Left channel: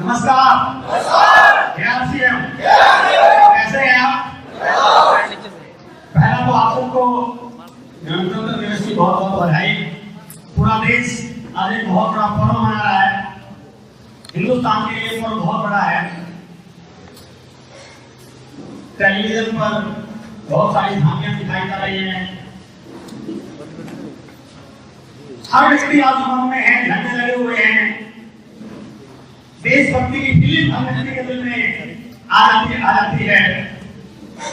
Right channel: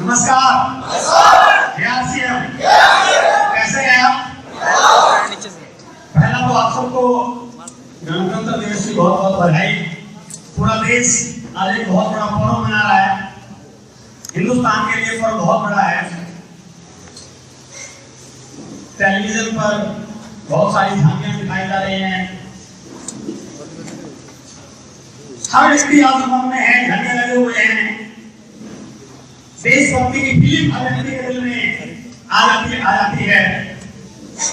नमस्कार। कैसे हैं आप? पहला तो आप सबको गणतंत्र दिवस की बहुत बहुत बधाई। पूरा देश आज एक बहुत बड़ा पर्व मना रहा है। हिंदुस्तान के लिए पर्व बहुत बड़ा है। टेलीविजन पर बहुत सारी झांकियां दिखाई जा रही हैं। हर व्यक्ति आज मन में है, झंडे लगे हुए हैं। देशभक्ति की फीलिंग हर व्यक्ति के दिल में आ जाती है।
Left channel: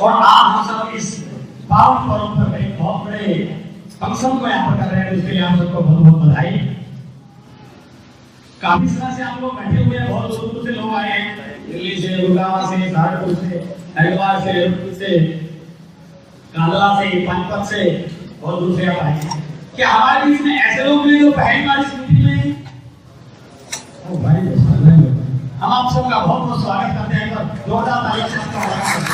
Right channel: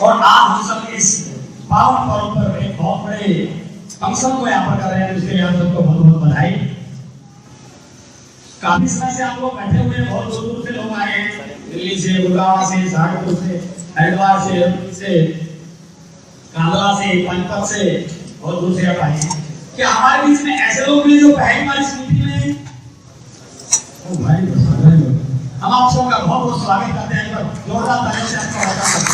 और आज हम सब इस पावन पर्व पर एक बहुत बड़े फंक्शन को यहाँ पर कर रहे हैं, इसके लिए आप सबको बहुत बहुत बधाई। काफी समय से आप लोग बैठे हुए हैं, बहुत दूर दूर से लोग आए हैं, दिल्ली से, गुड़गांव से, सहारनपुर से, हरिद्वार से, कांदला से, पानीपत से, बहुत दूर से आप आए हैं। क्या हमारे बीच में ऐसे लोग मिले जो पहली बार इस मीटिंग में? हम आप सबका बहुत बहुत स्वागत करते हैं। जोरदार तालियों से आपका स्वागत करते हैं।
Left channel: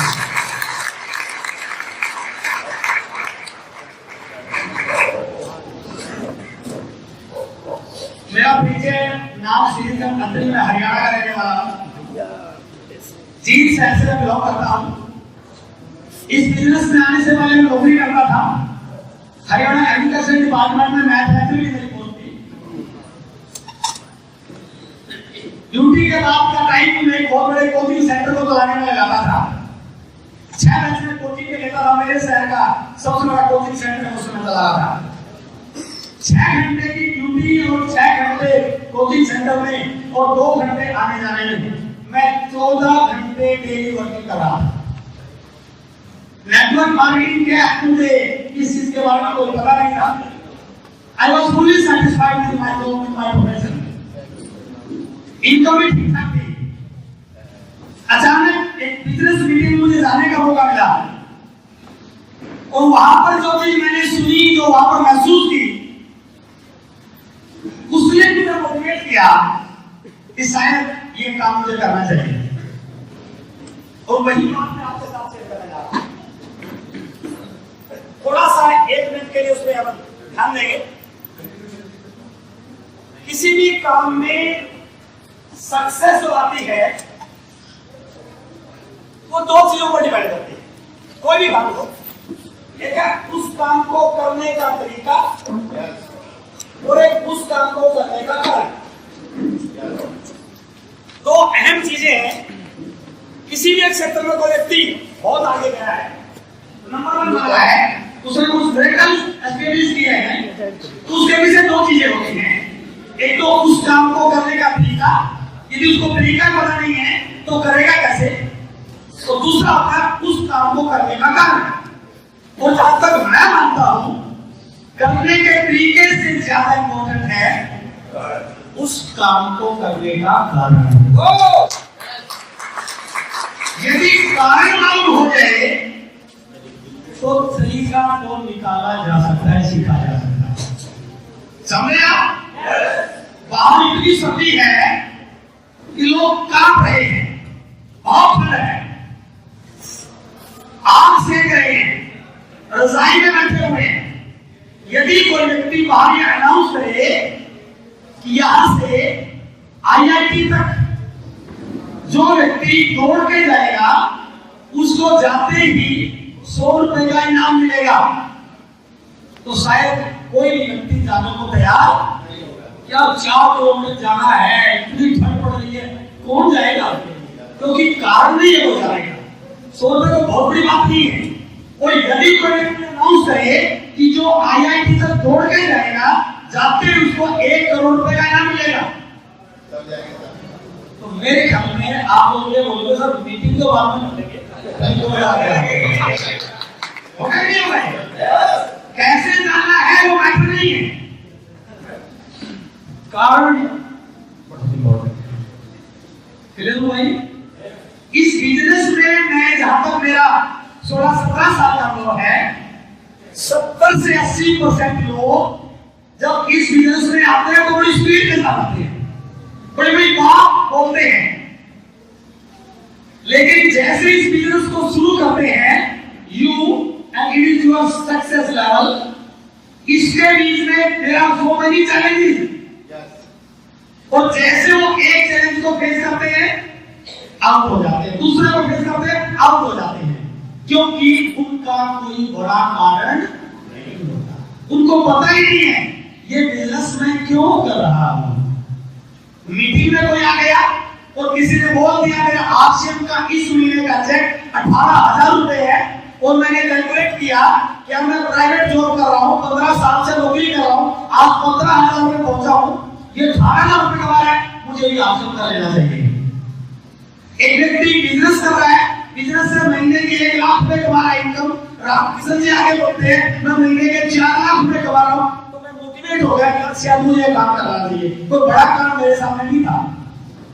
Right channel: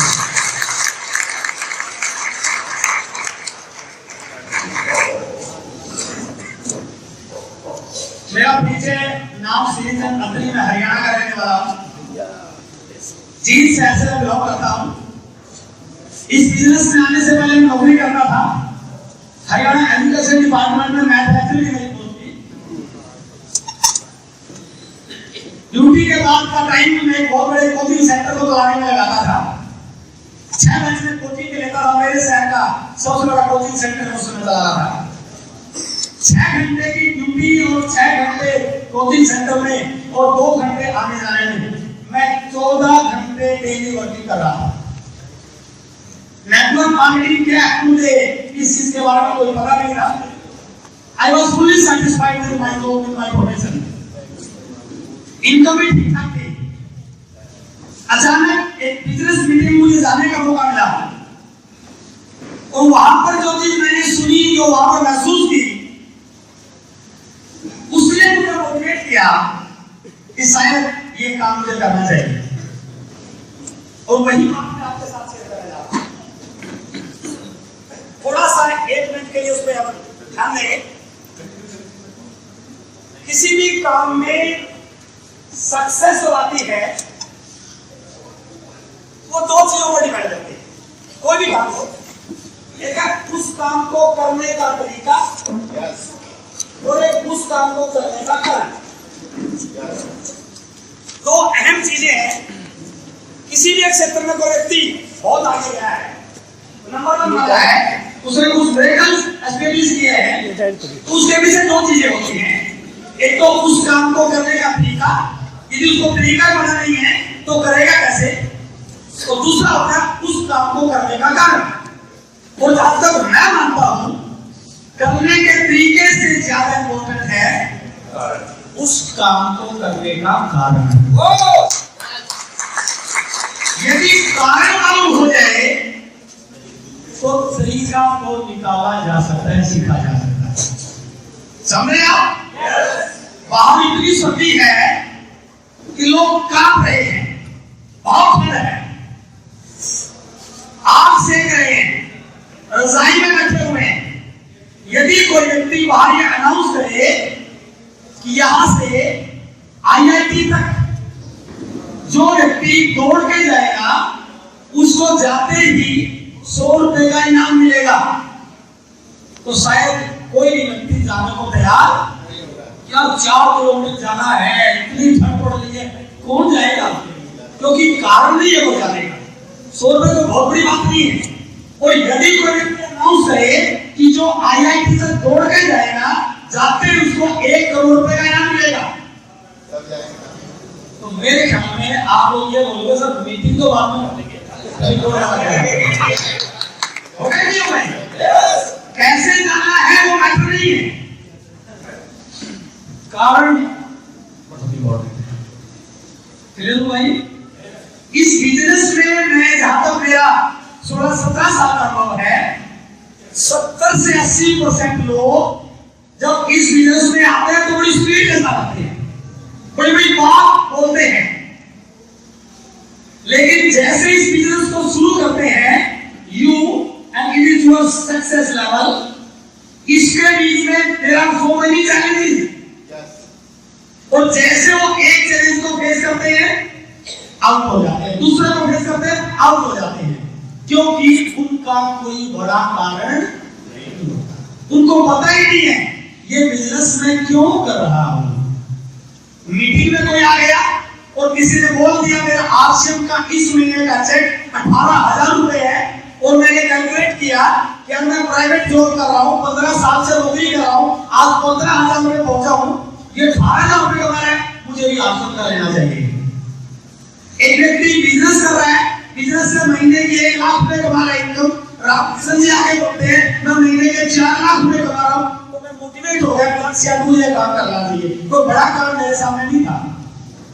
मेरा परिचय नाम श्रीचंद अत्री, मैं हरियाणा का रहने वाला हूँ। जींद शहर से बिलोंग करता हूँ। इस बिजनेस में आने से पहले मैं नौकरी करता था। हरियाणा एग्रीकल्चर डिपार्टमेंट में मैन्युफैक्चरिंग की मेरी पोस्ट थी। ड्यूटी के बाद का टाइम में एक बहुत बड़े कोचिंग सेंटर को चलाने में लगाता था। 6 बैच में कोचिंग के लेता था। मेरे शहर का सबसे बड़ा कोचिंग सेंटर उस समय चला रहा था। 6 घंटे की ड्यूटी और 6 घंटे कोचिंग सेंटर में और 2 घंटे आने जाने में मैं 14 घंटे डेली वर्किंग कर रहा था। नेटवर्क मार्केटिंग क्या है मुझे इस चीज के बारे में कोई पता नहीं था। I was fully satisfied with my job, with my profession. Income भी ठीक ठाक थी। अचानक एक बिजनेस मीटिंग मुझे जाने का मौका मिला और वहां पर जो चीज मैंने सुनी, जो वहां पर महसूस की, उसने मुझे मोटिवेट किया कि शायद ये काम मुझे करना चाहिए। और वही बात मैं आपके साथ शेयर करना चाहता हूं। थोड़ा सा 1 मिनट के लिए उसमें हम ध्यान देंगे। किसी भी काम में सक्सेस जो आती है वो 2 चीजों पर डिपेंड करती है। कोई भी काम हो, एक है उस काम को करने का तरीका और एक उस काम को करने का कारण। 2 अहम चीजें हैं। किसी भी एक क्षेत्र में कोई व्यक्ति बहुत आगे गया है, नंबर 1 वाला है, उसने कुछ ब्रेकल्स एस्टैब्लिश किए हैं, उसके पीछे 2 चीजें होती हैं। एक तो उस काम को करने का तरीका, यदि उसको तरीका पता नहीं है तो करेगा कैसे, तो दूसरा होता है उस काम को करने का कारण। और जहां तक मैं मानता हूं, करने के तरीके से ज्यादा इंपॉर्टेंट है उस काम को करने का कारण। यदि कारण मालूम हो जाए तो तरीका को निकाला जा सकता है, सीखा जा सकता है। समझे आप? बाहर इतनी सर्दी है कि लोग कांप रहे हैं, बहुत ठंड है, आग सेक रहे हैं, रजाई में बैठे हुए हैं। यदि कोई व्यक्ति बाहर ये अनाउंस करे कि यहां से आईआईटी तक जो व्यक्ति दौड़ के जाएगा उसको जाते ही 100 रुपए का इनाम मिलेगा, तो शायद कोई व्यक्ति जाने को तैयार नहीं होगा। क्या 4 किलोमीटर जाना है, इतनी ठंड पड़ रही है, कौन जाएगा? क्योंकि कारण नहीं है वो जाने का। 100 रुपए तो बहुत बड़ी बात नहीं है। और यदि कोई व्यक्ति अनाउंस करे कि जो आईआईटी तक दौड़ के जाएगा, जाते ही उसको 1 करोड़ रुपए का इनाम मिलेगा, मेरे ख्याल में आप लोग ये बोलोगे सर मीटिंग तो बाद में कर लेंगे, होगा नहीं होगा? कैसे जाना है वो मैटर नहीं है, कारण बहुत इंपॉर्टेंट है। क्लियर हुआ? इस बिजनेस में मैं जहां तक मेरा 16-17 साल का अनुभव है, 70 से 80% लोग जब इस बिजनेस में आते हैं तो बड़ी स्पीड के साथ आते हैं, बड़ी बड़ी बात बोलते हैं, लेकिन जैसे इस बिजनेस को शुरू करते हैं यू इंडिविजुअल सक्सेस लेवल, इसके बीच में there are so many challenges, और जैसे वो एक चैलेंज को फेस करते हैं आउट हो जाते हैं, दूसरे को फेस करते हैं आउट हो जाते हैं, क्योंकि उनका कोई बड़ा कारण नहीं होता, उनको पता ही नहीं है ये बिजनेस में क्यों कर रहा हूं। मीटिंग में कोई आ गया और किसी ने बोल दिया मेरा आरसीएम का इस महीने का चेक 18,000 रुपए है, और मैंने कैलकुलेट किया कि अब मैं प्राइवेट जॉब कर रहा हूं, 15 साल से नौकरी कर रहा हूं, आज 15,000 रुपए पहुंचा हूं, ये 18,000 रुपए कमा रहा है, मुझे भी आरसीएम का लेना चाहिए। एक व्यक्ति बिजनेस कर रहा है, बिजनेस से महीने की 1 लाख रुपए कमा रहा है इनकम, रामकृष्ण जी आगे बोलते हैं मैं महीने के 4 लाख रुपए कमा रहा हूं, तो मैं मोटिवेट हो गया कि शायद मुझे काम करना चाहिए, कोई बड़ा काम मेरे सामने नहीं था।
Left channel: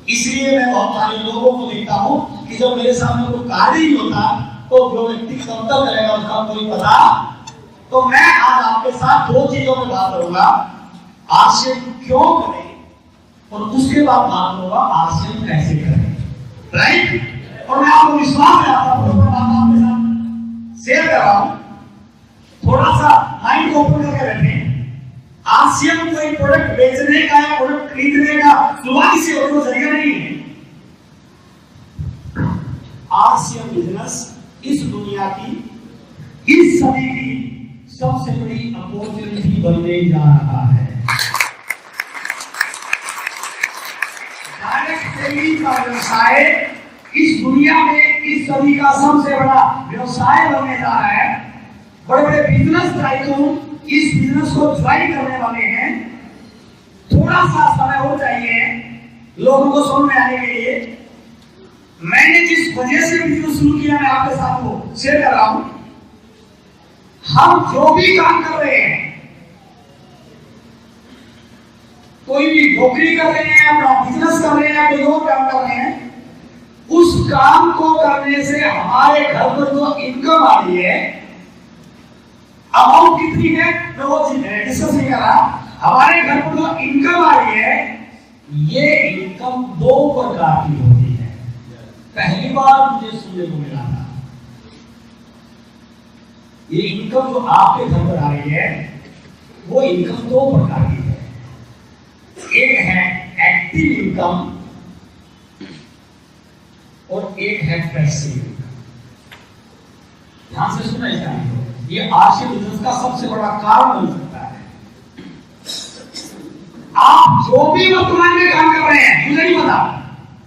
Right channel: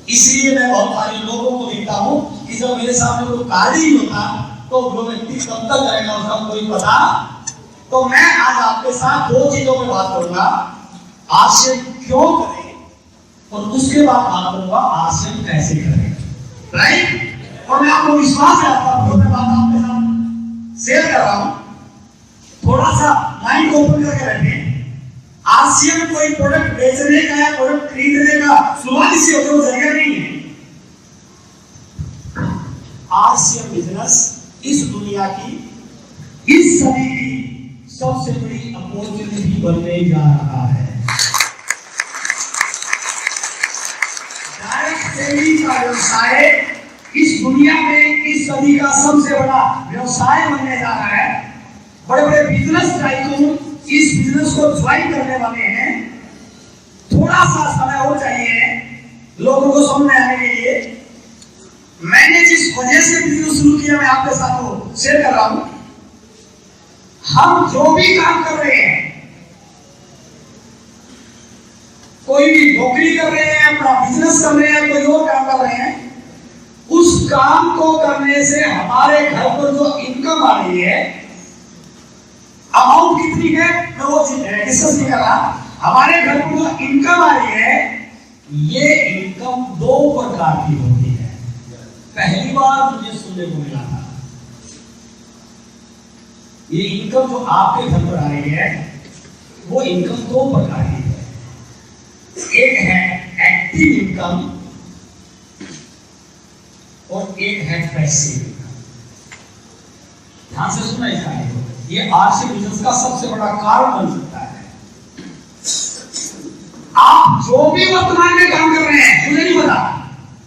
इसलिए मैं बहुत सारे लोगों को देखता हूं कि जब मेरे सामने कोई कार्य ही होता तो वो व्यक्ति कब तक करेगा उसका कोई पता। तो मैं आज आपके साथ 2 चीजों में बात करूंगा, आरसीएम क्यों करें, और उसके बाद बात करूंगा आरसीएम कैसे करें, राइट? और मैं आपको विश्वास दिलाता हूं, मैं बात आपके साथ शेयर कर रहा हूं, थोड़ा सा माइंड को ओपन करके बैठे। आरसीएम कोई प्रोडक्ट बेचने का या प्रोडक्ट खरीदने का शुरुआती से होगा जरिया नहीं है। आरसीएम बिजनेस इस दुनिया की, इस सदी की सबसे बड़ी अपॉर्चुनिटी बनने जा रहा है। डायरेक्ट सेलिंग का व्यवसाय इस दुनिया में इस सदी का सबसे बड़ा व्यवसाय बनने जा रहा है। बड़े बड़े बिजनेस टाइकून इस बिजनेस को ज्वाइन करने वाले हैं। थोड़ा सा समय और चाहिए लोगों को समझ में आने के लिए। मैंने जिस वजह से बिजनेस शुरू किया मैं आपके साथ वो शेयर कर रहा हूं। हम जो भी काम कर रहे हैं, कोई भी नौकरी कर रहे हैं, अपना बिजनेस कर रहे हैं, कोई और काम कर रहे हैं, उस काम को करने से हमारे घर पर जो इनकम आ रही है, अमाउंट कितनी है मैं वो डिस्कस नहीं कर रहा, हमारे घर पर जो इनकम आ रही है, ये इनकम 2 प्रकार की होती है। पहली बार मुझे सुनने को मिला था, ये इनकम जो आपके घर पर आ रही है वो इनकम 2 प्रकार की है। एक है एक्टिव इनकम और एक है पैसिव इनकम। ध्यान से सुना चाहिए, ये आरसीएम बिजनेस का सबसे बड़ा कारण बन सकता है। आप जो भी वर्तमान में काम कर रहे हैं, मुझे नहीं पता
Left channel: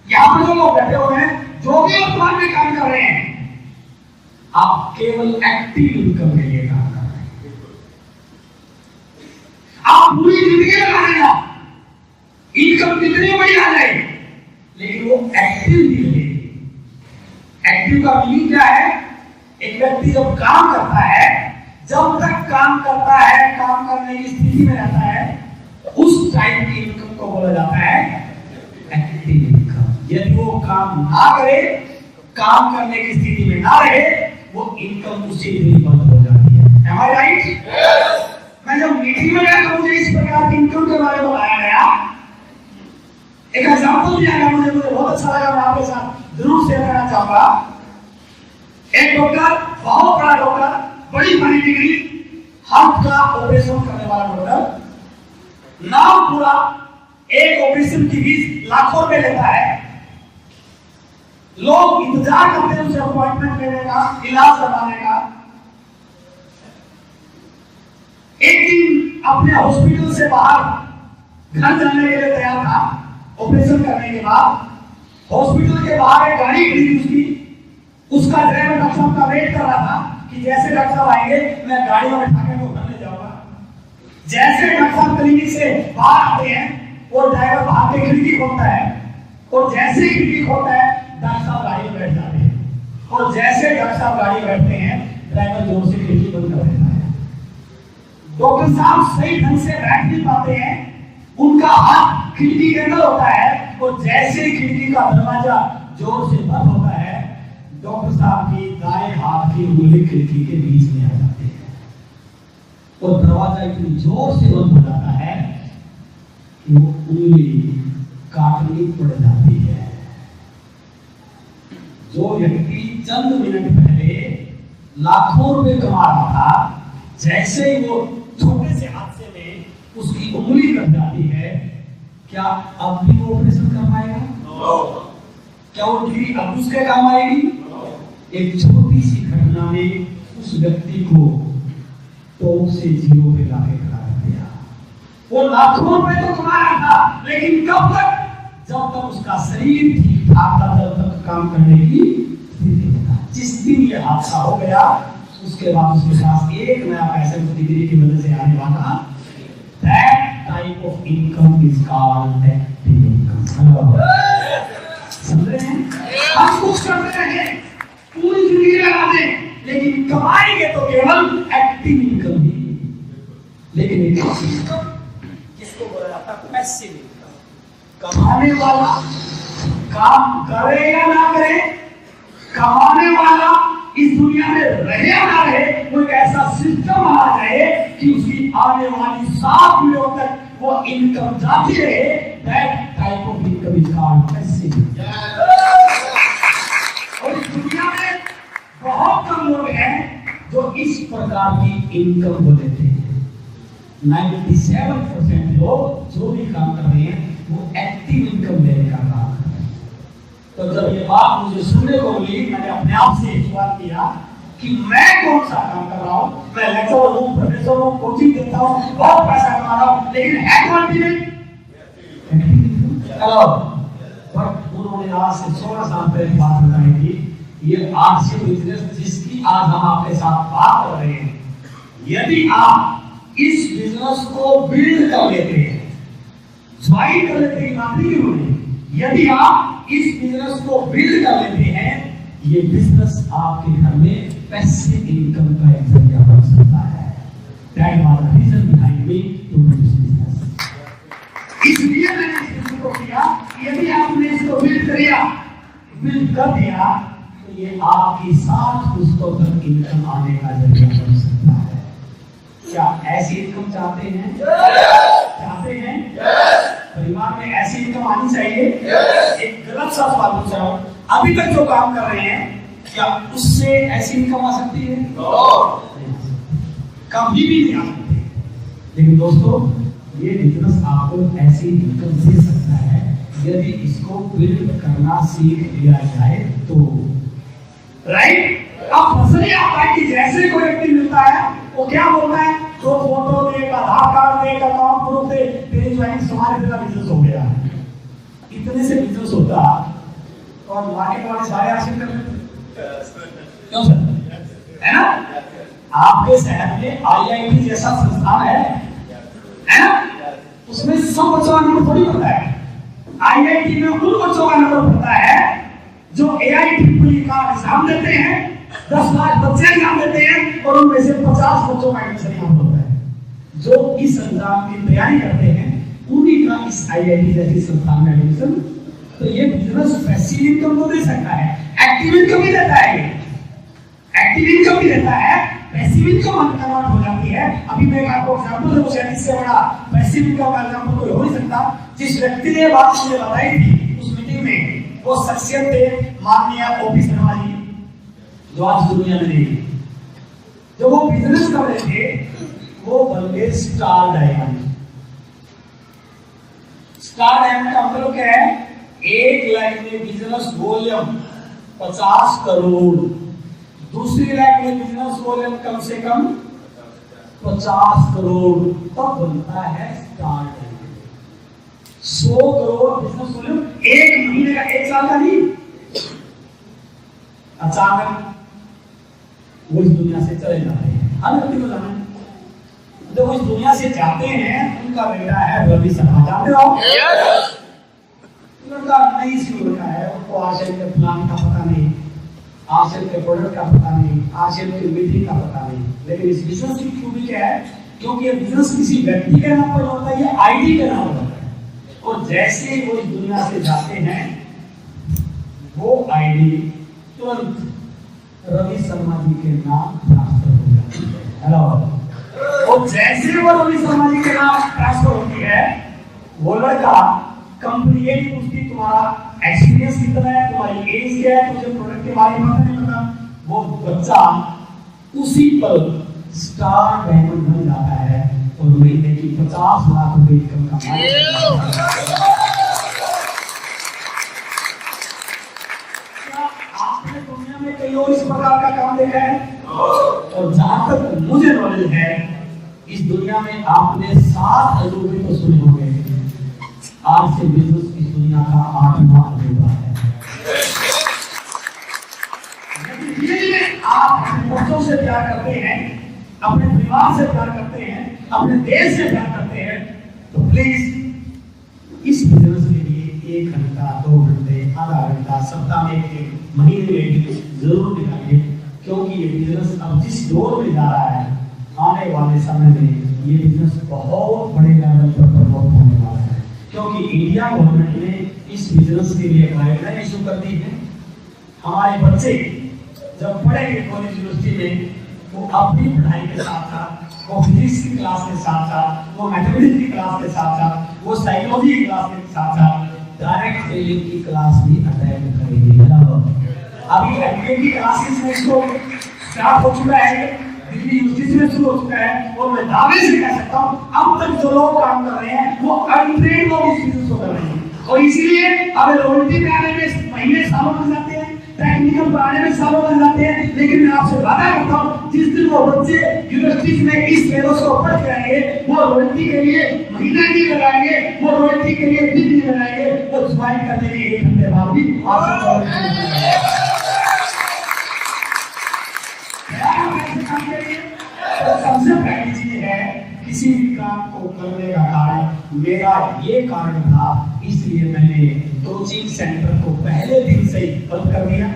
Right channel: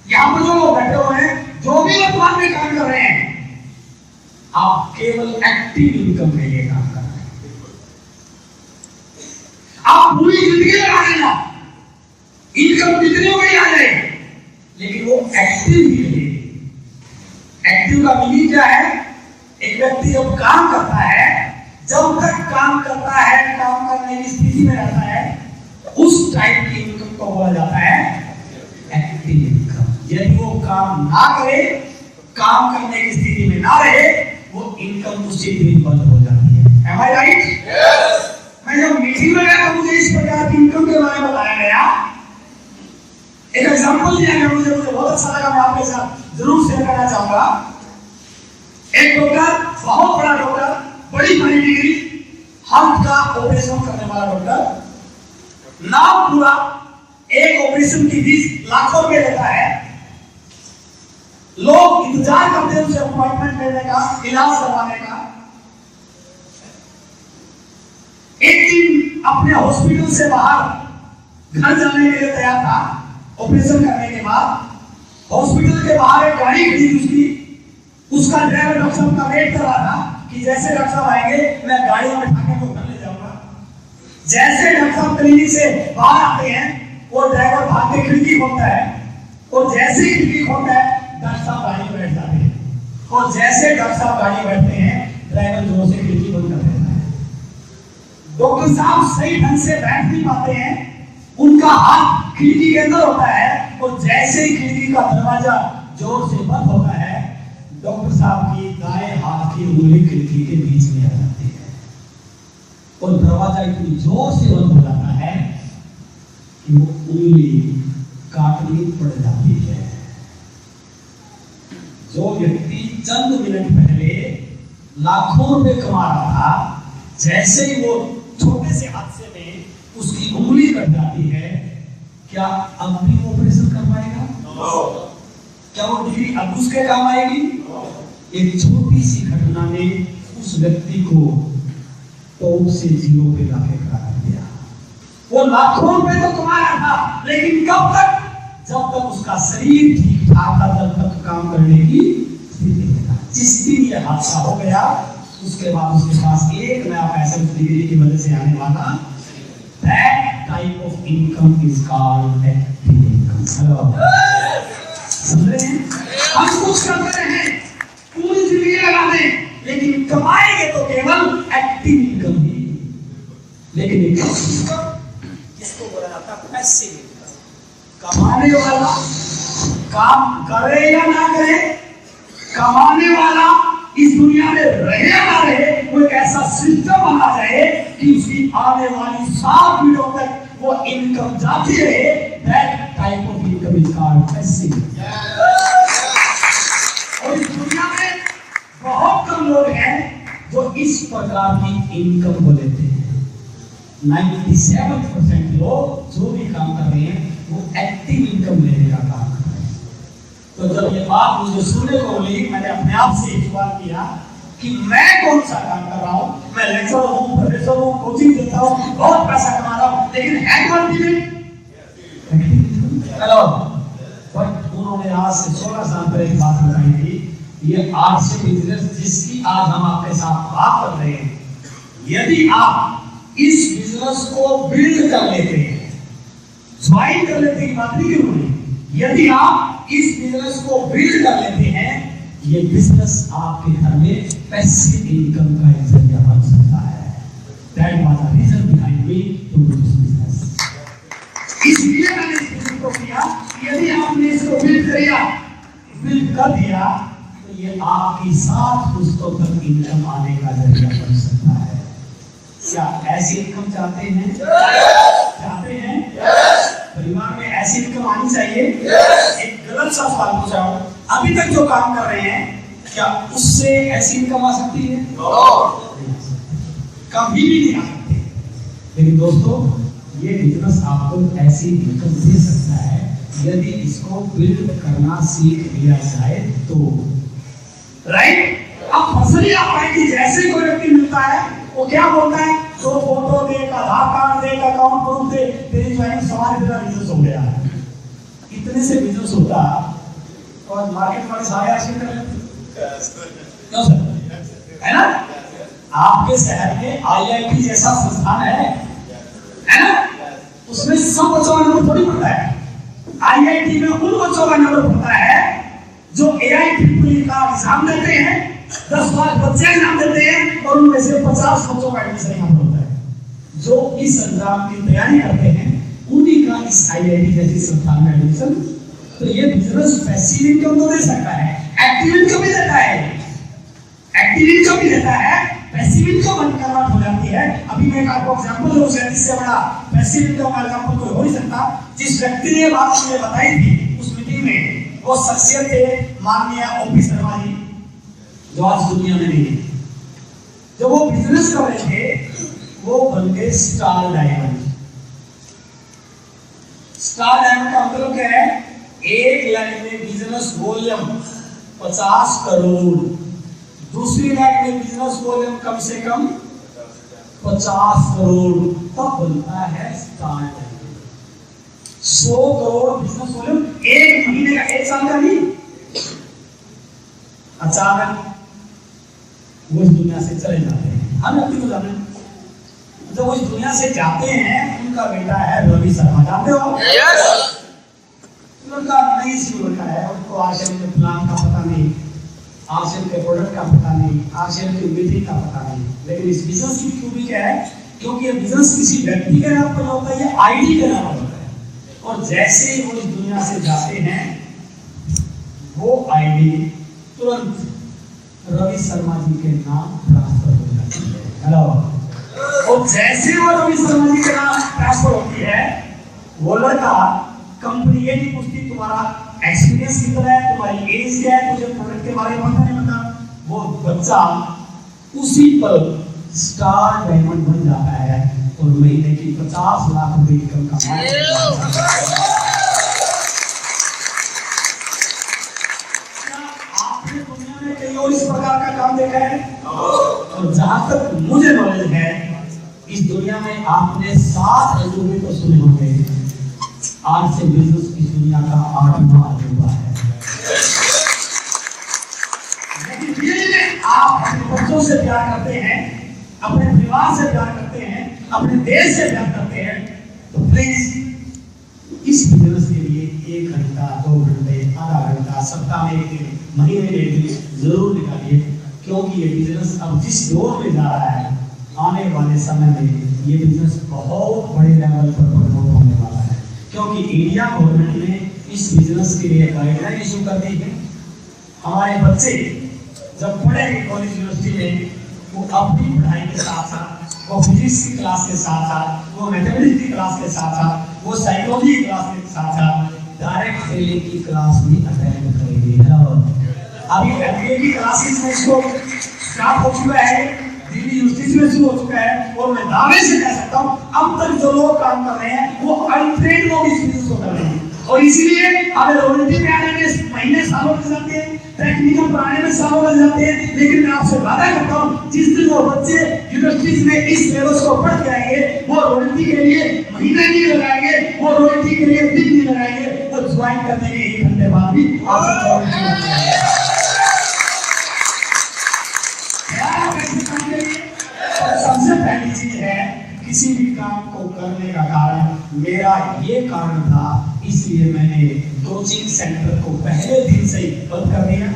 यहां पर जो लोग बैठे हुए हैं, जो भी वर्तमान में काम कर रहे हैं, आप केवल एक्टिव इनकम में ये काम कर रहे हैं। आप पूरी जिंदगी लगा देना, इनकम कितनी बड़ी आ जाए, लेकिन वो एक्टिव ही रहेगी। एक्टिव का मीनिंग क्या है? एक व्यक्ति जब काम करता है, जब तक काम करता है, काम करने की स्थिति में रहता है, उस टाइप की इनकम को बोला जाता है एक्टिव इनकम। यदि वो काम ना करे, काम करने की स्थिति में ना रहे, वो इनकम उसी दिन बंद हो जाती है। Am I right? Yes. मैं जब मीटिंग में गया तो मुझे इस प्रकार की इनकम के बारे में बताया गया, एक एग्जांपल दिया गया, मुझे बहुत अच्छा लगा, मैं आपके साथ जरूर शेयर करना चाहूंगा। एक डॉक्टर, बहुत बड़ा डॉक्टर, बड़ी बड़ी डिग्री, हार्ट का ऑपरेशन करने वाला डॉक्टर, नाम पूरा, एक ऑपरेशन की फीस लाखों रुपए लेता है। लोग इंतजार करते हैं उसे अपॉइंटमेंट लेने का, इलाज करवाने का। एक दिन अपने हॉस्पिटल से बाहर घर जाने के लिए तैयार था। ऑपरेशन करने के बाद हॉस्पिटल के बाहर एक गाड़ी खड़ी उसकी, उसका ड्राइवर डॉक्टर साहब का वेट कर रहा था कि जैसे डॉक्टर साहब आएंगे मैं गाड़ी में बैठा के वो घर ले जाऊंगा। जैसे डॉक्टर साहब क्लिनिक से बाहर आते हैं, वो ड्राइवर भाग के खिड़की खोलता है, और जैसे ही खिड़की खोलता है डॉक्टर साहब गाड़ी में बैठ जाते हैं, और जैसे डॉक्टर साहब गाड़ी में बैठते हैं ड्राइवर जोर से खिड़की बंद कर देता है। डॉक्टर साहब सही ढंग से बैठ नहीं पाते हैं, उनका हाथ खिड़की के अंदर होता है, और जैसे ही खिड़की का दरवाजा जोर से बंद होता है डॉक्टर साहब की दाएं हाथ की उंगली खिड़की के बीच में आ जाती है, और दरवाजा इतनी जोर से बंद हो जाता है कि वो उंगली काटनी पड़ जाती है। जो व्यक्ति चंद मिनट पहले लाखों रुपए कमा रहा था, जैसे ही वो छोटे से हादसे में उसकी उंगली कट जाती है, क्या अब भी वो ऑपरेशन कर पाएगा? क्या वो डिग्री अब उसके काम आएगी? एक छोटी सी घटना ने उस व्यक्ति को टॉप से जीरो पे लाके खड़ा कर दिया। वो लाखों रुपए तो कमा रहा था, लेकिन कब तक? जब तक उसका शरीर ठीक ठाक था, तब तक काम करने की स्थिति था। जिस दिन ये हादसा हो गया उसके बाद उसके पास एक नया पैसा उस डिग्री की वजह से आने वाला। That type of income is called active income। समझ रहे हैं? हम कुछ करते रहे, पूरी जिंदगी लगा दें, लेकिन कमाएंगे तो केवल एक्टिव इनकम ही। लेकिन एक किसको बोला जाता है? Passive income. कमाने वाला काम करे या ना करे, कमाने वाला इस दुनिया में रहे या ना रहे, वो एक ऐसा सिस्टम बना जाए कि उसकी आने वाली 7 पीढ़ियों तक वो इनकम जाती रहे। That type of income is called passive. और इस दुनिया में बहुत कम लोग हैं जो इस प्रकार की इनकम को लेते हैं। 97% लोग जो भी काम कर रहे हैं वो एक्टिव इनकम लेने का काम कर रहे हैं। तो जब ये बात मुझे सुनने को मिली, मैंने अपने आप से सवाल किया कि मैं कौन सा काम कर रहा हूँ? मैं लेक्चरर हूँ, प्रोफेसर हूँ, कोचिंग देता हूँ, बहुत पैसा कमा रहा हूँ, लेकिन है कौन भी नहीं? हेलो, बट उन्होंने आज से 16 साल पहले एक बात बताई थी। ये आर्ट्स बिजनेस जिसकी आज हम आपके साथ बात कर रहे हैं, यदि आप इस बिजनेस को बिल्ड कर लेते हैं, ज्वाइन कर लेते हैं, बात नहीं होनी। यदि आप इस बिजनेस को बिल्ड कर लेते हैं, ये बिजनेस आपके घर में पैसिव इनकम का एक जरिया बन सकता है। That was the reason behind me to do this business। इसलिए मैंने इस बिजनेस को किया। यदि आपने इसको बिल्ड कर दिया, तो ये आपकी 7 पुश्तों तक इनकम आने का जरिया बन सकता है। क्या ऐसी इनकम चाहते हैं? चाहते हैं? परिवार में ऐसी इनकम आनी चाहिए। एक गलत सा सवाल पूछ रहा हूँ, अभी तक जो काम कर रहे हैं क्या उससे ऐसी इनकम आ सकती है? कभी भी नहीं आ सकती। लेकिन दोस्तों, ये बिजनेस आपको ऐसी इनकम दे सकता है यदि इसको बिल्ड करना सीख लिया जाए तो। राइट? अब पर्सनली आप पाएंगे जैसे कोई व्यक्ति मिलता है वो क्या बोलता है? तो फोटो दे, आधार कार्ड दे, अकाउंट प्रूफ दे, तेरी ज्वाइनिंग हमारे तेरा बिजनेस हो गया। इतने से बिजनेस होता और मार्केट वाले सारे आशीर्वाद कर लेते। क्यों सर? है ना? आपके शहर में IIT जैसा संस्थान है ना? उसमें सब बच्चों का नंबर थोड़ी पड़ता है। IIT में उन बच्चों का नंबर पड़ता है जो AIEEE का एग्जाम देते हैं, 10 लाख बच्चे एग्जाम देते हैं, और उनमें से 50 बच्चों का एडमिशन यहाँ पर होता है। जो इस एग्जाम की तैयारी करते हैं उन्हीं का इस IIT जैसी संस्थान में एडमिशन। तो ये बिजनेस पैसिव इनकम तो दे सकता है, एक्टिव इनकम भी देता है। एक्टिव इनकम भी देता है, पैसिव इनकम कन्वर्ट हो जाती है। अभी मैं आपको एग्जांपल दूं, इससे बड़ा पैसिव इनकम का एग्जांपल कोई हो नहीं सकता। जिस व्यक्ति ने बात मुझे बताई थी उस मीटिंग में, वो शख्सियत थे माननीय OP शर्मा जी, जो आज दुनिया में नहीं। जब वो बिजनेस कर रहे थे वो बन गए स्टार डायमंड। स्टार डायमंड का मतलब क्या है? एक लाइन में बिजनेस वॉल्यूम 50 करोड़, दूसरी लाइन में बिजनेस वॉल्यूम कम से कम 50 करोड़, तब बनता है star diamond. 100 crore business volume एक महीने का, एक साल का नहीं। अचानक वो इस दुनिया से चले जाते हैं। हर व्यक्ति को जाना है। जब वो इस दुनिया से जाते हैं, उनका बेटा है रवि शर्मा, जानते हो? लड़का नई सी लड़का है, उनको आरसीएल के प्लान का पता नहीं, आरसीएल के प्रोडक्ट का पता नहीं, आरसीएल की मीटिंग का पता नहीं। लेकिन इस बिजनेस की खूबी क्या है, क्योंकि ये बिजनेस किसी व्यक्ति के नाम पर होता है, ये आईडी के नाम पर होता है। और जैसे ही वो इस दुनिया से जाते हैं, वो आईडी तुरंत रवि शर्मा जी के नाम ट्रांसफर हो जाती है। हेलो। और जैसे वो रवि शर्मा जी के नाम ट्रांसफर होती है, वो लड़का कंपनी ये नहीं पूछती तुम्हारा एक्सपीरियंस कितना है, तुम्हारी एज क्या है, तुझे प्रोडक्ट के बारे में पता नहीं पता। वो बच्चा उसी पल स्टार डायमंड बन जाता है और महीने की 50 लाख रुपए इनकम कमाता है। आपने दुनिया में कई और इस प्रकार का काम देखा है? और जहां तक मुझे नॉलेज है, इस दुनिया में आपने 7 अजूबे तो सुने होंगे, आज से बिजनेस इस दुनिया का 8वां अजूबा है। लेकिन धीरे-धीरे आप अपने बच्चों से प्यार करते हैं, अपने परिवार से प्यार करते हैं, अपने देश से प्यार करते हैं, तो प्लीज इस बिजनेस के लिए 1 घंटा, 2 घंटे, आधा घंटा, सप्ताह में 1 दिन, महीने में 1 दिन जरूर निकालिए। क्योंकि ये बिजनेस अब जिस दौर में जा रहा है, आने वाले समय में ये बिजनेस बहुत बड़े लेवल पर प्रमोट होने वाला है। क्योंकि इंडिया गवर्नमेंट ने इस बिजनेस के लिए गाइडलाइन इशू कर दी है। हमारे बच्चे जब पढ़ेंगे कॉलेज यूनिवर्सिटी में, वो अपनी पढ़ाई के साथ साथ, वो फिजिक्स की क्लास के साथ साथ, वो मैथमेटिक्स की क्लास के साथ साथ, वो साइकोलॉजी की क्लास के साथ साथ डायरेक्ट सेलिंग की क्लास भी अटेंड करेंगे। अभी एमबीए की क्लासेस में इसको स्टार्ट हो चुका है, दिल्ली यूनिवर्सिटी में शुरू हो चुका है। और मैं दावे से कह सकता हूँ, अब तक जो लोग काम कर रहे हैं वो अनट्रेन्ड लोग इस बिजनेस को कर रहे हैं। और इसीलिए अब रॉयल्टी पे आने में महीने सालों लग जाते हैं, टेक्निकल बनाने में सालों लग जाते हैं। लेकिन मैं आपसे वादा करता हूँ, जिस दिन वो बच्चे यूनिवर्सिटीज में इस फेलोस को पढ़ के आएंगे, वो रॉयल्टी के लिए महीना नहीं लगाएंगे, वो रॉयल्टी के लिए दिन नहीं लगाएंगे, वो ज्वाइन करने के 1 घंटे बाद भी आपसे सबसे पहली चीज है, किसी भी काम को करने का कारण मेरा ये कारण था, इसलिए मैंने कोचिंग सेंटर को पहले दिन से ही बंद कर दिया।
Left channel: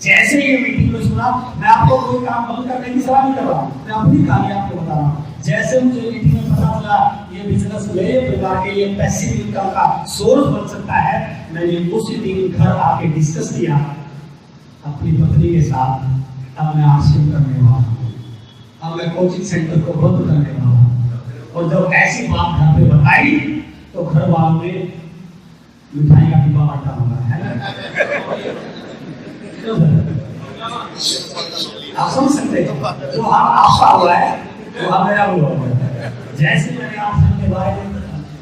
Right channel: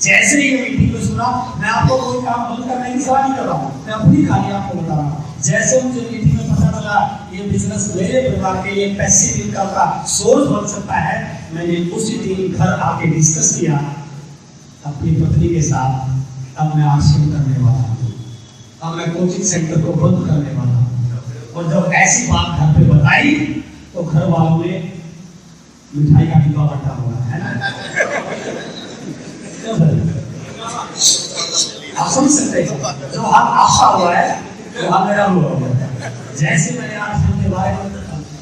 जैसे ही मीटिंग में सुना, मैं आपको कोई काम बंद करने की सलाह नहीं कर रहा हूँ, मैं अपनी कहानी आपको बता रहा हूँ। जैसे मुझे मीटिंग में पता चला ये बिजनेस मेरे परिवार के लिए पैसिव इनकम का सोर्स बन सकता है, मैंने उसी दिन घर आके डिस्कस किया अपनी पत्नी के साथ। अब मैं आश्रम करने वाला हूँ, अब मैं कोचिंग सेंटर को बंद करने वाला हूँ। और जब ऐसी बात घर पे बताई, तो घर वालों ने मिठाई का डिब्बा बांटा होगा, है ना? आप समझ सकते हैं, जो हाल आपका हुआ है वो हाल मेरा हुआ है। जैसे मैंने आश्रम के बारे में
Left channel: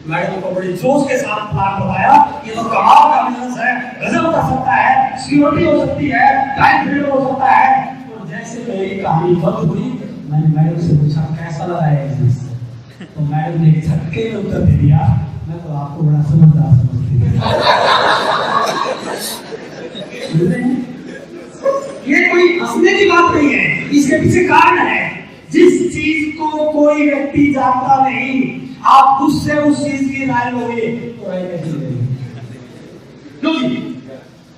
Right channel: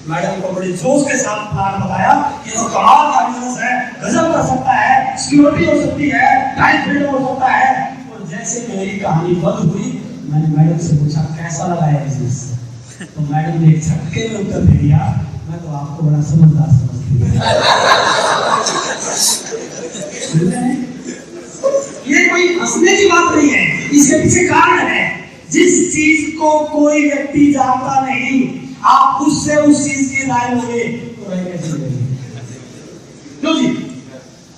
मैडम को बड़े जोश के साथ प्लान बताया, ये तो कमाल का बिजनेस है, गजब कर सकता है, सिक्योरिटी हो सकती है, टाइम फ्रीडम हो सकता है। और जैसे मेरी कहानी बंद हुई, मैंने मैडम से पूछा कैसा लगा है बिजनेस, तो मैडम ने झटके में उत्तर दे दिया, मैं तो आपको बड़ा समझदार समझती हूँ। ये कोई हंसने की बात नहीं है, इसके पीछे कारण है। जिस चीज को कोई व्यक्ति जानता नहीं, आप उससे उस चीज की राय लोगे तो राय कैसे लेंगे? क्यों जी?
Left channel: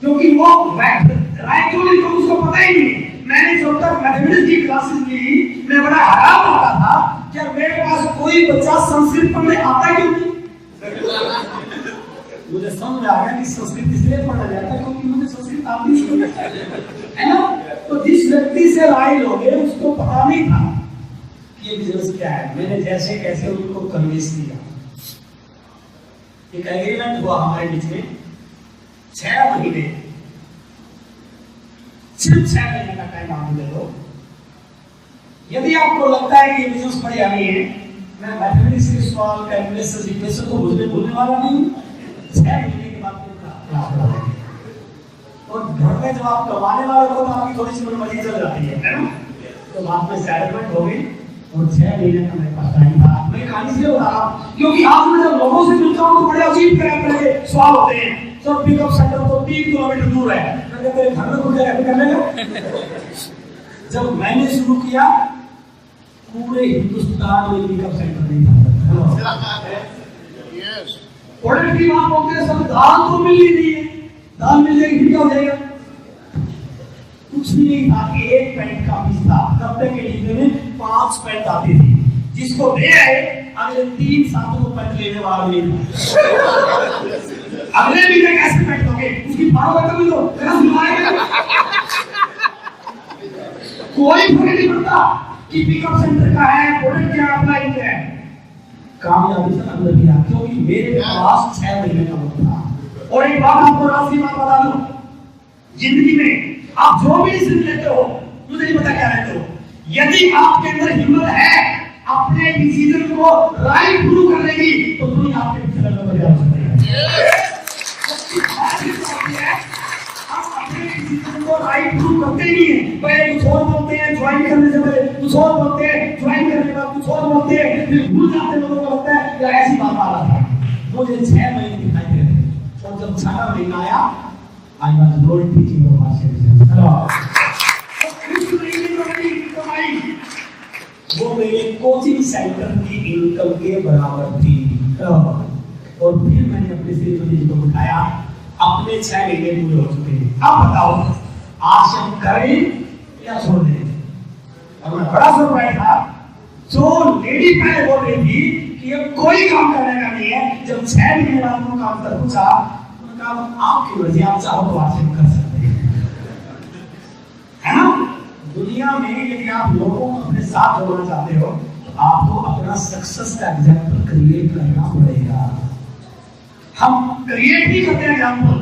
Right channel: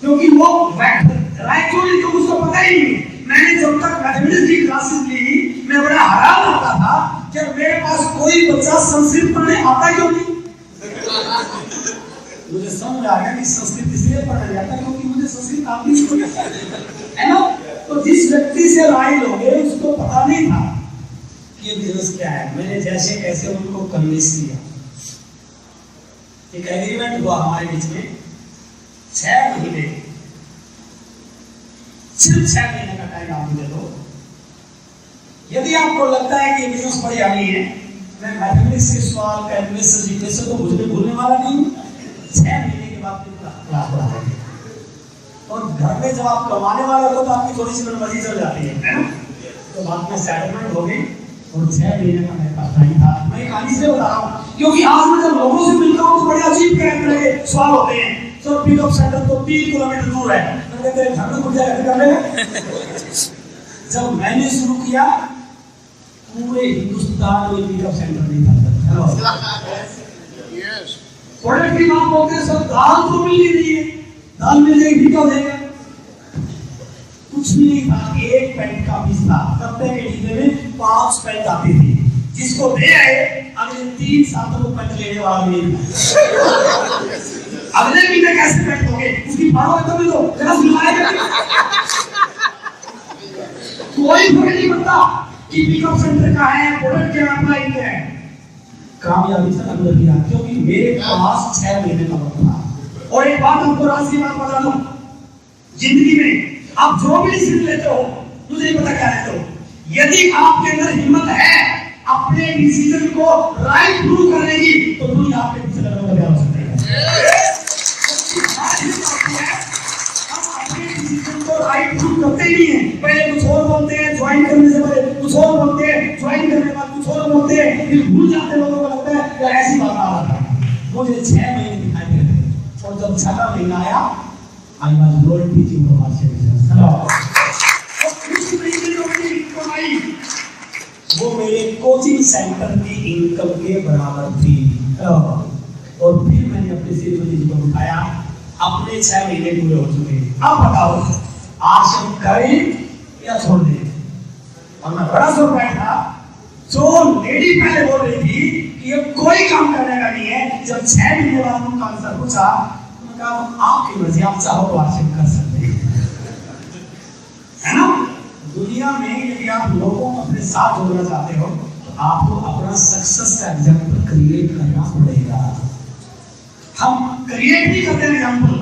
क्योंकि वो राय क्यों नहीं, तो उसको पता ही नहीं। मैंने जब तक मैथमेटिक्स की क्लासेस ली, मैं बड़ा हैरान होता था कि मेरे पास कोई बच्चा संस्कृत पढ़ने आता क्यों नहीं। मुझे समझ में आ गया कि संस्कृत इसलिए पढ़ा जाता क्योंकि मुझे संस्कृत आती नहीं है ना। तो जिस व्यक्ति से राय लोगे उसको पता नहीं था कि ये बिजनेस क्या है। मैंने जैसे कैसे उनको कन्विंस किया, एक एग्रीमेंट हुआ हमारे बीच में, 6 महीने, सिर्फ 6 महीने का टाइम आप दे दो। यदि आपको लगता है कि ये बिजनेस बढ़िया नहीं है, मैं मैथमेटिक्स के सवाल, कैलकुलस, इक्वेशन तो मुझे भूलने वाला नहीं हूँ। 6 महीने के बाद क्लास बढ़ा देंगे। और घर में जब आप कमाने वाले हो तो आपकी थोड़ी सी मनमर्जी चल जाती है ना। तो बात में सेटलमेंट हो गई और 6 महीने का मेरे पास टाइम था। मैं कहानी से बता रहा हूँ क्योंकि आज मैं जब लोगों से मिलता हूँ तो बड़े अजीब तरह के सवाल होते हैं। सर पिकअप सेंटर तो 3 किलोमीटर दूर है, मैंने तेरे घर में कुछ जगह करने का। जब मैंने शुरू किया, पूरे हिंदुस्तान में पिकअप सेंटर नहीं था। हेलो, प्रोडक्ट की बात बोलते हैं, सर दाल तो मिल ही नहीं है, दाल मिल जाएगी क्या हो जाएगा? कुछ भी नहीं था कि 1 पैंट का पीस था, 90 के डिब्बे में 5 पैंट आती थी, जिसको दे आए अगले 3 सालों को पैंट लेने वाला नहीं था। अगले महीने कैसे पैंट दोगे? उसकी भाड़ा तो मिलो, मेरा सुनाएगा कोई फर्क नहीं पड़ता कि पिकअप सेंटर का है, प्रोडक्ट क्या अप्लाई क्या है, कामयाबी से अंदर किया, क्योंकि मेरे पास 6 महीने का वक्त था। और एक बात आपको राज की बात बता दूं, जिंदगी में आप जो भी डिसीजन लेते हो, मुझे नहीं पता क्या लेते हो, यदि आपके अंदर हिम्मत है अपने डिसीजन को राइट प्रूव करने की, तो दुनिया आपके पीछे लगने को तैयार हो सकती है। हम अपने डिसीजन को राइट प्रूव करते ही है, पहले कुछ और बोलते हैं, ज्वाइन करने से पहले कुछ और बोलते हैं, ज्वाइन करने के बाद कुछ और बोलते हैं, फिर भूल जाते हैं, लोगों को लगता है या ऐसी बात आ रहा था। मुझे 6 महीने दिखाई दे रहे थे, और जब 6वां महीना आया, I was not teaching the market. वो मेरे कोचिंग सेंटर की इनकम के बराबर थी। और फिर मैंने अपने श्रीमती को उठाया, अपने 6 महीने पूरे हो चुके हैं, अब बताओ आश्रम करें या छोड़ दें? और मैं बड़ा सरप्राइज था, जो लेडी पहले बोल रही थी कि ये कोई काम करने का नहीं है, जब 6 महीने बाद उनका आंसर पूछा, उन्होंने कहा आपकी मर्जी, आप चाहो तो आश्रम कर सकते हैं, है ना? दुनिया में यदि आप लोगों को अपने साथ जोड़ना चाहते हो, तो आपको अपना सक्सेस का एग्जाम्पल क्रिएट करना पड़ेगा। हम क्रिएट नहीं करते एग्जाम्पल,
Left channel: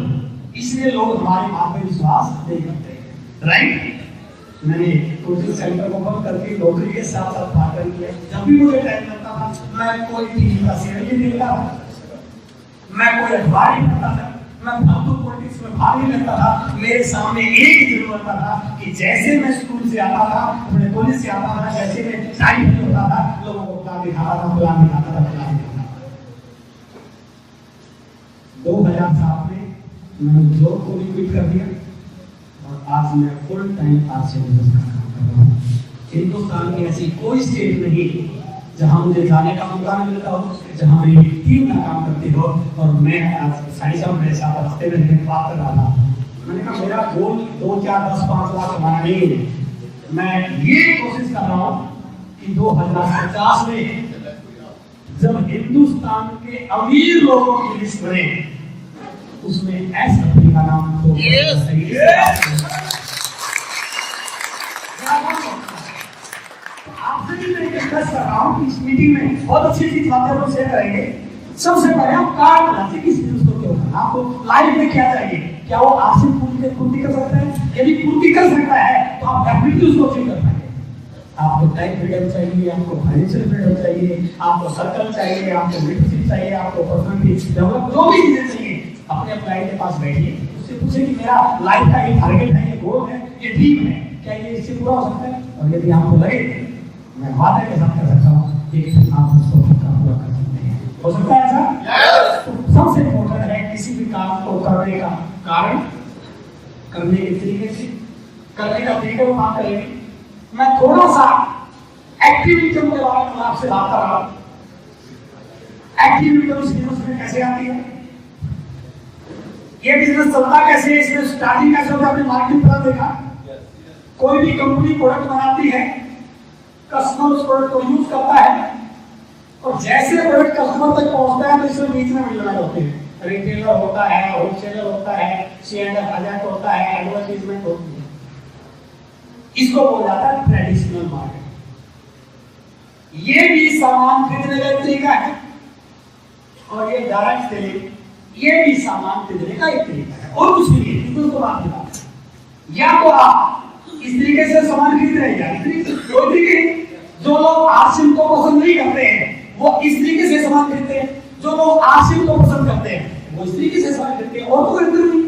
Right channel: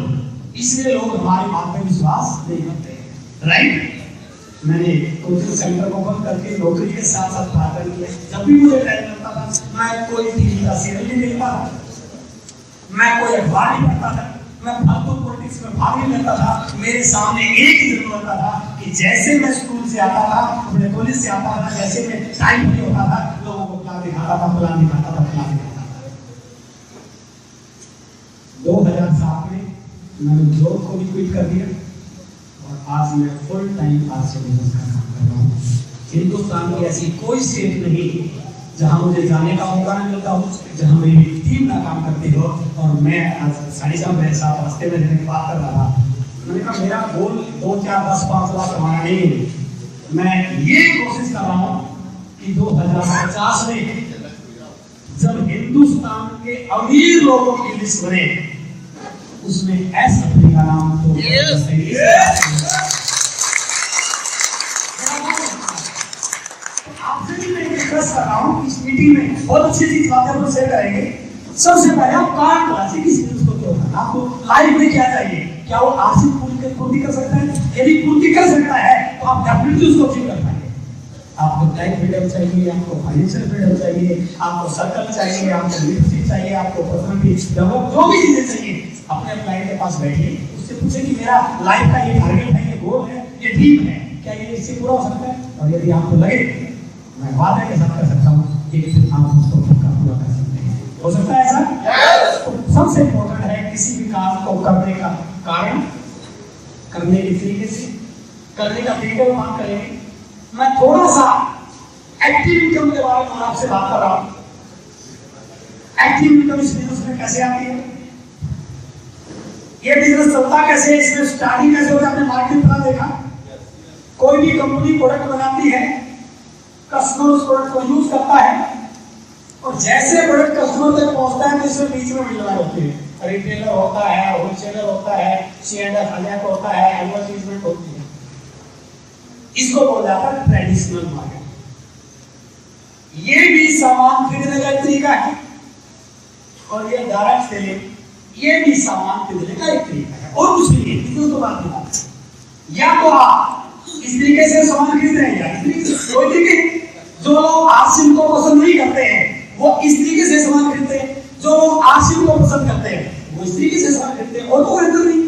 इसलिए लोग हमारी बात पर विश्वास नहीं करते, राइट? मैंने कोचिंग सेंटर को बंद करके नौकरी के साथ साथ पार्ट टाइम किया। जब भी मुझे टाइम मिलता था, मैं कोई टीवी का सीरियल नहीं देखता था, मैं कोई अखबार नहीं पढ़ता था, मैं फालतू पॉलिटिक्स में भाग नहीं लेता था। मेरे सामने एक ही जरूर होता था कि जैसे मैं स्कूल से आता था, अपने कॉलेज से आता था, जैसे मैं टाइम नहीं होता था, लोगों को प्लान दिखाता था, प्लान दिखाता था, प्लान दिखाता था। 2007 में मैंने जॉब को भी क्विट कर दिया, और आज मैं फुल टाइम आरसी बिजनेस का काम कर रहा हूँ। हिंदुस्तान की ऐसी कोई स्टेट नहीं जहाँ मुझे जाने का मौका नहीं मिलता हो, जहाँ मेरी टीम ना काम करती हो। और मैं आज साड़ी साहब मेरे साथ रास्ते में रहने की बात कर रहा था, मैंने कहा मेरा गोल 2, 4, 10, 5 लाख कमाना नहीं है, मैं ये कोशिश कर रहा हूँ कि 2050 में जब हिंदुस्तान के अमीर लोगों की लिस्ट बने, उसमें एस रफी का नाम तो सही आपसे भी मैं डिस्कस कर रहा हूँ इस मीटिंग में, बहुत अच्छी चीज बातें लोग शेयर करेंगे। सबसे पहले आप कारण बताइए किसी चीज को क्यों करना, आपको लाइफ में क्या चाहिए, क्या वो आर्थिक पूर्ति कर सकता है? यदि पूर्ति कर सकता है तो आप डेफिनेटली उसको अचीव कर पाएंगे। आपको टाइम फ्रीडम चाहिए, आपको फाइनेंशियल फ्रीडम चाहिए, आपको सर्कल चाहिए, आपको लीडरशिप चाहिए, आपको पर्सनालिटी डेवलप, जो भी चीजें चाहिए, अपने क्लाइंट के पास बैठिए, उससे पूछे कि मेरा लाइफ का ये टारगेट है, ये गोल है, ये ड्रीम है, क्या ये इससे पूरा हो सकता है? और यदि आपको लगे, मैं वादे के साथ कर सकता हूँ कि आप उसको पक्का पूरा कर सकते हैं। हो सकता है ऐसा? तो सबसे इम्पोर्टेंट है किसी भी काम को करने का कारण, करने के तरीके से, करने का तरीका वो बात करेंगे। मैं थोड़ा सा एक्टिव इनकम के बारे में आपसे बात कर रहा हूँ। एक्टिव इनकम इस बिजनेस में कैसे आती है, ये बिजनेस चलता कैसे है, इसमें स्टार्टिंग कैसे होता है? आपने मार्केट पर देखा, कोई भी कंपनी प्रोडक्ट बनाती है, कस्टमर उस प्रोडक्ट को यूज करता है, और जैसे प्रोडक्ट कस्टमर तक पहुंचता है तो इसमें बीच में मिलना होती है, रिटेलर होता है, होलसेलर होता है, C&F एजेंट होता है, एडवर्टाइजमेंट होती है। इसको बोला जाता है ट्रेडिशनल मार्केट। ये भी सामान खरीदने का एक तरीका है, और ये डायरेक्ट सेलिंग ये भी सामान खरीदने का एक तरीका है, और कुछ नहीं है। इसमें तो बात नहीं, या तो आप इस तरीके से सामान खरीद रहे हैं, इस तरीके से कोई तरीके। जो लोग आरसीएम को पसंद नहीं करते हैं वो इस तरीके से सामान खरीदते हैं, जो लोग आरसीएम को पसंद करते हैं वो इस तरीके से सामान खरीदते हैं, और तो खरीदते नहीं।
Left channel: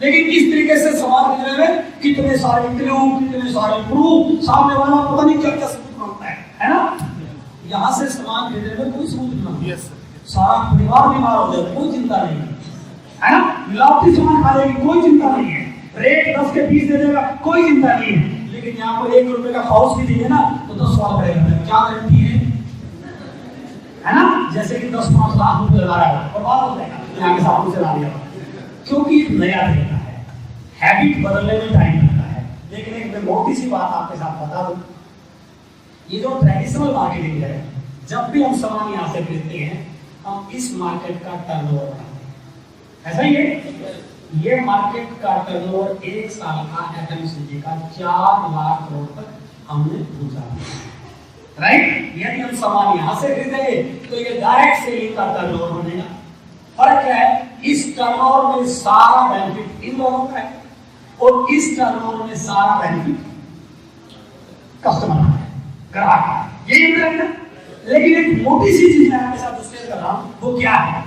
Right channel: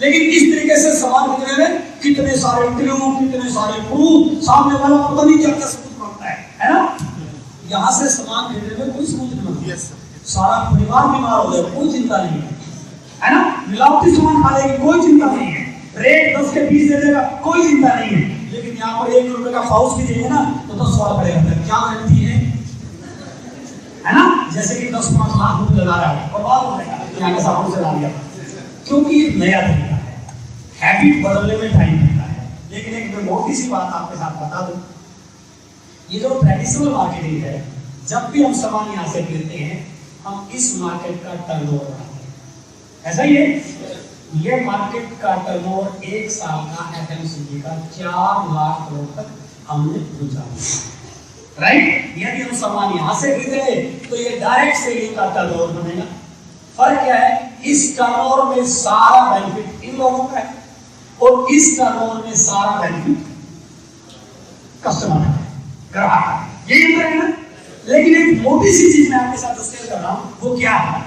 लेकिन इस तरीके से सामान खरीदने में कितने सारे इंटरव्यू, कितने सारे प्रूफ, सामने वाला पता नहीं क्या क्या सबूत मांगता है ना? यहाँ से सामान खरीदने में कोई सबूत नहीं मांगता, सारा परिवार बीमार हो जाए कोई चिंता नहीं है ना? मिलावटी सामान खा लेगी कोई चिंता नहीं है, रेट 10 के 20 दे देगा कोई चिंता नहीं है। लेकिन यहाँ पर 1 रुपए का पाउच भी देंगे ना तो 10 सवाल पड़ेगा, क्या गारंटी है ना? जैसे कि 10-5 लाख रुपए लगा रहा है और बात हो जाएगा यहाँ के साबुन से ला लिया, क्योंकि नया तरीका है, हैबिट बदलने में टाइम लगता है। लेकिन एक मैं मोटी सी बात आपके साथ बता दूं, ये जो ट्रेडिशनल मार्केटिंग है, जब भी हम सामान यहाँ से खरीदते हैं हम इस मार्केट का टर्नओवर बढ़ाते हैं। ऐसा ही है, ये मार्केट का टर्नओवर 1 साल का एफएमसीजी का 4 लाख करोड़ तक हमने पहुंचा दिया, राइट। यदि हम सामान यहाँ से खरीदे तो ये डायरेक्ट सेलिंग का टर्नओवर बनेगा। फर्क क्या है, इस टर्नओवर में सारा बेनिफिट इन लोगों का है और इस टर्नओवर में सारा बेनिफिट कस्टमर का है, ग्राहक का है, यही अंतर है ना। लेकिन एक मोटी सी चीज मैं आपके साथ जो शेयर कर रहा हूं वो क्या है,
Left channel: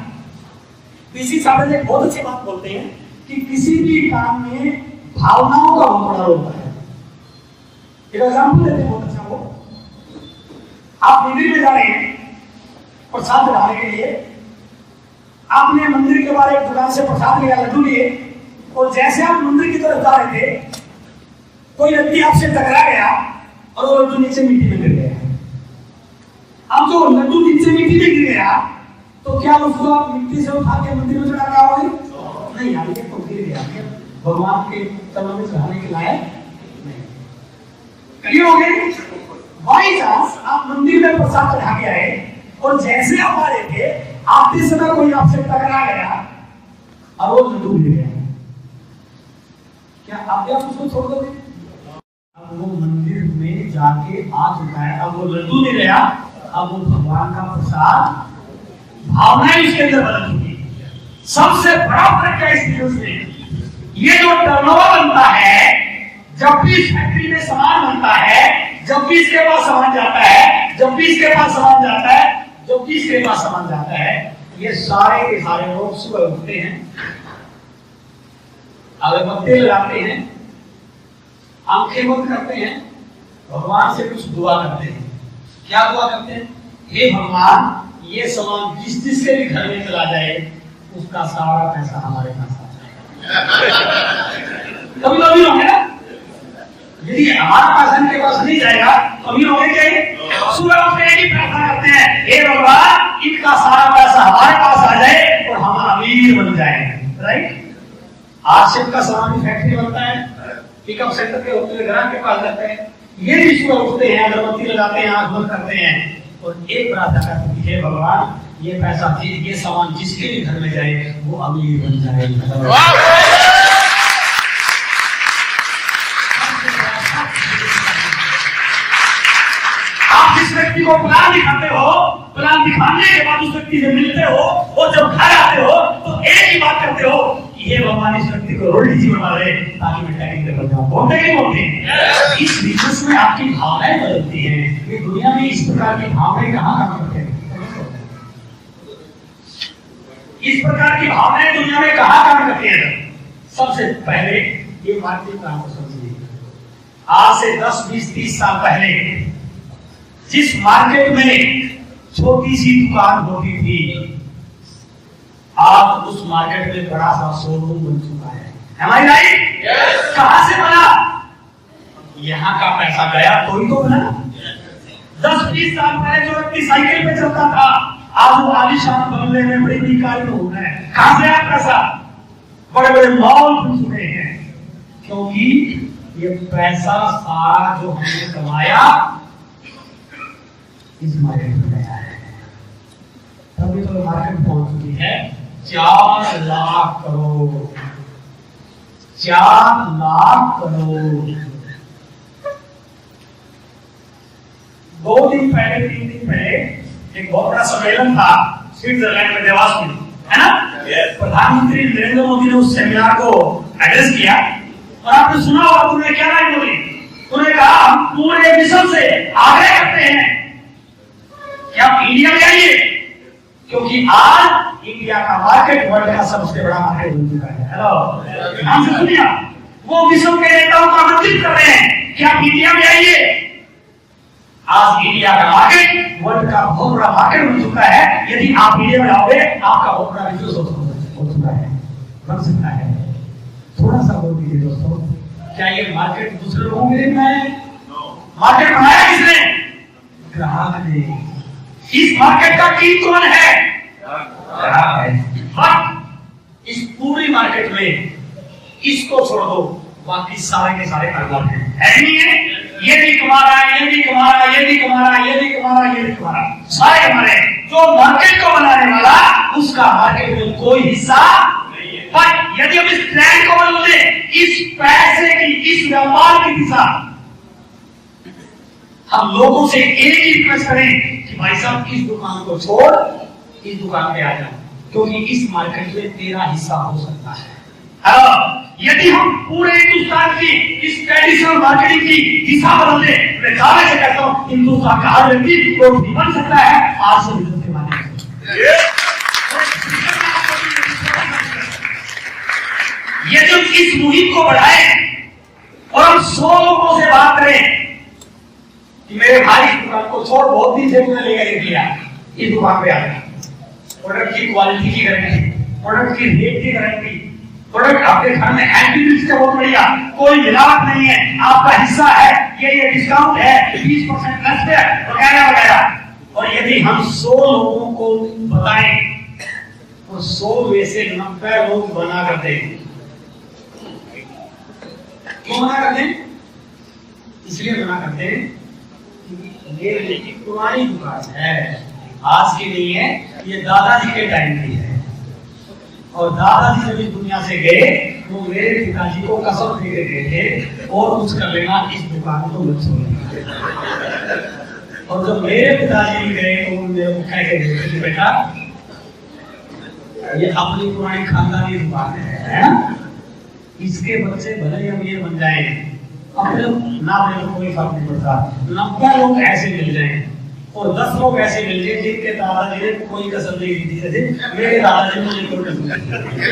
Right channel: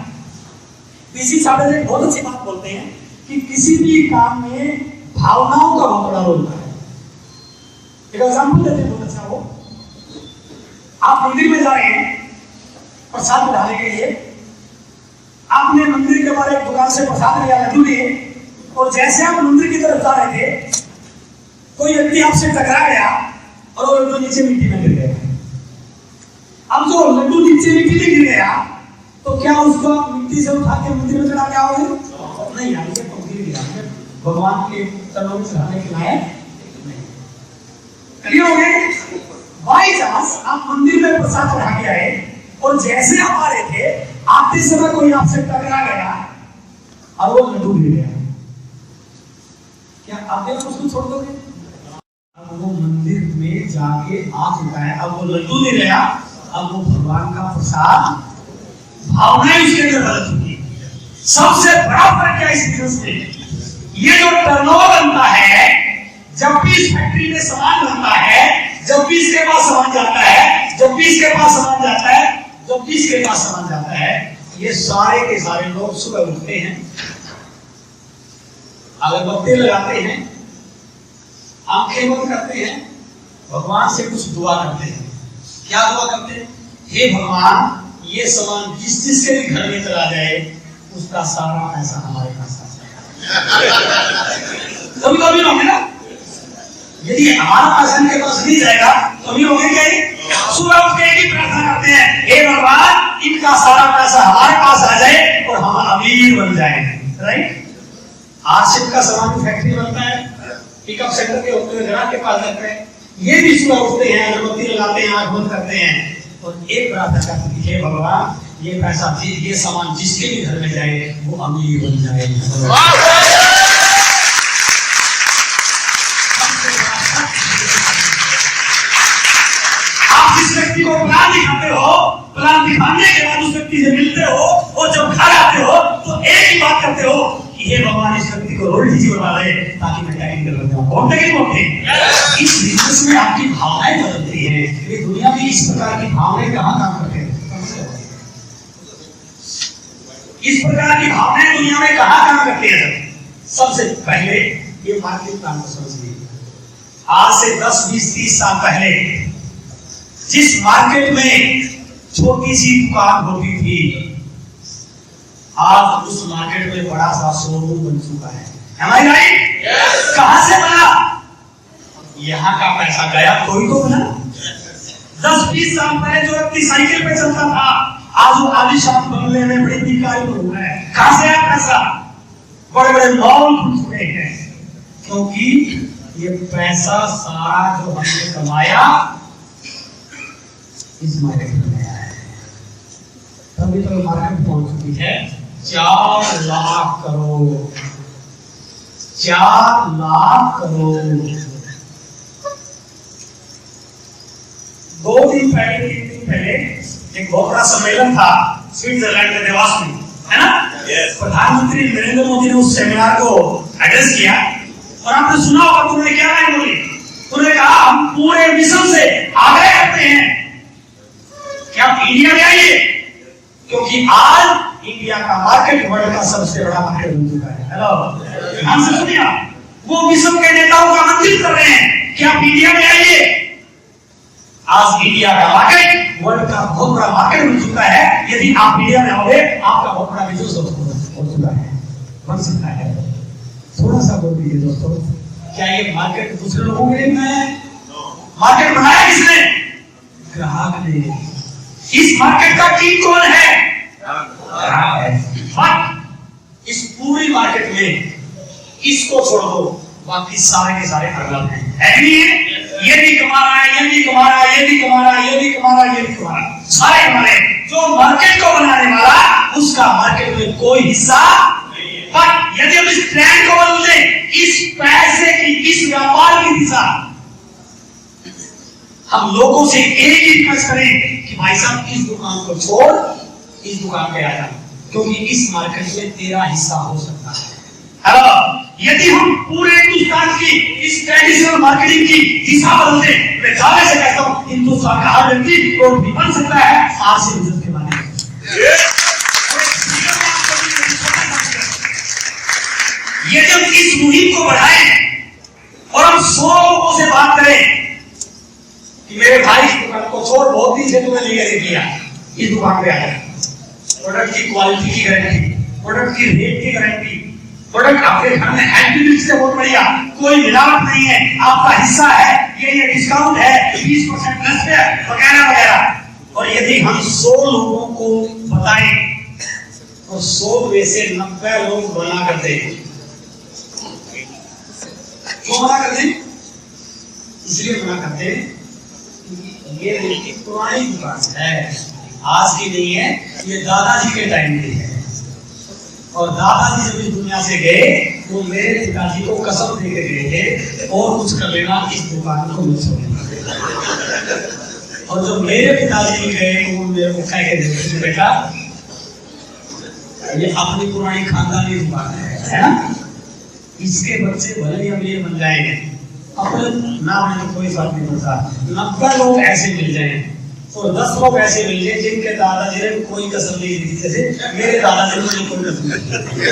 पीसी साहब एक बहुत अच्छी बात बोलते हैं कि किसी भी काम में भावनाओं का बहुत बड़ा रोल होता है। एक एग्जांपल देते हैं बहुत अच्छा, वो आप मंदिर में जा रहे हैं प्रसाद चढ़ाने के लिए, आपने मंदिर के बाहर एक दुकान से प्रसाद लिया, लड्डू लिए, और जैसे आप मंदिर की तरफ जा रहे थे कोई व्यक्ति आपसे टकरा गया और वो लड्डू नीचे मिट्टी में गिर गया। अब जो लड्डू नीचे मिट्टी में गिर गया तो क्या उसको आप मिट्टी से उठा के मंदिर में चढ़ा के आओगे? नहीं, यार ये तो गिर गया, भगवान के चरणों में चढ़ाने के लायक नहीं। क्लियर हो गए? बाई चांस आप मंदिर में प्रसाद चढ़ा के आए और जैसे आप आ रहे थे आते समय कोई आपसे टकरा गया और वो लड्डू गिर गया, क्या आप उसको छोड़ दोगे? अब वो मंदिर में जाके आ चुका है, अब वो लड्डू नहीं रहा, अब वो भगवान का प्रसाद, भावनाएं उसके अंदर बदल चुकी है। सबसे बड़ा फर्क क्या है इस बिजनेस में, ये जो टर्नओवर बनता है, जब भी इस फैक्ट्री में सामान बनता है, जब भी इसके पास सामान जाता है, जब भी इसके पास सामान जाता है, जब भी इसके पास सामान जाता है, ये सारे के सारे लोग सुबह उठते हैं, अगरबत्ती लगाते हैं, आंखें बंद करते हैं, भगवान से कुछ दुआ करते हैं। क्या दुआ करते हैं? हे भगवान, ये सामान जिस जिसके भी घर में चला जाए उसका सारा पैसा हमारे पास आ जाए। कभी कभी होंगे ना, यदि हमारा पैसा इनके पास नहीं जाएगा तो अमीर होंगे क्या? सुबह उठ के ही प्रार्थना करते हैं, हे भगवान इनका सारा पैसा हमारे पास आ जाए और हम अमीर बन जाए, राइट। आरसीएफ का सामान फैक्ट्री बनता है, पिकअप सेंटर के होते हैं, ग्राहक के पास जाते हैं, ये भी सुबह उठते हैं, अगरबत्ती लगाते हैं, आंख बंद करते हैं और एक प्रार्थना करते हैं, हे भगवान ये पैसा, ये सामान जिसके भी घर में जाए वो अमीर बन जाए। आप जिस व्यक्ति को प्लान दिखाते हो, प्लान दिखाने के बाद उस व्यक्ति से मिलते हो और जब घर आते हो तो एक ही बात करते हो कि हे भगवान इस व्यक्ति को रोटी जी बना दे ताकि मैं टेक्निकल बन जाऊं। बोलते कि बोलते हैं? इस बिजनेस में आपकी भावनाएं बदलती हैं। ये दुनिया में इस प्रकार की भावनाएं कहाँ काम करते हैं? इस प्रकार की भावनाएं दुनिया में कहाँ काम करती हैं? सबसे पहले ये मार्केट प्लान को समझिए। आज से 10, 20, 30 साल पहले जिस मार्केट में छोटी सी दुकान होती थी, आज उस मार्केट में बड़ा सा शोरूम बन चुका है। Am I right? Yes. कहां से बना? यहां का पैसा गया तो ही तो बना। 10-20 साल पहले जो व्यक्ति साइकिल पे चलता था, आज वो आलीशान बंगले में बड़ी बड़ी कार में हो गए। कहां से आया पैसा? बड़े बड़े मॉल खुल चुके हैं, क्योंकि ये पैसा सारा जो हमने कमाया इस मार्केट में गया है। तभी तो मार्केट पहुंच चुकी है 4 लाख करोड़। 4 लाख करोड़। 2 दिन पहले, 3 दिन पहले एक बहुत बड़ा सम्मेलन था स्विट्जरलैंड में, देवास में, है ना? प्रधानमंत्री नरेंद्र मोदी ने उस सेमिनार को एड्रेस किया और आपने सुना होगा, तुमने क्या लाइन बोली? तुमने कहा हम पूरे विश्व से आग्रह करते हैं कि आप इंडिया में आइए, क्योंकि आज इंडिया का मार्केट वर्ल्ड का सबसे बड़ा मार्केट बन चुका है। हेलो, ध्यान से सुनिए, वो विश्व के नेताओं को आमंत्रित कर रहे हैं कि आप इंडिया में आइए। आज इंडिया का मार्केट वर्ल्ड का बहुत बड़ा मार्केट बन चुका है। यदि आप इंडिया में आओगे आपका बहुत बड़ा बिजनेस हो चुका है, बन सकता है। थोड़ा सा बोल दीजिए दोस्तों, क्या ये मार्केट दूसरे लोगों के लिए बनाया है? मार्केट बनाया किसने? ग्राहक ने। इस मार्केट का किंग कौन है? ग्राहक है। बट इस पूरी मार्केट में इसको छोड़ दो, बाकी सारे के सारे अरब हैं, है नहीं है? ये भी कमा रहा है, ये भी कमा रहा है, ये भी कमा रहा है, ये भी कमा रहा है, ये भी कमा रहा है, सारे कमा रहे हैं। जो मार्केट को बनाने वाला, उसका मार्केट में कोई हिस्सा नहीं है। पर यदि हम इस ट्रेंड को बदल दें, इस पैसे की, इस व्यापार की दिशा, हम लोगों से एक ही रिक्वेस्ट करें कि भाई साहब इस दुकान को छोड़ इस दुकान पे आ जा, क्योंकि इस मार्केट में तेरा हिस्सा हो सकता है। हेलो, यदि हम पूरे हिंदुस्तान की इस ट्रेडिशनल मार्केटिंग की दिशा बदल दें, मैं दावे से कहता हूं हिंदुस्तान का हर व्यक्ति करोड़पति बन सकता है आज से बिजनेस के माध्यम से। यदि हम इस मुहिम को बढ़ाएं और हम 100 लोगों से बात करें कि मेरे भाई इस दुकान को छोड़, बहुत दिन से तुमने लेकर दिया, इस दुकान पे आया, प्रोडक्ट की क्वालिटी की गारंटी, प्रोडक्ट की रेट की गारंटी, प्रोडक्ट आपके घर में है से बहुत बढ़िया, कोई मिलावट नहीं है, आपका हिस्सा है, ये डिस्काउंट है 20% प्लस पे वगैरह वगैरह। और यदि हम 100 लोगों को बताएं और 100 में से 90 लोग मना कर दें, क्यों मना कर दें? इसलिए मना करते हैं ये मेरी पुरानी दुकान है, आज की नहीं है, ये दादाजी के टाइम की है। और दादाजी जब इस दुनिया से गए वो मेरे पिताजी को कसम दे के गए थे और कुछ कर लेना, इस दुकान को मत छोड़ना। और जब मेरे पिताजी गए तो वो मेरे को कह के गए कि बेटा ये अपनी पुरानी खानदानी दुकान है ना, इसके बच्चे भले ही अमीर बन जाएंगे, अपने नाम में कोई फर्क नहीं पड़ता। 90 लोग ऐसे मिल जाएं और 10 लोग ऐसे मिल जाए जिनके दादाजी ने कोई कसम नहीं दी, जैसे मेरे दादाजी ने मुझे कोई कसम नहीं,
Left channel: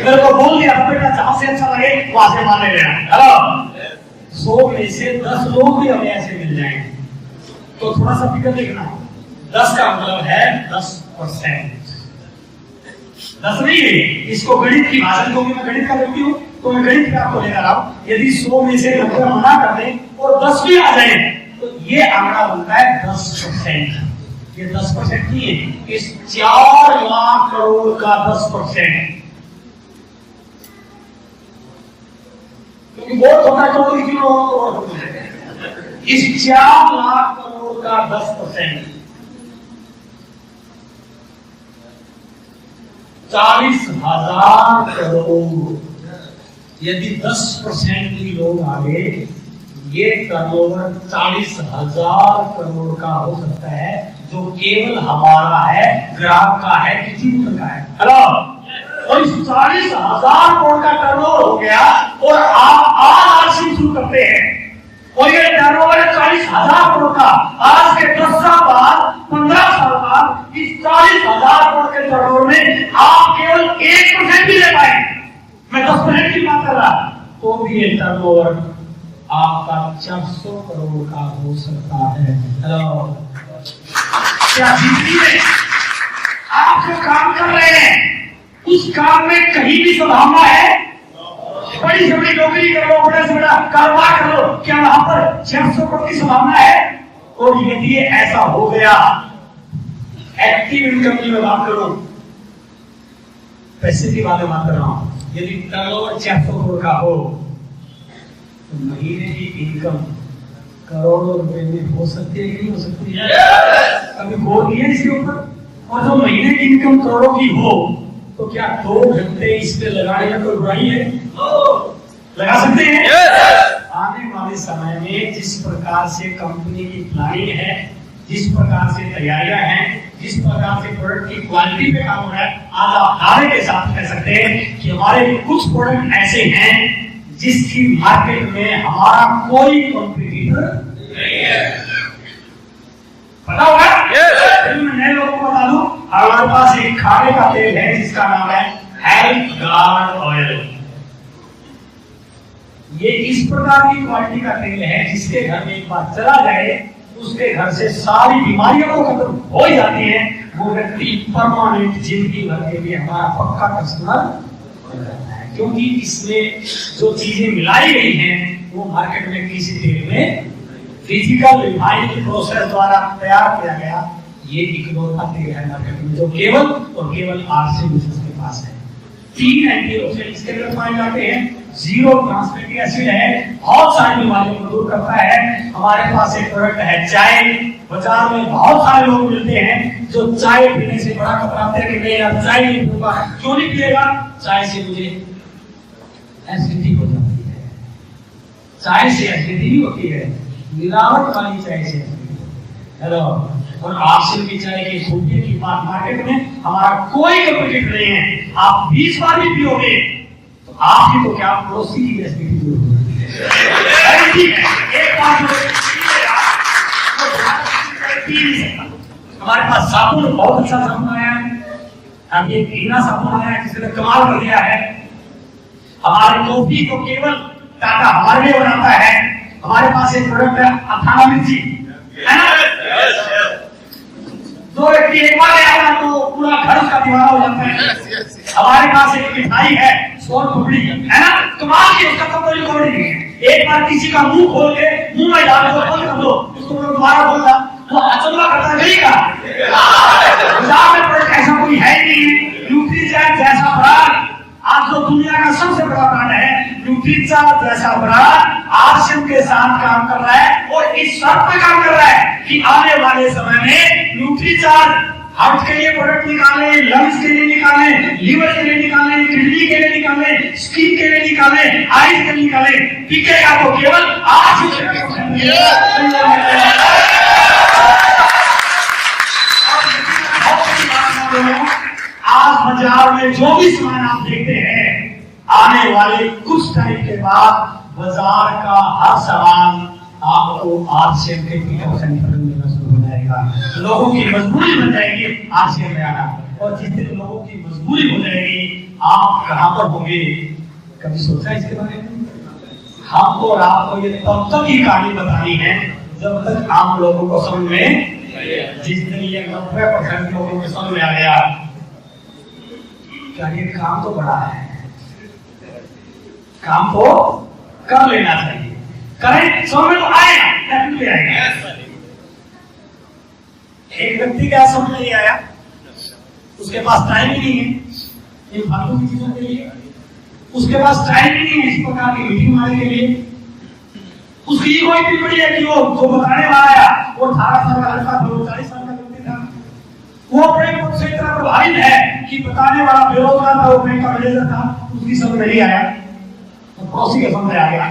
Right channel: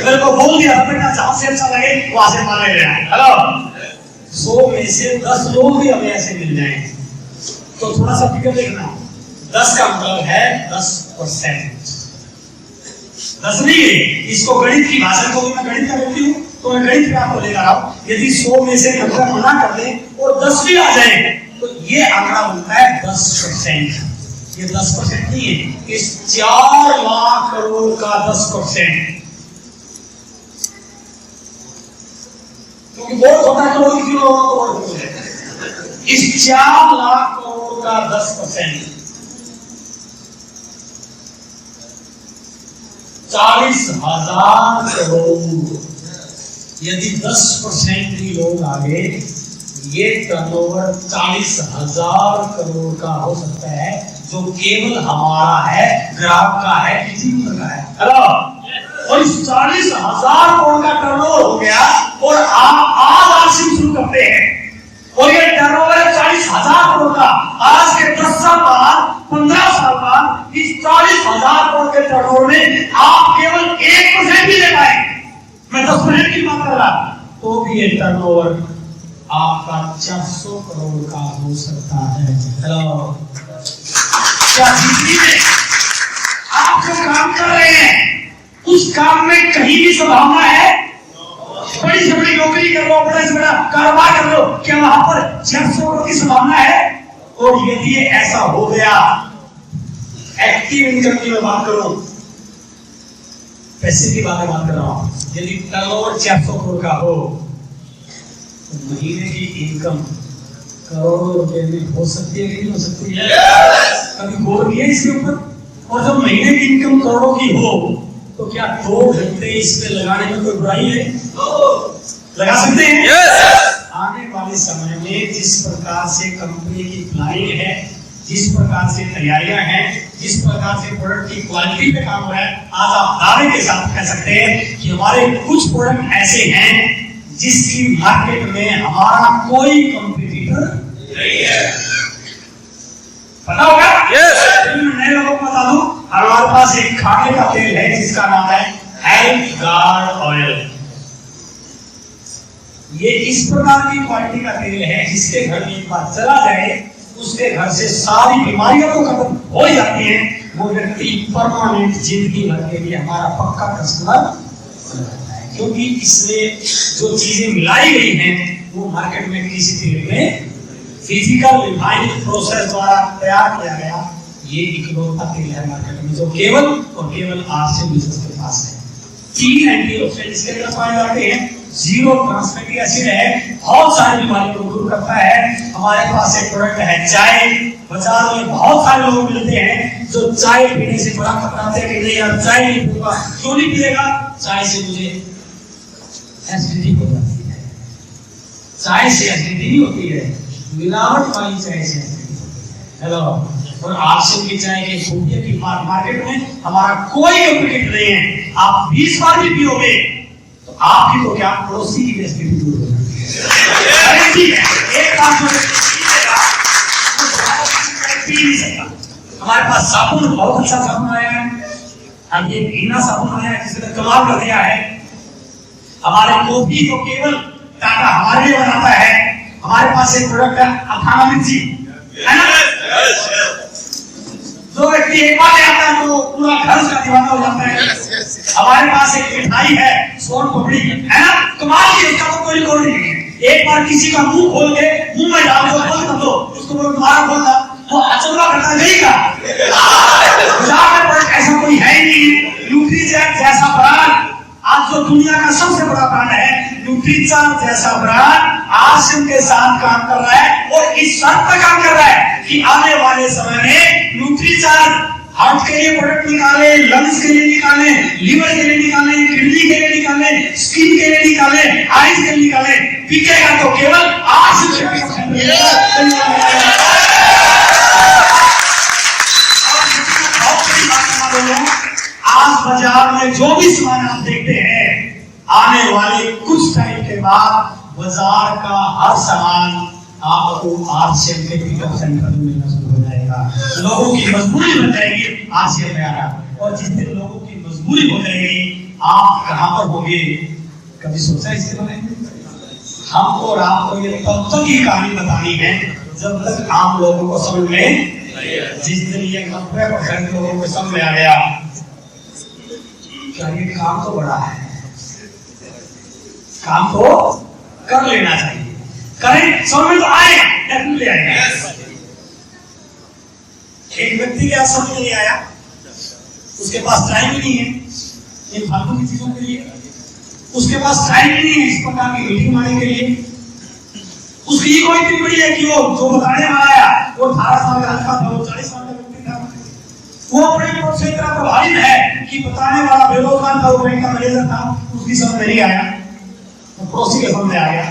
मेरे को बोल दिया था बेटा जहां से अच्छा लगे वहां से मान ले लेना। हेलो, 100 में से 10 लोग भी हमें ऐसे मिल जाएं तो थोड़ा सा फिक्र देखना, 10 का मतलब है 10%, 10 नहीं है। इसको गणित की भाषा, को मैं गणित का व्यक्ति हूँ तो मैं गणित पे आपको लेकर आऊं। यदि 100 में से 90 मना कर दें और 10 भी आ जाए तो ये आंकड़ा बनता है 10%। ये 10% नहीं है, इस 4 लाख करोड़ का 10%, क्योंकि बहुत होता है करोड़ की, करोड़ इस 4 लाख करोड़ का 10% 40,000 करोड़। यदि 10% भी लोग आगे, ये टर्नओवर 40,000 करोड़ का हो सकता है, जो केवल हमारा है, ग्राहक का है, किसी का है। हेलो, और इस 40,000 करोड़ का टर्नओवर हो गया और आप आज आरसी शुरू करते हैं और ये टर्नओवर है 40,000 करोड़ का। आज के 10 साल बाद, 15 साल बाद इस 40,000 करोड़ के टर्नओवर में आप केवल 1% भी ले पाए, मैं 10% की बात कर रहा, तो भी ये टर्नओवर आपका 400 करोड़ का हो सकता है। हेलो, क्या जिंदगी में आप जो काम कर रहे हैं उस काम में कहीं भी संभावना है? बड़ी से बड़ी नौकरी कर लो, बड़ा से बड़ा कारोबार कर लो, क्या वहां पर 400 करोड़ की संभावना है? और यदि ये ऐसा हो गया, एक्टिव इनकम की मैं बात करूं, पैसे की बात कर रहा हूं, यदि टर्नओवर 400 करोड़ का हो तो महीने की इनकम करोड़ों रुपए में हो सकती है कि नहीं हो सकती है? कभी गौर किया इसके ऊपर? और जब महीने की इनकम करोड़ों की हो तो क्या 2 घंटे इस पे लगाने में कोई बुराई है? लगा सकते हैं। आने वाले समय में जिस प्रकार से कंपनी की प्लानिंग है, जिस प्रकार से तैयारियां हैं, जिस प्रकार से प्रोडक्ट की क्वालिटी पे काम हो रहा है, आज आप दावे के साथ कह सकते हैं कि हमारे कुछ प्रोडक्ट ऐसे हैं जिसकी मार्केट में हमारा कोई कंपटीटर नहीं है। पता होगा? मैं नए लोगों को बता दूं, हमारे पास एक खाने का तेल है जिसका नाम है हेल्थ गार्ड ऑयल। ये इस प्रकार की क्वालिटी का तेल है जिसके घर में एक बार चला जाए उसके घर से सारी बीमारियां तो खत्म हो जाती हैं, वो व्यक्ति परमानेंट जिंदगी भर के लिए हमारा पक्का कस्टमर रहता है, क्योंकि इसमें जो चीजें मिलाई गई हैं वो मार्केट में किसी तेल में फिजिकल रिफाइनिंग प्रोसेस द्वारा तैयार किया गया ये इकलौता तेल है मार्केट में जो केवल और केवल आरसीएम बिजनेस के पास है। 3 एंटीऑक्सीडेंट इसके अंदर पाए जाते हैं, 0 ट्रांसफैटी एसिड है, बहुत सारी बीमारियों को दूर करता है। हमारे पास एक प्रोडक्ट है चाय, बाजार में बहुत सारे लोग मिलते हैं जो चाय पीने से बड़ा कतराते हैं कि नहीं यार चाय नहीं पीऊंगा। क्यों नहीं पिएगा? चाय से मुझे एसिडिटी हो जाती है। चाय से एसिडिटी होती है, मिलावट वाली चाय से हेलो। और आरसीएम की चाय की खूबियों की मार्केट में हमारा कोई कॉम्पिटिटर नहीं है। आप 20 बार भी पियोगे तो आपकी तो क्या पड़ोसी की एसिडिटी दूर हो जाती है। ठीक है, एक बार जो पीएगा वो दोबारा पी नहीं सकता। हमारे पास साबुन, बहुत अच्छा साबुन आया है, अब ये हीना साबुन आया है जिसने कमाल कर दिया है। हमारे कॉफी को केवल टाटा हमारे लिए बनाता है। हमारे पास एक प्रोडक्ट है अखाना मिर्ची, है ना? जो व्यक्ति एक बार ले आता है तो पूरा घर उसका दीवाना हो जाता है। हमारे पास एक मिठाई है सोन पापड़ी, है ना? कमाल की, उसका तो कोई रिकॉर्ड नहीं है। एक बार किसी का मुंह खोल के मुंह में डाल दो, बंद कर दो, उसको बोलो दोबारा बोलना, वो अचंभा करता नहीं का। बाजार में प्रोडक्ट ऐसा कोई है ही नहीं। न्यूट्रीचेक जैसा ब्रांड, आज जो दुनिया का सबसे बड़ा ब्रांड है, न्यूट्रीचार्ज जैसा ब्रांड आरसीएम के साथ काम कर रहा है और इस शर्त पर काम कर रहा है कि आने वाले समय में न्यूट्रीचार्ज हार्ट के लिए प्रोडक्ट निकाले, लंग्स के लिए निकाले, लीवर के लिए निकाले, किडनी के लिए निकाले, स्किन के लिए निकाले, आईज के लिए निकाले, बिकेगा तो केवल आरसीएम के आज बाजार में जो भी सामान आप देखते हैं, आने वाले कुछ टाइम के बाद बाजार का हर सामान आपको आरसीएम के पिकअप सेंटर में मिलना शुरू हो जाएगा। लोगों की मजबूरी बन जाएगी आरसीएम में आना, और जिस दिन लोगों की मजबूरी हो जाएगी आप कहां पर होंगे? कभी सोचा इसके बारे में? हमको और आपको ये तब तक ही कहानी बतानी है जब तक आम लोगों को समझ में, जिस दिन ये 90% लोगों को समझ में आ गया क्या ये काम तो बड़ा है, काम तो कर लेना चाहिए, करें, समझ में तो आएगा, डेफिनेटली आएगा। एक व्यक्ति क्या समझ में नहीं आया, उसके पास टाइम ही नहीं है इन फालतू की चीजों के लिए, उसके पास टाइम ही नहीं है इस प्रकार की मीटिंग मारने के लिए। उसकी ईगो इतनी बड़ी है कि वो जो बताने वाला आया वो 18 साल का लड़का था, वो 40 साल का व्यक्ति था, वो अपने पद से इतना प्रभावित है कि बताने वाला बेरोजगार था, वो बैंक का मैनेजर था, उसकी समझ में नहीं आया, तो पड़ोसी के समझ में आ गया।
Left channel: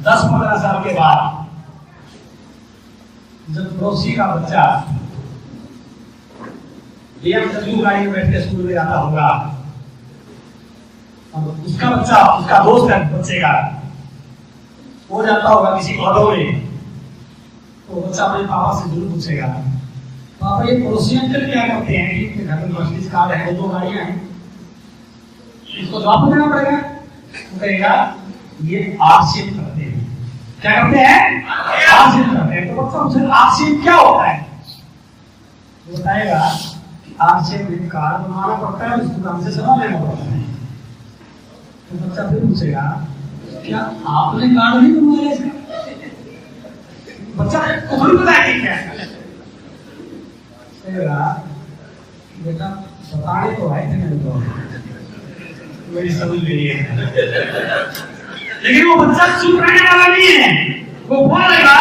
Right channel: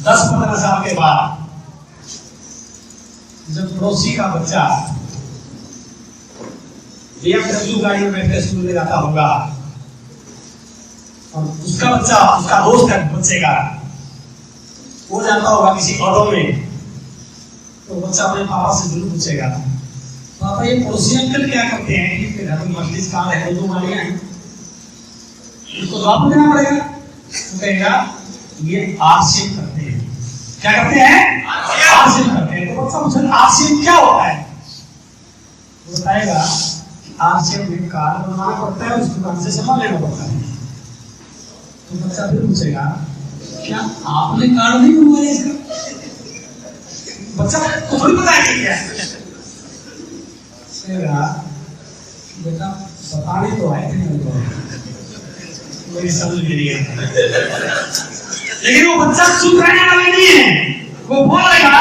10-15 साल के बाद जब पड़ोसी का बच्चा BMW गाड़ी में बैठ के स्कूल में जाता होगा और उसका बच्चा, उसका दोस्त है बच्चे का, वो जाता होगा किसी ऑटो में, तो बच्चा अपने पापा से जरूर पूछेगा, पापा ये पड़ोसी अंकल क्या करते हैं? कि घर में मर्सिडीज कार है, 2 गाड़ियां हैं, उसको जवाब देना पड़ेगा। वो कहेगा ये आरसीएम करते हैं। क्या करते हैं? आरसीएम करते हैं। तो बच्चा पूछे आरसीएम क्या होता है? वो बताएगा आरसीएम में कार बनवाना पड़ता है और इस दुकान से सामान लेना पड़ता है। तो बच्चा फिर पूछेगा क्या आपने कार नहीं बनवाया इसका? बच्चा को थोड़ी पता है क्या है, बेटा बताने तो आए थे नहीं, तो मेरी समझ में नहीं है। लेकिन वो बच्चा चुप रहने वाला नहीं है, वो बोलेगा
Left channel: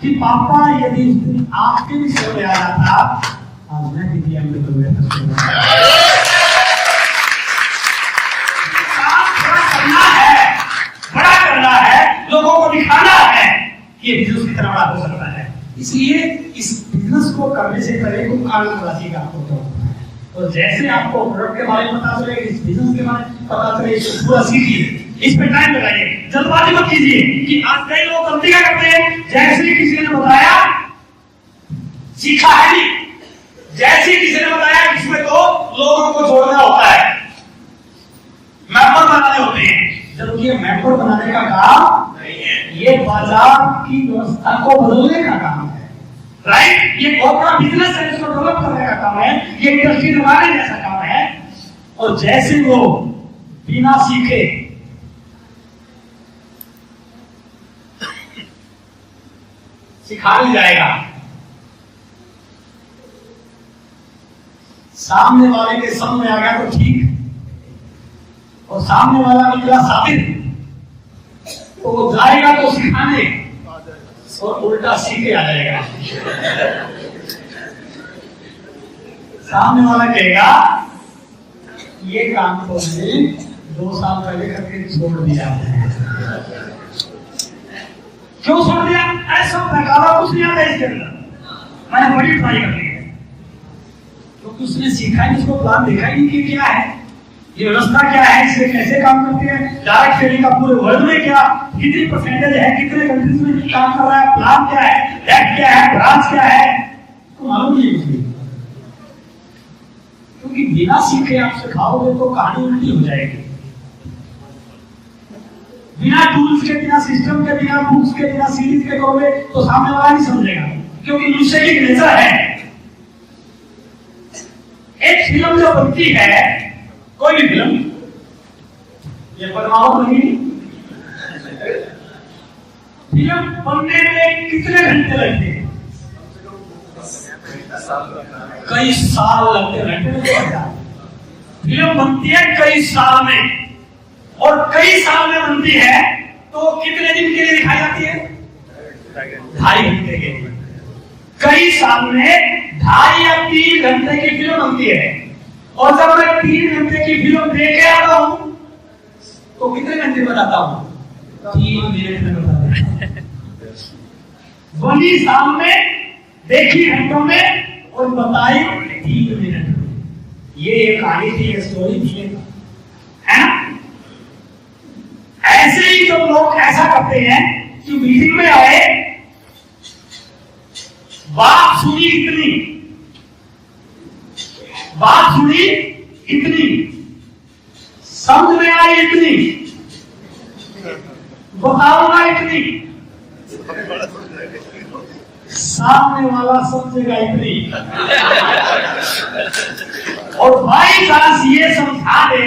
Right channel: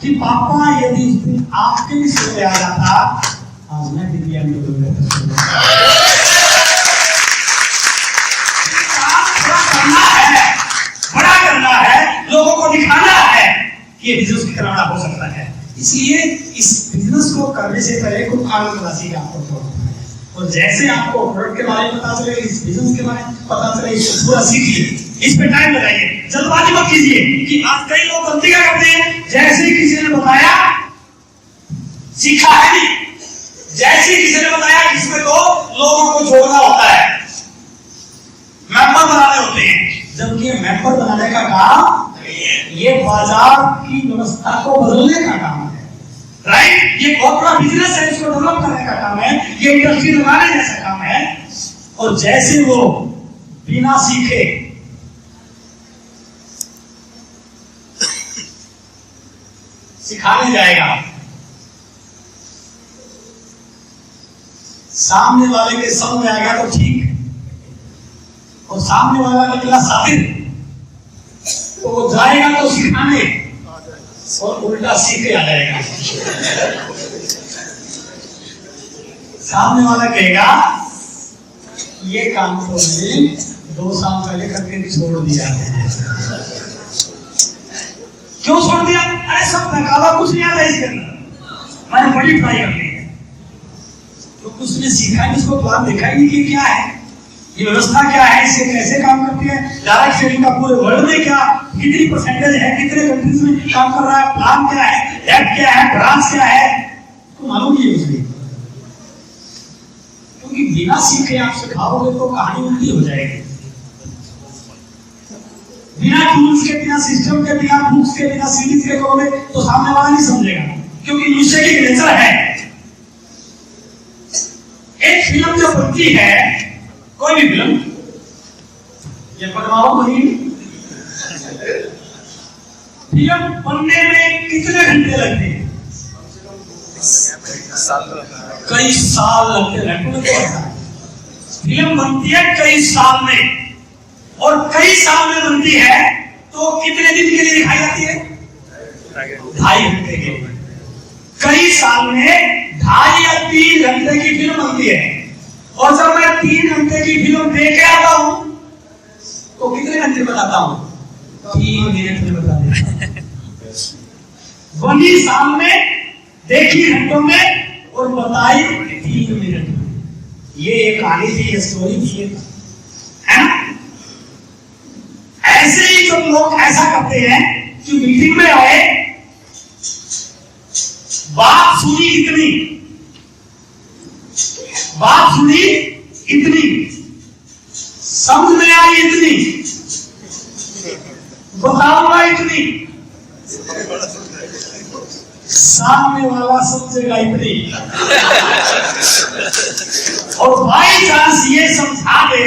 कि पापा यदि उस दिन आपके भी समझ में आ जाता, आज मैं भी BMW में बड़ा करना है, लोगों को दिखाना है कि ये बिजनेस कितना बड़ा हो सकता है। इसलिए इस बिजनेस को करने से पहले कुछ कानून राशि का आपको होता है, और जैसे आपको प्रोडक्ट के बारे में पता चले, इस बिजनेस के बारे में पता चले, इसको पूरा सीखिए, इस पे टाइम लगाइए, जल्दबाजी मत कीजिए। कि आज कई लोग गलती क्या करते हैं, जैसे ही किसी ने बताया, सीखा है नहीं, जैसे ही किसी ने बताया इसमें तो लोगों को जोड़ना होता है, मेंबर बनाने होते हैं, जबकि मेंबर बनाने का काम ये बाजार की व्यवस्था को बदलने का काम है, राइट? ये बहुत बड़ा बिजनेस है, इसको डेवलप करने का काम है, ये इंडस्ट्री लगाने जैसा काम है। और जैसे वो बिना सीखे सिखाने जाएगा, सामने वाले के समझ में आ गया तो ठीक, और सामने वाला निकला साबिर तो वो जाएगा तो सिखाने और उल्टा सीख के आ जाएगा। सामने वाला कहेगा ये काम तो मैंने 2 साल पहले करके छोड़ दिया है। क्यों छोड़ दिया? अरे सब बेकार, कुछ नहीं आता इसके अंदर, मैंने बड़ी ट्राई कर ली है। तो उसने सीखा नहीं, उसको प्लान देखा ही नहीं कि क्या है ये व्यवस्था, क्या है, इससे कैसे काम करती है, डायरेक्ट सेलिंग का पूरे वर्ल्ड में क्या कितनी परसेंटेज है, कितने कंट्रीज में काम कर रहा है, प्लान क्या है, डेट क्या है, ब्रांच क्या है, तो मालूम नहीं है इसलिए। क्योंकि बिना सीखे आप सिखाओगे तो कहानी उल्टी हो जाएगी। बिना टूल्स के, बिना सिस्टम के, बिना बुक्स के, बिना सीरीज के करोगे तो सामने वाला नहीं समझेगा, क्योंकि मनुष्य की नेचर है। एक फिल्म जो बनती है, कोई भी फिल्म, ये पद्मावत बनी, फिल्म बनने में कितने घंटे लगते हैं? कई साल लगते हैं। घंटे में तो फिल्म बनती है कई साल में, और कई साल में बनती है तो कितने दिन के लिए दिखाई जाती है? 2.5 घंटे के लिए। कई साल में 2.5 या 3 घंटे की फिल्म बनती है, और जब मैं 3 घंटे की फिल्म देख के आता हूं तो कितने घंटे बताता हूं? 3 मिनट में बता देता हूं। बनी सामने, देखी घंटों में, और बताई 3 मिनट में। ये एक कहानी थी, ये स्टोरी थी, है ना? ऐसे ही जब लोग ऐसा करते हैं कि मीटिंग में आए, बात सुनी इतनी, बात सुनी इतनी, समझ में आई इतनी, बताऊंगा इतनी, सामने वाला समझेगा इतनी, और बाई चांस ये समझा दे,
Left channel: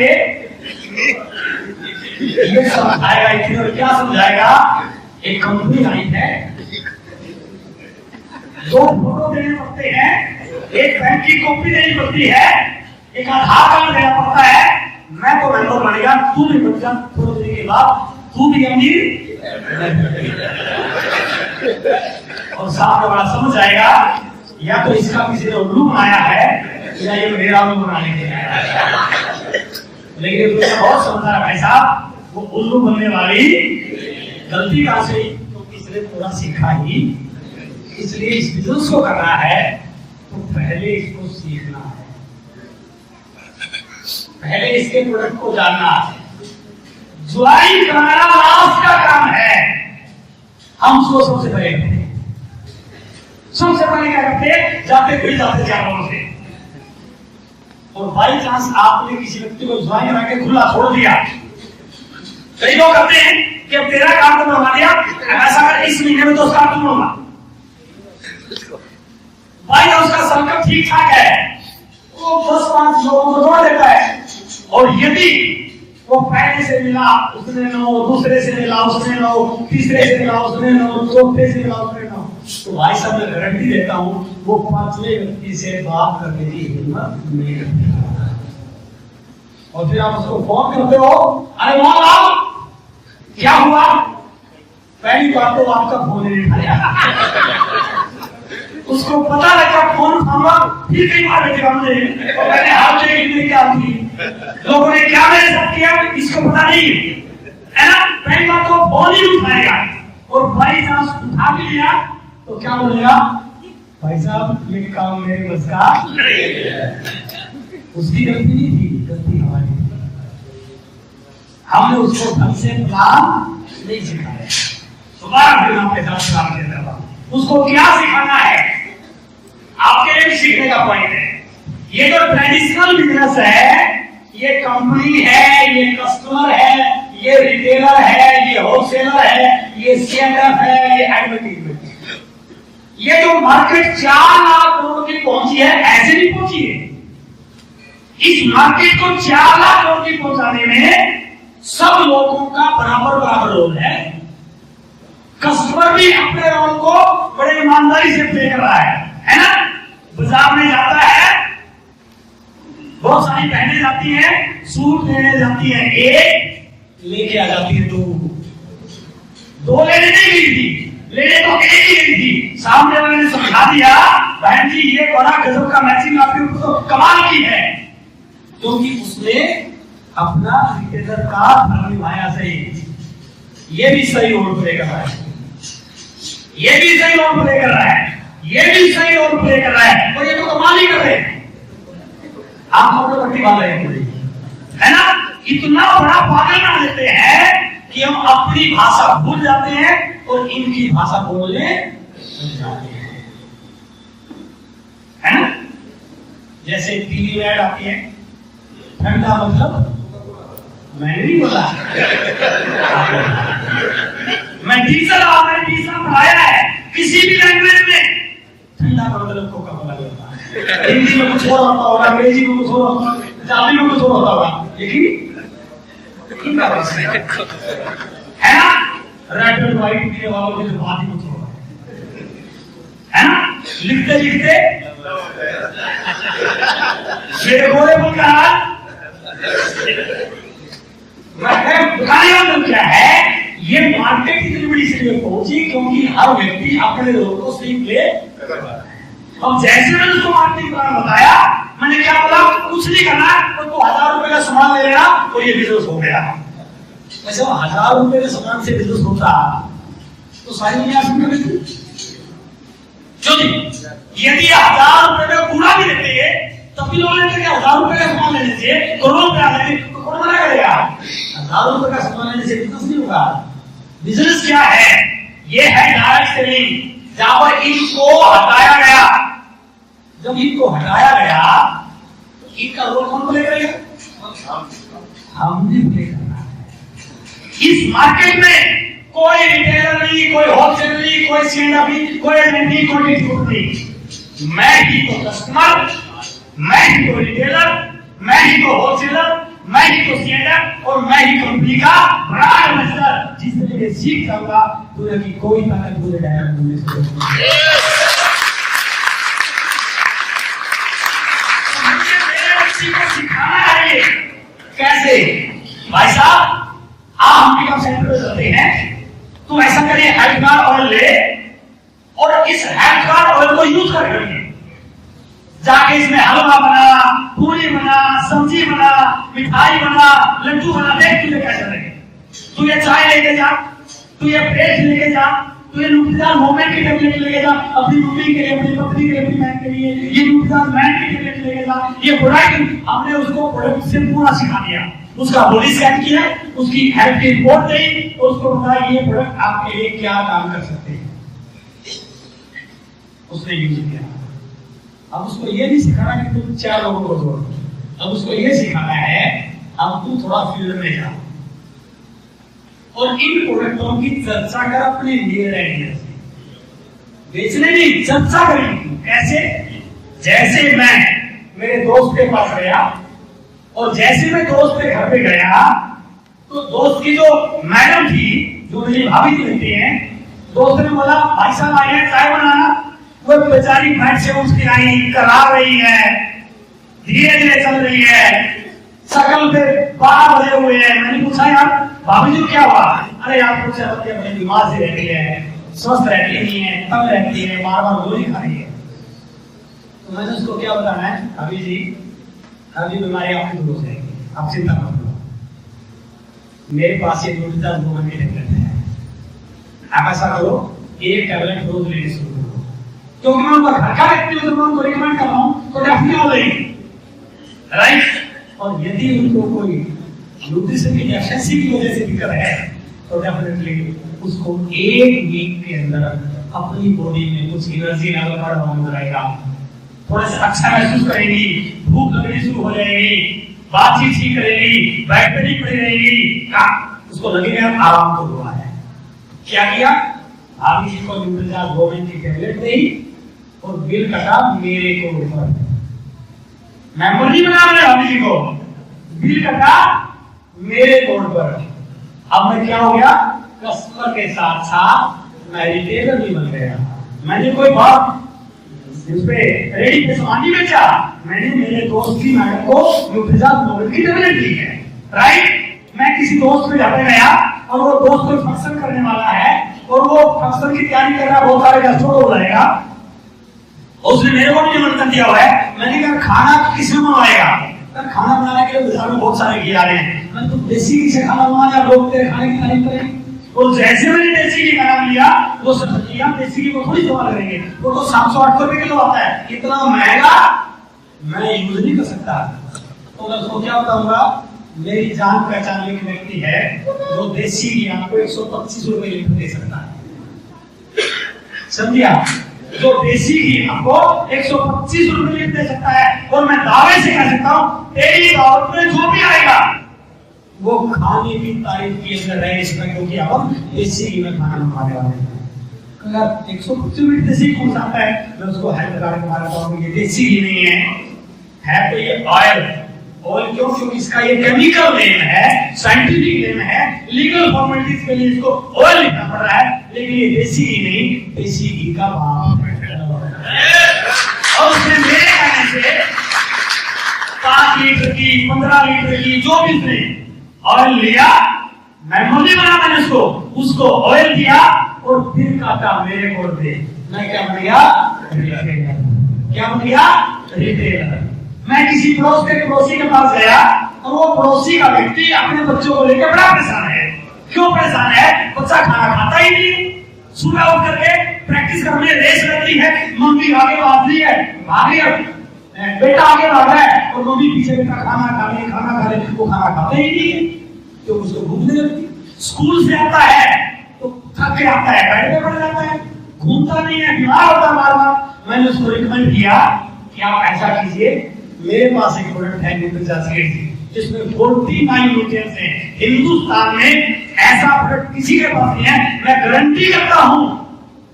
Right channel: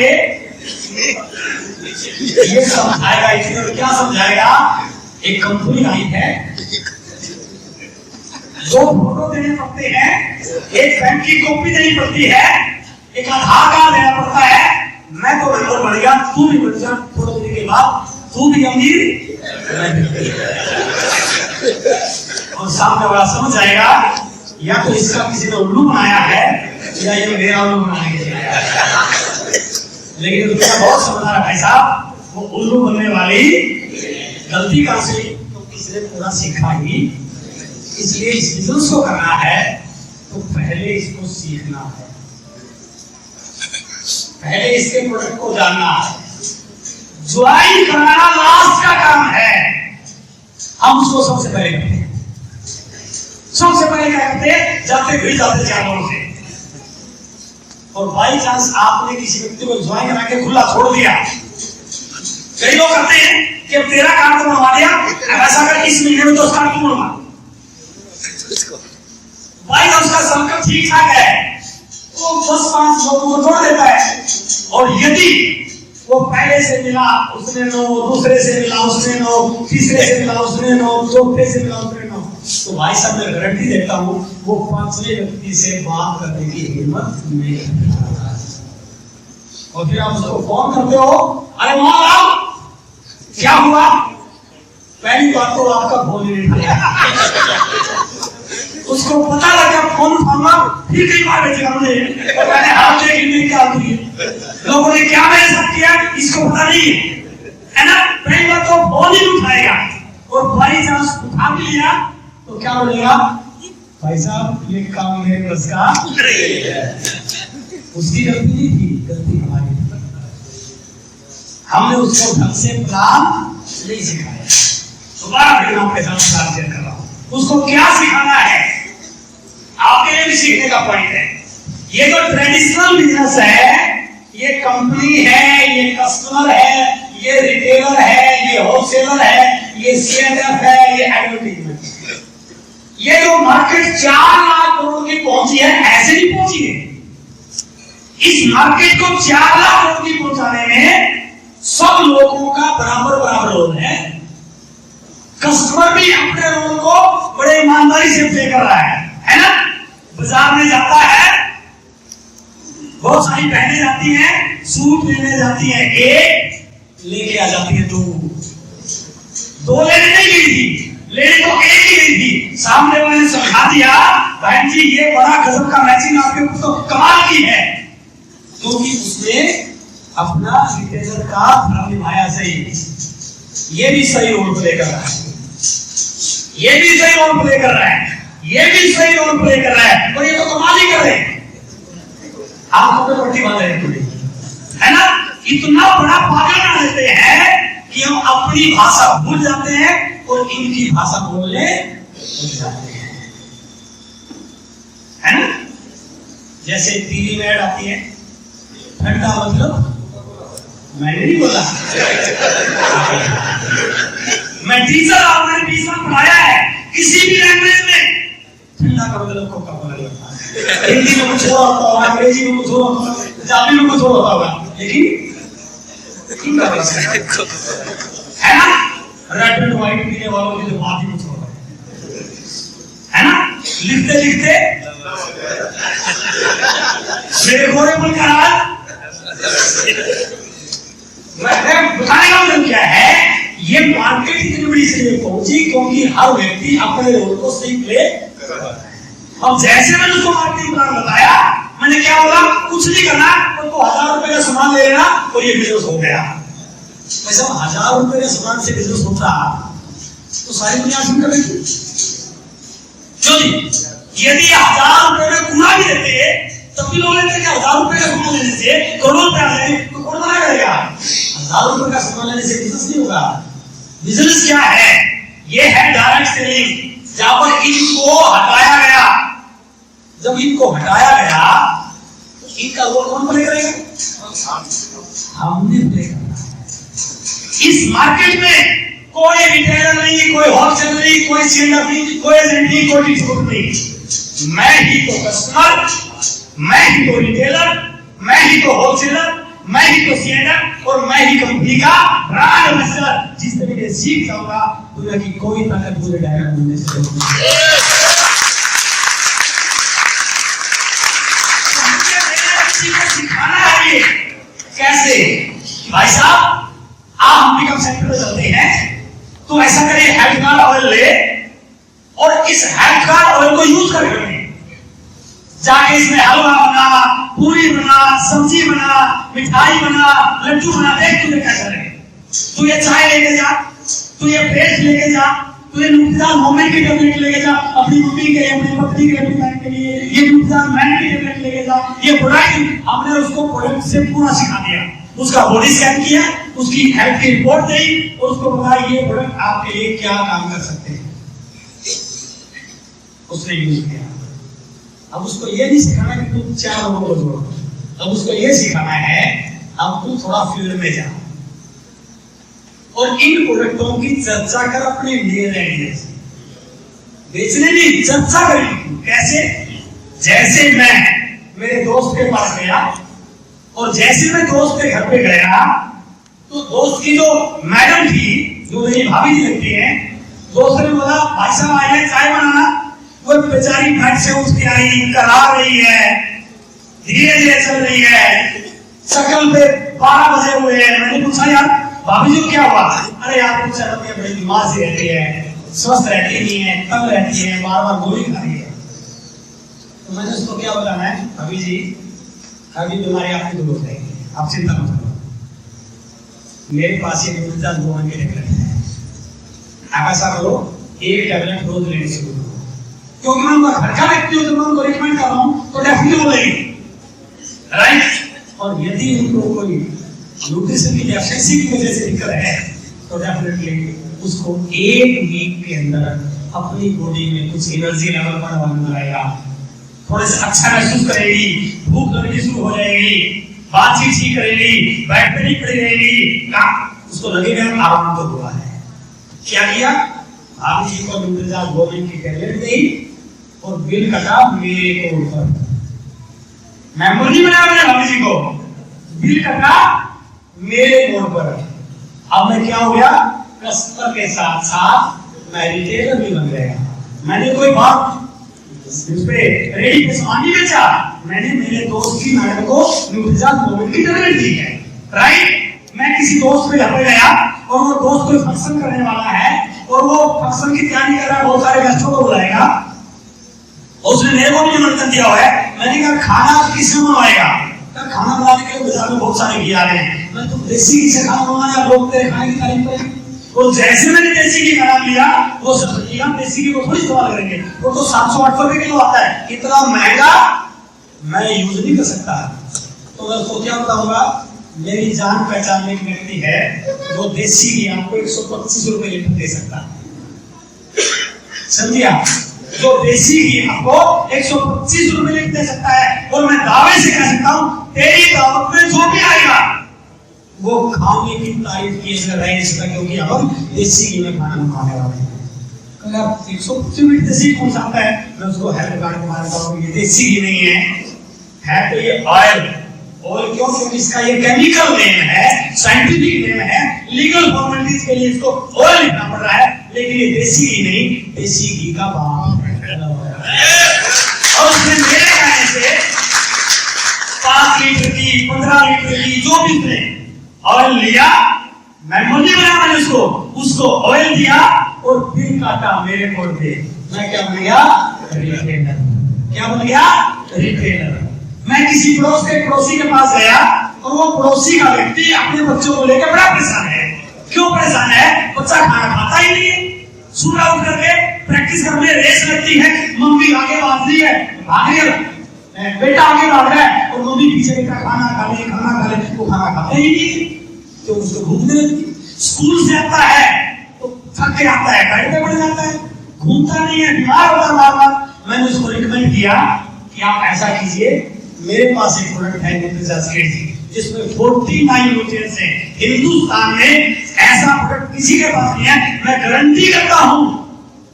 ये समझाएगा इतनी, और क्या समझाएगा? एक कंपनी आई है, 2 फोटो देने पड़ते हैं, एक बैंक की कॉपी देनी पड़ती है, एक आधार कार्ड देना पड़ता है, मैं तो मेंबर बनेगा, तू भी बन जा, थोड़े दिन के बाद तू भी अमीर, और सामने वाला समझ जाएगा या तो इसका किसी ने उल्लू बनाया है या ये मेरा उल्लू बनाने के लिए आया है। लेकिन दुनिया बहुत समझदार है भाई साहब, वो उल्लू बनने वाली गलती कहां से? तो किसने पूरा सीखा ही। इसलिए इस बिजनेस को करना है तो पहले इसको सीखना है, पहले इसके प्रोडक्ट को जानना है। ज्वाइन कराना लास्ट का काम है, हम उसको सबसे पहले करते हैं। सबसे पहले क्या करते हैं? जाते 4 लोगों से, और बाई चांस आपने किसी व्यक्ति को ज्वाइन करा के खुला छोड़ दिया। कई लोग करते हैं कि अब तेरा कार्ड तो बनवा दिया, ऐसा कर इस महीने में तो उसका कार्ड बनवा, भाई उसका सर्कल ठीक ठाक है, वो 10-5 लोगों को जोड़ देता है, और यदि वो पहले से मिला उसने 9, दूसरे से मिला उसने 9, तीसरे से मिला उसने 9, चौथे से मिला उसने 9, तो भाई साहब मैं गारंटी देता हूं वो 5वें व्यक्ति से बात करने की हिम्मत नहीं रखता। और फिर आप उसको फोन करते हो, अरे वहां आओ, क्या हुआ? पहली बात तो आपका फोन ही नहीं उठाया। उसको पता लगा फोन उठाऊंगा फिर कई बार बेचेगा मुझे, और मैंने हाथ देखने क्या की, लोगों ने क्या मेरे साथ किया इसको पता नहीं है ना। पहली बात तो फोन ही उठाएगा, और भाई चांस उठा भी लिया तो क्या बोलेगा? भाई साहब ये काम मेरे बस का नहीं है। उसकी गलती नहीं थी, गलती हमारी। हमने उसको ढंग से प्लान नहीं सिखाया। दोबारा फिर मैं आपके साथ प्लान शेयर कर रहा हूं। उसको क्या सिखाना है आपके लिए भी सीखने का पॉइंट है। ये जो ट्रेडिशनल बिजनेस है, ये कंपनी है, ये कस्टमर है, ये रिटेलर है, ये होलसेलर है, ये सीएनएफ है, ये एडवर्टाइजमेंट है। ये जो मार्केट 4 लाख करोड़ की पहुंची है, ऐसे नहीं पहुंची है। इस मार्केट को 4 लाख करोड़ की पहुंचाने में सब लोगों का बराबर रोल है। कस्टमर भी अपने रोल को बड़े ईमानदारी से प्ले कर रहा है ना। बाजार में जाता है, बहुत सारी बहनें जाती हैं सूट लेने जाती हैं, एक लेके आ जाती है दो लेने नहीं गई थी, लेने तो एक ही गई थी। सामने वाले ने समझा दिया बहन जी ये बड़ा गजब का मैचिंग आपके ऊपर तो कमाल की है, क्योंकि उसने अपना रिटेलर का धर्म निभाया सही। ये भी सही रोल प्ले कर रहा है, ये भी सही रोल प्ले कर रहा है, ये भी सही रोल प्ले कर रहा है, और ये तो कमाल ही कर रहे हैं। आंखों पे पट्टी बांध रहे हैं पूरी, है ना। इतना बड़ा पागल बना देते हैं कि हम अपनी भाषा भूल जाते हैं और इनकी भाषा बोलने लग जाते हैं, है ना। जैसे टीवी में ऐड आती है, ठंडा मतलब मैंने नहीं बोला मैं टीचर हूं, मैंने 20 साल पढ़ाया है। किसी भी लैंग्वेज में ठंडा का मतलब कोका कोला होता है। हिंदी में कुछ और होता होगा, अंग्रेजी में कुछ और होता होगा, पंजाबी में कुछ और होता होगा, लेकिन है ना। रेड एंड व्हाइट पीने वालों की तो बात ही कुछ और है ना। लिखते लिखते गोरे बन का मैं बताने का मतलब क्या है, ये मार्केट इतनी बड़ी इसलिए पहुंची क्योंकि हर व्यक्ति अपने रोल को सही प्ले कर रहा है। अब जैसे मैंने उसको मार्केटिंग प्लान बताया, मैंने क्या बोला, कुछ नहीं करना, तो 1000 रुपए का सामान ले लेना और ये बिजनेस हो गया। वैसे 1000 रुपए के सामान से बिजनेस होता तो सारी दुनिया सुन कर लेती क्यों नहीं। यदि 1000 रुपए में कूड़ा भी देते तब भी लोग लेते क्या, 1000 रुपए का सामान लेने से करोड़ रुपए आ जाए तो कौन मना करेगा। 1000 रुपए का सामान लेने से बिजनेस नहीं होगा। बिजनेस क्या है, ये है डायरेक्ट सेलिंग, जहां पर इनको हटाया गया। जब इनको हटाया गया तो इनका रोल कौन प्ले करेगा, हमने प्ले करना है। इस मार्केट में कोई रिटेलर नहीं, कोई होलसेलर नहीं, कोई सीएनएफ नहीं, कोई एजेंट नहीं, कोई डिस्ट्रीब्यूटर नहीं। मैं ही तो कस्टमर, मैं ही तो रिटेलर, मैं ही तो होलसेलर, मैं ही तो सीएनएफ और मैं ही कंपनी का ब्रांड एम्बेसडर। जिस तरीके से सीख जाऊंगा तो कि कोई ताकत मुझे डायरेक्ट मिलने से रोक नहीं सकती। को सिखाना है ये कैसे। भाई साहब आप हम पिकअप सेंटर पे चलते हैं तो ऐसा करिए, हेल्थ कार्ड ऑयल ले और इस हेल्थ कार्ड ऑयल को यूज करके जाके इसमें हलवा बना, पूरी बना, सब्जी बना, मिठाई बना, लड्डू बना, देख तुझे क्या करेंगे। तू ये चाय लेके जा, तू ये पेस्ट लेके जा, तू ये न्यूट्रिजान मोमेंट की टेबलेट लेके जा, अपनी मम्मी के लिए, अपनी पत्नी के लिए, अपनी बहन के लिए ये न्यूट्रिजान मैन की टेबलेट लेके जा। ये प्रोडक्ट हमने उसको प्रोडक्ट से पूरा सिखा दिया, उसका बॉडी स्कैन किया, उसकी हेल्थ की रिपोर्ट दी और उसको बताया ये प्रोडक्ट आपके लिए क्या काम कर सकते हैं। उसने यूज किया। अब उसको ये नहीं सिखाना कि तुम 4 लोगों को जोड़ो, अब उसको ये सिखाना है अब तू थोड़ा फील्ड में जा और इन प्रोडक्टों की चर्चा कर अपने लिए आइडियाज। बेचने की चर्चा करेंगे कैसे, जैसे मैं मेरे दोस्त के पास गया और जैसे मैं दोस्त के घर पे गया तो दोस्त की जो मैडम थी, जो मेरी भाभी जी लगती हैं, दोस्त ने बोला भाई साहब आए हैं चाय बनाना। वो बेचारी फैट से उसकी आई, करा रही है, धीरे धीरे चल रही है, शकल पे 12 बजे हुए हैं। मैंने पूछा यार भाभी जी क्या हुआ। अरे यार कुछ बड़ी बीमार सी रहती है, स्वस्थ रहती नहीं है, तंग रहती है, बार बार गोली खा रही है। तो मैंने उसको क्या बताना है, भाभी जी अभी बीमारी आपकी दूर हो जाएगी, आप चिंता मत करो, मेरे पास ये न्यूट्रिजान मोमेंट की टेबलेट है, आप ऐसा करो एक टेबलेट रोज लेने शुरू करो। क्योंकि मैं उनका घर का व्यक्ति हूं तो मैं उनको रिकमेंड कर रहा हूं तो डेफिनेटली वो लेंगे, राइट। और यदि उनको कोई न्यूट्रिशन की डेफिशिएंसी की वजह से दिक्कत है तो डेफिनेटली उसको 1 वीक के अंदर अपनी बॉडी में कुछ एनर्जी लेवल बढ़ आएगा, थोड़े से अच्छा महसूस करेगी, भूख लगनी शुरू हो जाएगी, बातचीत ठीक करेगी, बैठ पे नहीं पड़ी रहेगी, उसको लगेगा आराम तो हुआ है। क्या किया, भाभी जी को न्यूट्रिजान गोमेंट की टेबलेट दी और बिल कटा मेरे को ऊपर। मेंबर नहीं बनाया मैंने भाभी जी को, बिल कटा मेरे कोड पर। अब मैं क्या हो गया, कस्टमर के साथ साथ मैं रिटेलर भी बन गया। मैंने कोई बात उस पे रेडी पे सामान नहीं बेचा, मैंने मेरे दोस्त की मैडम को न्यूट्रिजाज मोमेंट की टेबलेट दी है, राइट। मैं किसी दोस्त के घर पे गया और वो दोस्त कोई फंक्शन करने वाला है और वो फंक्शन की तैयारी कर रहा है, बहुत सारे गेस्टों को बुलाएगा, उसने मेरे को भी निमंत्रण दिया हुआ है। मैंने कहा खाना किसने बनवाएगा? खाना बनाने के लिए बाजार में बहुत सारे घी आ रहे हैं, मैं तो देसी घी से खाना बनवाया, लोग तेरे खाने की तारीफ करेंगे। और जैसे मैंने देसी घी का नाम लिया, वो समझ लिया देसी घी को थोड़ी इस्तेमाल करेंगे, वो तो 700-800 रुपए किलो आता है, इतना महंगा मैं यूज नहीं कर सकता। तो मैं उसको क्या बताऊंगा, मेरी जान पहचान में एक व्यक्ति है जो देसी घी आपको 125 रुपए लीटर दे सकता है, समझिए? जो देसी घी आपको 125 रुपए लीटर दे सकता है। और मैं दावे से कह सकता हूं, तेरी दावत में जो भी आएगा वो खाने की तारीफ किए रहे इसका, क्योंकि अब हम देसी घी में खाना खाने वाले हैं। अगर 125 मिनट देसी कौन सा आता है, मैं उसको हेल्थ कार्ड के मारता हूँ, ये देसी घी नहीं है तो ये ऑयल क्यों? क्योंकि इसका ये केमिकल नेम है, साइंटिफिक नेम है, लीगल फॉर्मेलिटीज के लिए इसको ऑयल लिखना पड़ रहा है, लेकिन ये देसी घी नहीं, देसी घी का बाप है। और उसने मेरे कहने से 5 लीटर की 15 लीटर की जो भी उसने ऑयल लिया, मैंने बना, मैंने उसको ऑयल दिया और फिर काटा मेरे को दे। मैं क्या बन गया? रिटेलर। क्या बन गया? रिटेलर। मैं किसी पड़ोसी के पास गया और वो पड़ोसी का व्यक्ति अपने बच्चों को लेकर बड़ा परेशान है। क्यों परेशान है? बच्चा खाना खाता ही नहीं है। सुबह उठ करके प्रैक्टिस घर में रेस लगती है, मम्मी आगे भाग रही है, बेटा आगे भाग रहा है और मम्मी पीछे, बेटा खाना खा ले, खाना खा ले। वो खाना खाता ही नहीं है, तो उसको भूख नहीं लगती। स्कूल से आता है तो थक के आता है, बेड पे पड़ जाता है, घूमता नहीं है, बीमार होता है बार-बार। मैंने उसको रिकमेंड किया कि आप ऐसा कीजिए, मेरे पास एक प्रोडक्ट है न्यूट्रिजाज किट जिसमें 49 न्यूट्रिएंट्स हैं। हिंदुस्तान में ऐसा प्रोडक्ट किसी के पास नहीं है। मैं गारंटी करता हूं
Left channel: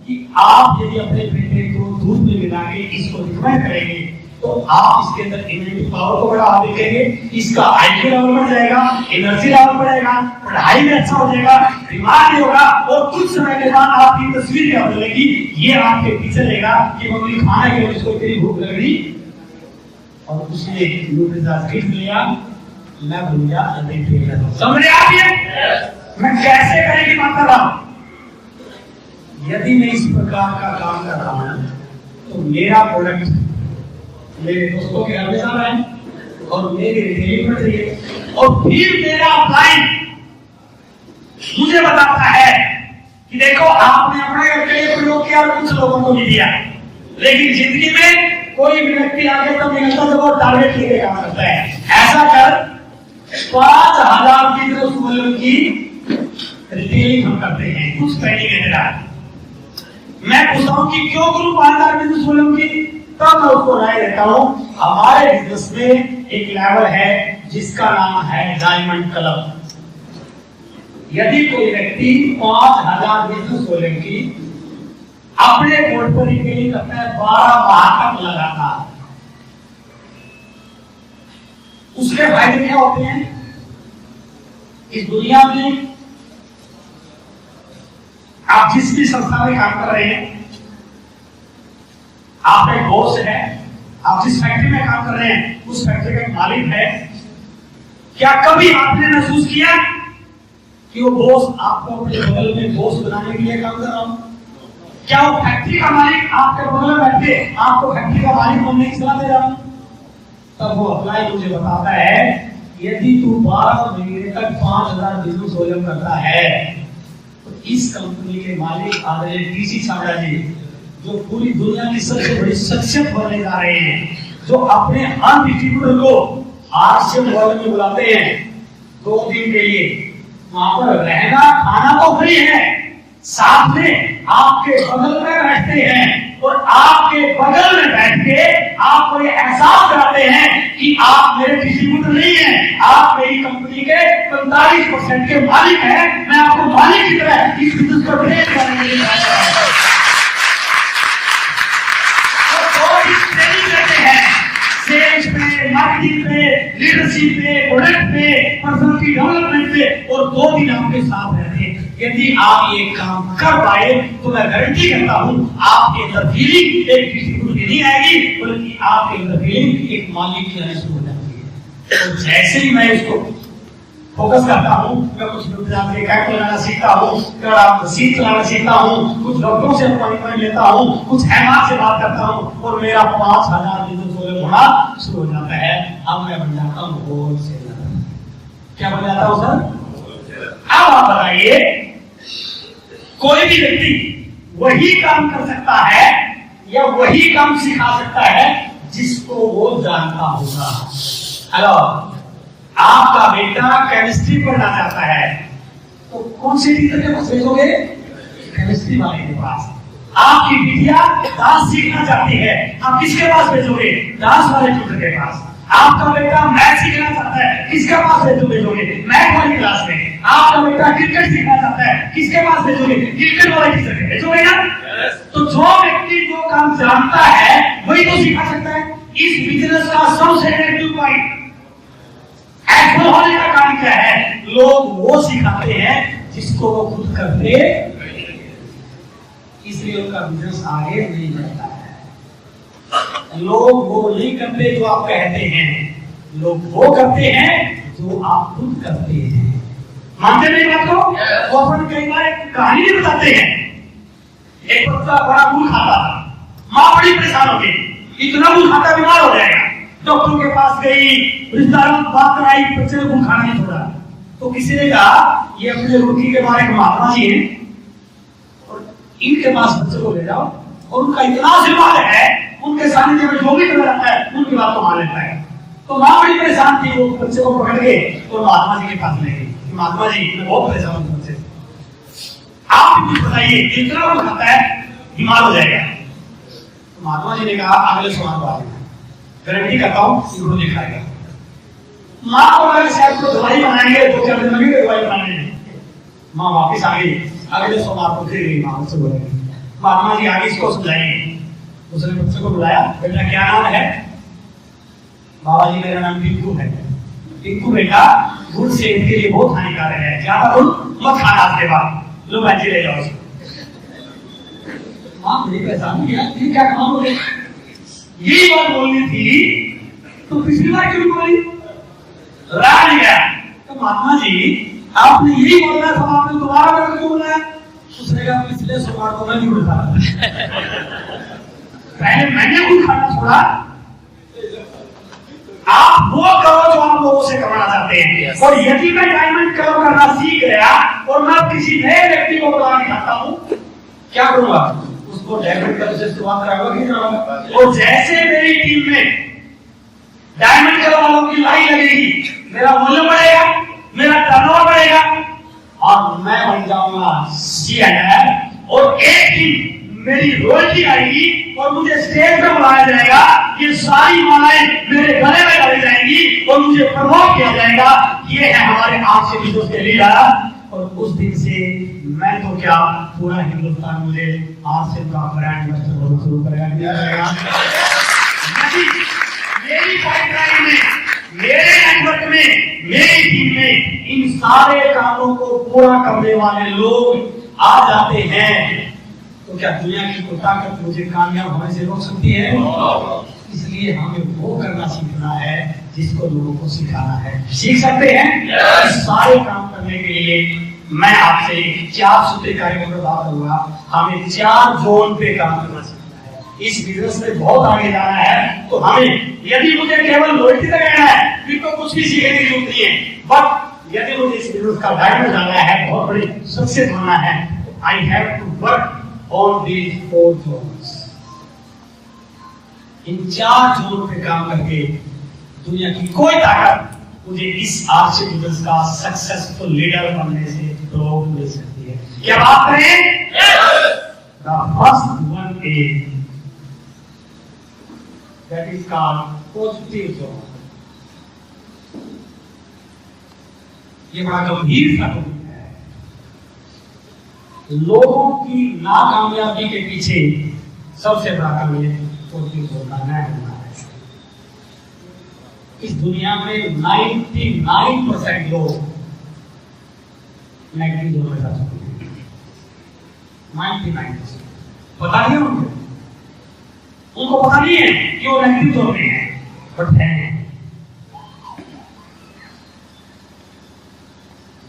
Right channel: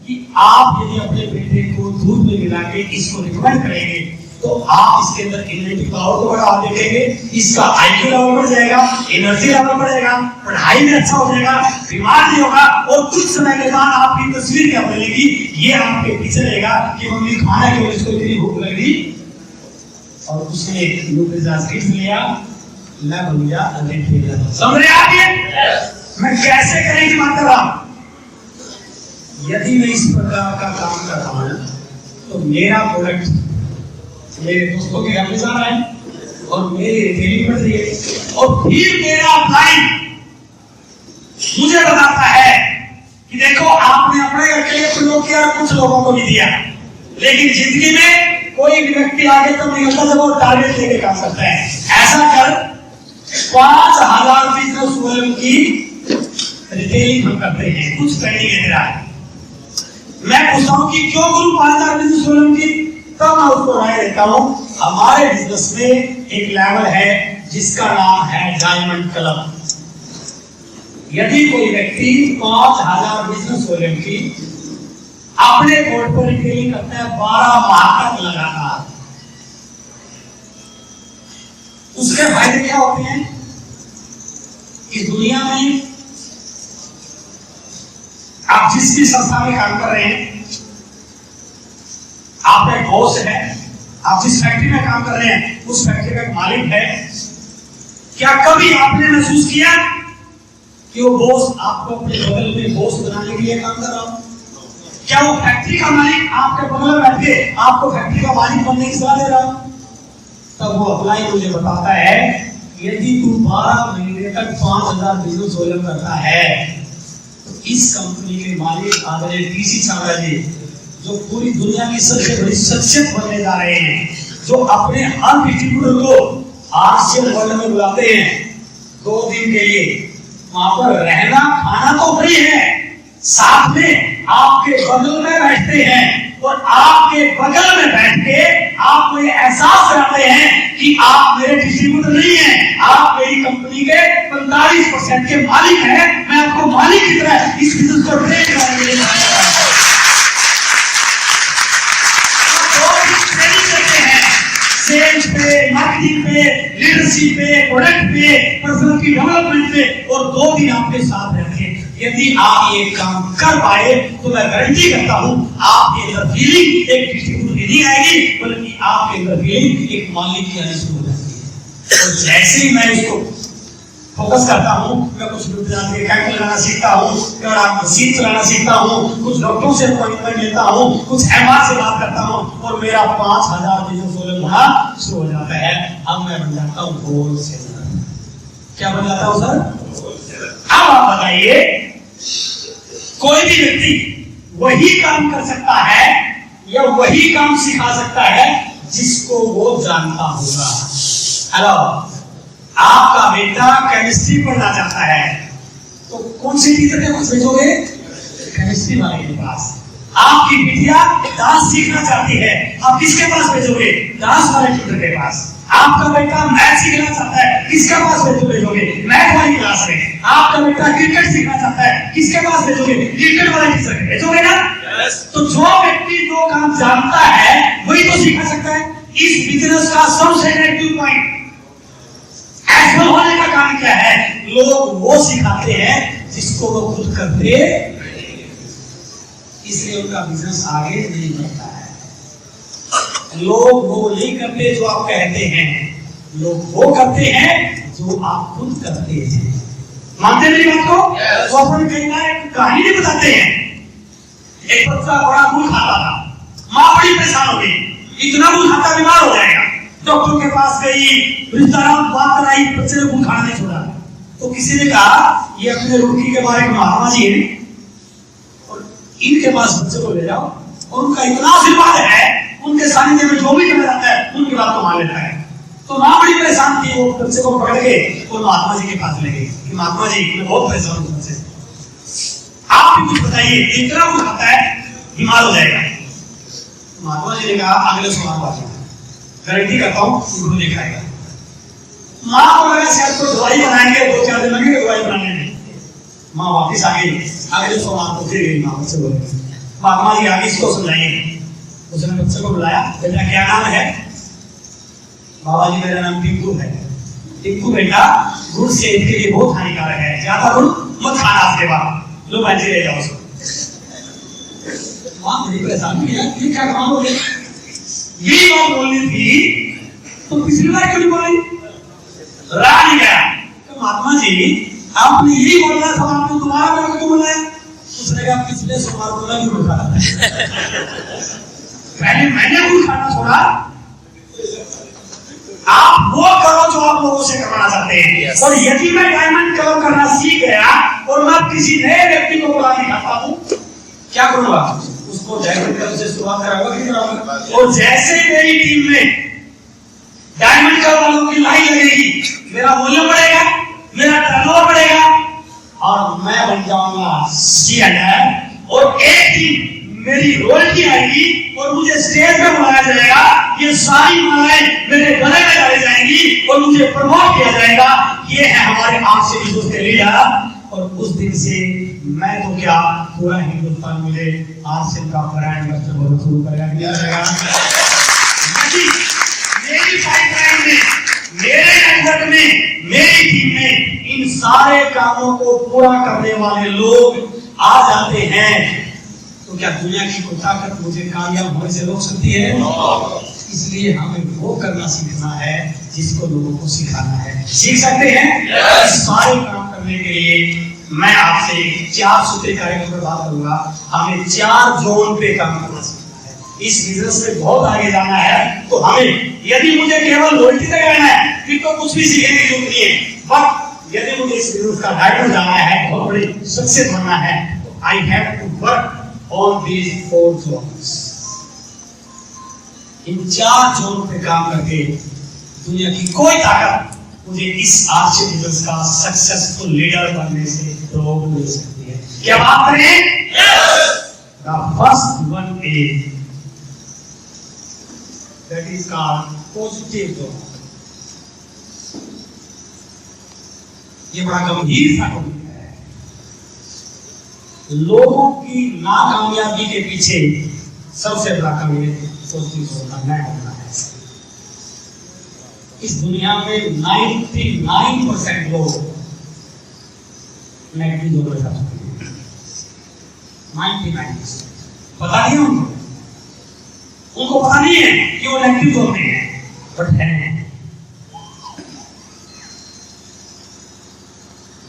कि आप यदि अपने बेटे को दूध में मिला के इसको रिकमेंड करेंगे तो आप इसके अंदर इम्यूनिटी पावर को बढ़ा देखेंगे, इसका आईक्यू लेवल बढ़ जाएगा, एनर्जी लेवल बढ़ेगा, पढ़ाई में अच्छा हो जाएगा, बीमार नहीं होगा। और कुछ समय के बाद आपकी तस्वीर क्या बदलेगी, ये आपके पीछे रहेगा कि मम्मी खाना क्यों, इसको इतनी भूख लग रही। और उसने न्यूट्रिजाज किट लिया, मैं बन गया रिटेलर। समझ रहे आप? ये मैं कैसे करने की बात कर रहा हूं। यदि मैं इस प्रकार का काम कर रहा हूं तो मेरा प्रोडक्ट मेरे दोस्तों के घर में जा रहा है और मेरी रिटेलिंग बढ़ रही है, और फिर मेरा अपलाइन मुझे बताता है कि देखो आपने अपने घर के लिए प्रयोग किया और कुछ लोगों को भी दिया, लेकिन जिंदगी में कोई भी व्यक्ति आगे तब निकलता जब वो टारगेट लेके काम करता है। ऐसा कर 5000 बिजनेस वॉल्यूम की रिटेलिंग हम करते हैं, कुछ ट्रेनिंग है मेरा। मैं पूछता हूं कि क्यों गुरु 5000 बिजनेस वॉल्यूम की, तब मैं उसको राय देता हूं। हमारे बिजनेस में एक लेवल है जिसका नाम है डायमंड क्लब। यदि कोई व्यक्ति 5000 बिजनेस वॉल्यूम की अपने बोर्ड पर रिटेलिंग करता है 12 माह तक लगातार, उसके फायदे क्या होते हैं? इस दुनिया में आप जिस भी संस्था में काम कर रहे हैं, आपका एक बॉस है, आप जिस फैक्ट्री में काम कर रहे हैं उस फैक्ट्री का एक मालिक है। क्या कभी आपने महसूस किया कि वो बॉस आपको अपने बगल में बॉस बनाने के लिए काम कर रहा हो? क्या वो फैक्ट्री का मालिक आपके बगल में बैठ के आपको फैक्ट्री का मालिक बनने की सलाह दे रहा हो? तब वो अप्लाई मुझे बताता है, यदि तू 12 महीने तक 5000 बिजनेस वॉल्यूम करता है तो इस कंपनी के मालिक आदरणीय टीसी छाबड़ा जी, जो पूरी दुनिया की सबसे बड़ी शख्सियत बनने जा रहे हैं, जो अपने हर डिस्ट्रीब्यूटर को आरसीएम वर्ल्ड में बुलाते हैं 2 दिन के लिए, वहां पर रहना खाना तो फ्री है, साथ में आपके बगल में बैठते हैं और आपके बगल में बैठ के आपको ये एहसास कराते हैं कि आप मेरे डिस्ट्रीब्यूटर नहीं हैं, आप मेरी कंपनी के 45% के मालिक हैं। मैं आपको मालिक की तरह इस बिजनेस को ट्रेन करने के लिए सेल्स पे, मार्केटिंग पे, लीडरशिप पे, प्रोडक्ट पे, पर्सनालिटी डेवलपमेंट पे, और 2 दिन आपके साथ रहते हैं। यदि आप ये काम कर पाए तो मैं गारंटी करता हूं आपके अंदर फीलिंग एक डिस्ट्रीब्यूटर फीलिंग नहीं आएगी, बल्कि आपके अंदर फीलिंग एक मालिक की आनी शुरू हो जाती है। और जैसे ही मैं उसको फोकस करता हूँ, मैं कुछ कैंप लगाना सीखता हूँ, सीट चलाना सीखता हूँ, कुछ डॉक्टरों से अपॉइंटमेंट लेता हूँ, कुछ एमआर से बात करता हूँ, और मेरा 5000 बिजनेस होना शुरू हो जाता है। अब मैं बन जाता हूँ होलसेलर। क्या बन जाता हूँ सर? अब आप बताइए, कोई भी व्यक्ति वही काम कर सकता है या वही काम सिखा सकता है जिसको वो जानता होगा। हेलो, आपका बेटा केमिस्ट्री पढ़ना चाहता है तो कौन से टीचर के पास भेजोगे? केमिस्ट्री वाले के पास। आपकी बिटिया डांस सीखना चाहती है, आप किसके पास भेजोगे? डांस वाले टीचर के पास। आपका बेटा मैथ सीखना चाहता है, किसके पास भेजोगे? मैथ वाली क्लास में। आपका बेटा क्रिकेट सीखना चाहता है, किसके पास भेजोगे? क्रिकेट वाले टीचर के भेजोगे ना। तो जो व्यक्ति जो काम जानता है वही तो सिखा सकता है। इस बिजनेस का सबसे नेगेटिव पॉइंट असफल होने का कारण क्या है? लोग वो सिखाते हैं जिसको वो खुद करते, इसलिए उनका बिजनेस आगे नहीं बढ़ता है। लोग वो नहीं करते जो आप कहते हैं, लोग वो करते हैं जो आप खुद करते हैं। मानते नहीं बात को? वो अपन कई बार एक कहानी नहीं बताते हैं। एक बच्चा बड़ा गुड़ खाता था, माँ बड़ी परेशान हो गई, इतना गुड़ खाता बीमार हो जाएगा। डॉक्टर के पास गई, रिश्तेदारों बात कराई, बच्चे ने गुड़ खाना नहीं छोड़ा। तो किसी ने कहा ये अपने रुड़की के बारे में महात्मा जी हैं और इनके पास बच्चे को ले जाओ, और उनका इतना आशीर्वाद है, उनके सानिध्य में जो भी चला जाता है उनकी बात को मान लेता है। तो माँ बड़ी परेशान थी, वो बच्चे को पकड़ के और महात्मा जी के पास ले गई कि महात्मा जी मैं बहुत परेशान हूँ बच्चे, आप भी कुछ बताइए, इतना गुड़ खाता है बीमार हो जाएगा। तो महात्मा जी ने कहा अगले सोमवार को आ जाना, गारंटी करता हूँ गुड़ नहीं खाएगा। माँ को लगा शायद कोई दवाई बनाएंगे, 2-4 दिन लगेंगे दवाई बनाने में। माँ वापिस आ गई, अगले सोमवार को फिर गई माँ बच्चे बोलेगी। महात्मा जी आगे इसको समझाएंगे। उसने बच्चे को बुलाया, बेटा क्या नाम है? बाबा जी मेरा नाम टिंकू है। टिंकू बेटा, गुड़ सेहत के लिए बहुत हानिकारक है, ज्यादा गुड़ मत खाना आज के बाद। लो भाजी ले जाओ उसको। माँ बड़ी परेशान किया कि क्या काम हो गया? यही बात बोलनी थी तो पिछली बार क्यों नहीं बोली? रहा नहीं गया। तो महात्मा जी आपने यही बोलना था, आपने दोबारा मेरे को क्यों बुलाया? उसने कहा पिछले सोमवार को मैं गुड़ खा रहा था, पहले मैंने गुड़ खाना छोड़ा। आप वो करो जो आप लोगों से करवाना चाहते हैं। और यदि मैं डायमंड कलर करना सीख गया और मैं किसी नए व्यक्ति को बुला के खाता हूं, क्या करूंगा? उसको डायमंड कलर से शुरुआत कराऊंगा कि कराऊंगा? और जैसे मेरी टीम में डायमंड कलर वालों की लाइन लगेगी, मेरा वॉल्यूम बढ़ेगा, मेरा टर्नओवर बढ़ेगा और मैं बन जाऊंगा सीएनआर। और एक दिन मेरी रॉयल्टी आएगी और मुझे स्टेज पे बुलाया जाएगा, ये सारी मालाएं मेरे गले में डाली जाएंगी और मुझे प्रमोट किया जाएगा। ये है हमारे आपसे विश्वास के लीडर। और उस दिन से मैं तो क्या, पूरा हिंदुस्तान मुझे आरसीएम का ब्रांड एम्बेसडर शुरू करेगा। मेरी पाइपलाइन में, मेरे नेटवर्क में, मेरी टीम में इन सारे कामों को पूरा करने वाले लोग आ जाते हैं, तो क्या दुनिया की कोई ताकत मुझे कामयाब होने से रोक सकती है? इसलिए हमें वो करना सीखना है जिसको लोगों को सिखाना है। सीख सकते हैं? इस सारे काम करने के लिए मैं आपसे 4 सूत्री कार्यक्रम पर बात करूंगा। हमें 4 जोन पे काम करना सीखना है। इस बिजनेस में बहुत आगे जाना है, तो हमें, यदि मुझे केवल लॉयल्टी तक रहना है फिर तो कुछ भी सीखने की जरूरत नहीं है, बट यदि मुझे इस बिजनेस का डायमंड जाना है, बहुत बड़ी सक्सेस बनना है, I have to work on these 4 zones। इन 4 जोन पे काम करके दुनिया की कोई ताकत मुझे इस आरसी बिजनेस का सक्सेसफुल लीडर बनने से रोक नहीं सकती है। क्या बात करें? The first one is that is called positive zone। ये बड़ा गंभीर सा टॉपिक है। लोगों की नाकामयाबी के पीछे सबसे बड़ा कारण पॉजिटिव जोन का न होना है। इस दुनिया में 99% लोग नेगेटिव जोन में जा चुके हैं। 99% पता नहीं उनको। उनको पता नहीं है कि वो नेगेटिव जोन में है, बट है।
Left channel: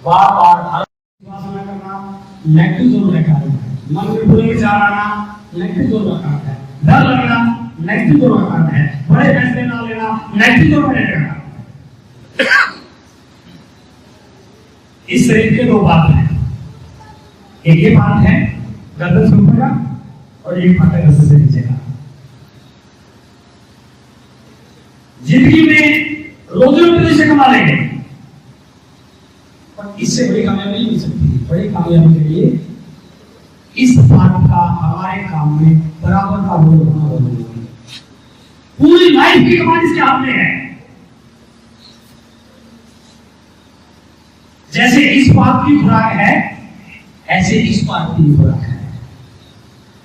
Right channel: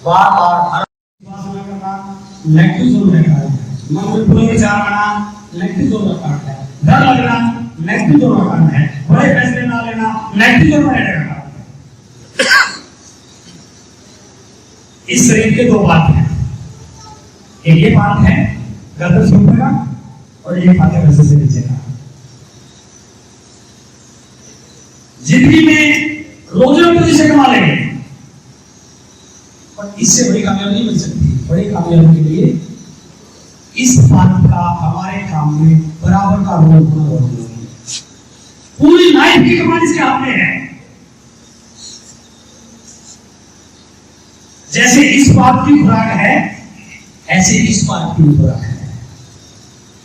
बार बार हर उपासना करना नेगेटिव जोन में कारण है, मन में बुरे विचार आना नेगेटिव जोन का कारण है, डर लगना नेगेटिव जोन का कारण है, बड़े फैसले ना लेना नेगेटिव जोन में रहने का कारण है। इस शरीर के दो पार्ट हैं, एक ये पार्ट है गर्दन से ऊपर का और ये पार्ट है गर्दन से नीचे का। जिंदगी में रोजी से कमा लेंगे, पर इससे बड़ी कामयाबी नहीं मिल सकती। बड़ी कामयाबी के लिए इस पार्ट का हमारे काम में बराबर का रोल होना बहुत जरूरी है। पूरी लाइफ की कमाई इसके हाथ में है। जैसे इस पार्ट की खुराक है, ऐसे इस पार्ट की खुराक है।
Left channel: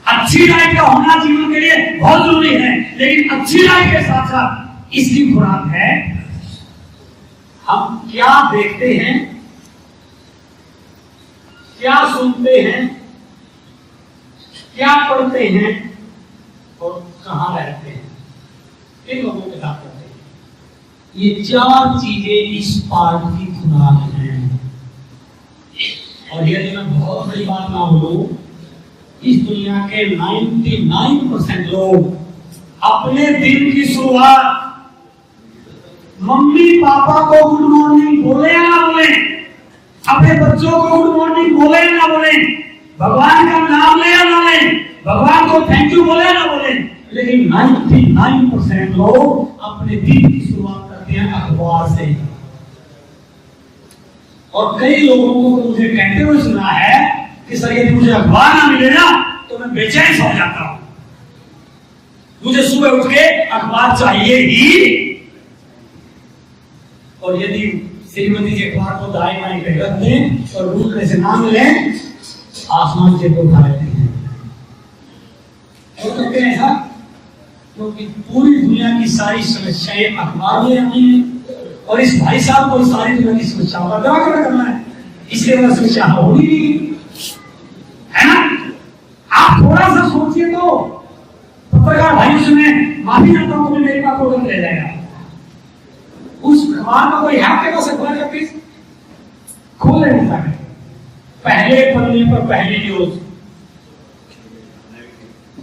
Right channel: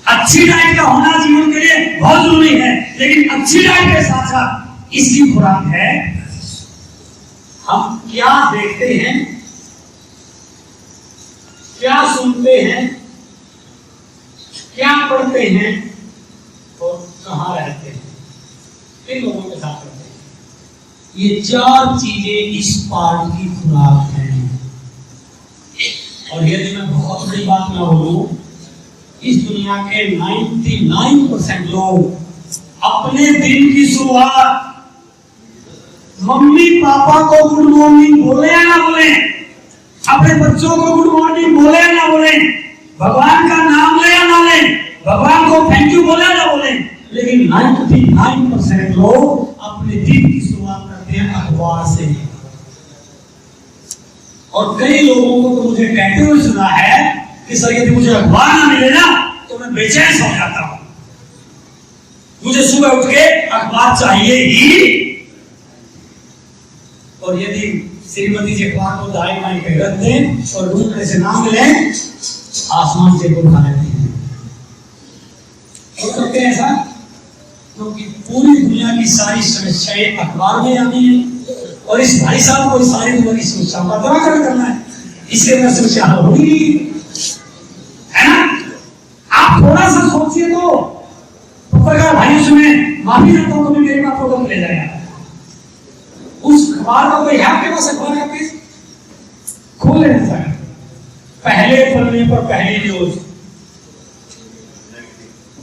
अच्छी डाइट का होना जीवन के लिए बहुत जरूरी है, लेकिन अच्छी डाइट के साथ साथ इसकी खुराक है हम क्या देखते हैं, क्या सुनते हैं, क्या पढ़ते हैं और कहां रहते हैं, किन लोगों के साथ रहते हैं। ये चार चीजें इस पार्ट की खुराक हैं। और यदि मैं बहुत बड़ी बात ना बोलूं, इस दुनिया के 99% लोग अपने दिन की शुरुआत मम्मी पापा को गुड मॉर्निंग बोले या ना बोले, अपने बच्चों को गुड मॉर्निंग बोले या ना बोले, भगवान का नाम ले या ना ले, भगवान को थैंक यू बोले या ना बोले, लेकिन 99% लोग अपने दिन की शुरुआत करते हैं अखबार से। और कई लोगों को तो मुझे कहते हुए सुना है कि सर यदि मुझे अखबार ना मिले ना तो मैं बेचैन हो जाता हूं, मुझे सुबह उठ के अखबार चाहिए ही। और यदि श्रीमती जी अखबार को दाएं बाएं पे रख दें और ढूंढने से ना मिले, आसमान से तो उठा लेते हैं। हो सकते हैं ऐसा, क्योंकि पूरी दुनिया की सारी समस्याएं अखबार में आनी है और इस भाई साहब को सारी दुनिया की समस्याओं का निराकरण करना है, इसलिए मेरा समस्या हल होगी नहीं, है ना। आप थोड़ा सा सोचिए तो पत्रकार भाइयों से मैं माफी चाहता हूं, तो मेरे पास प्रोग्राम ले जाएगा। उस अखबार का कोई है आपके पास अखबार का पेज खोल लेना चाहिए, पहले पन्ने पर पहली न्यूज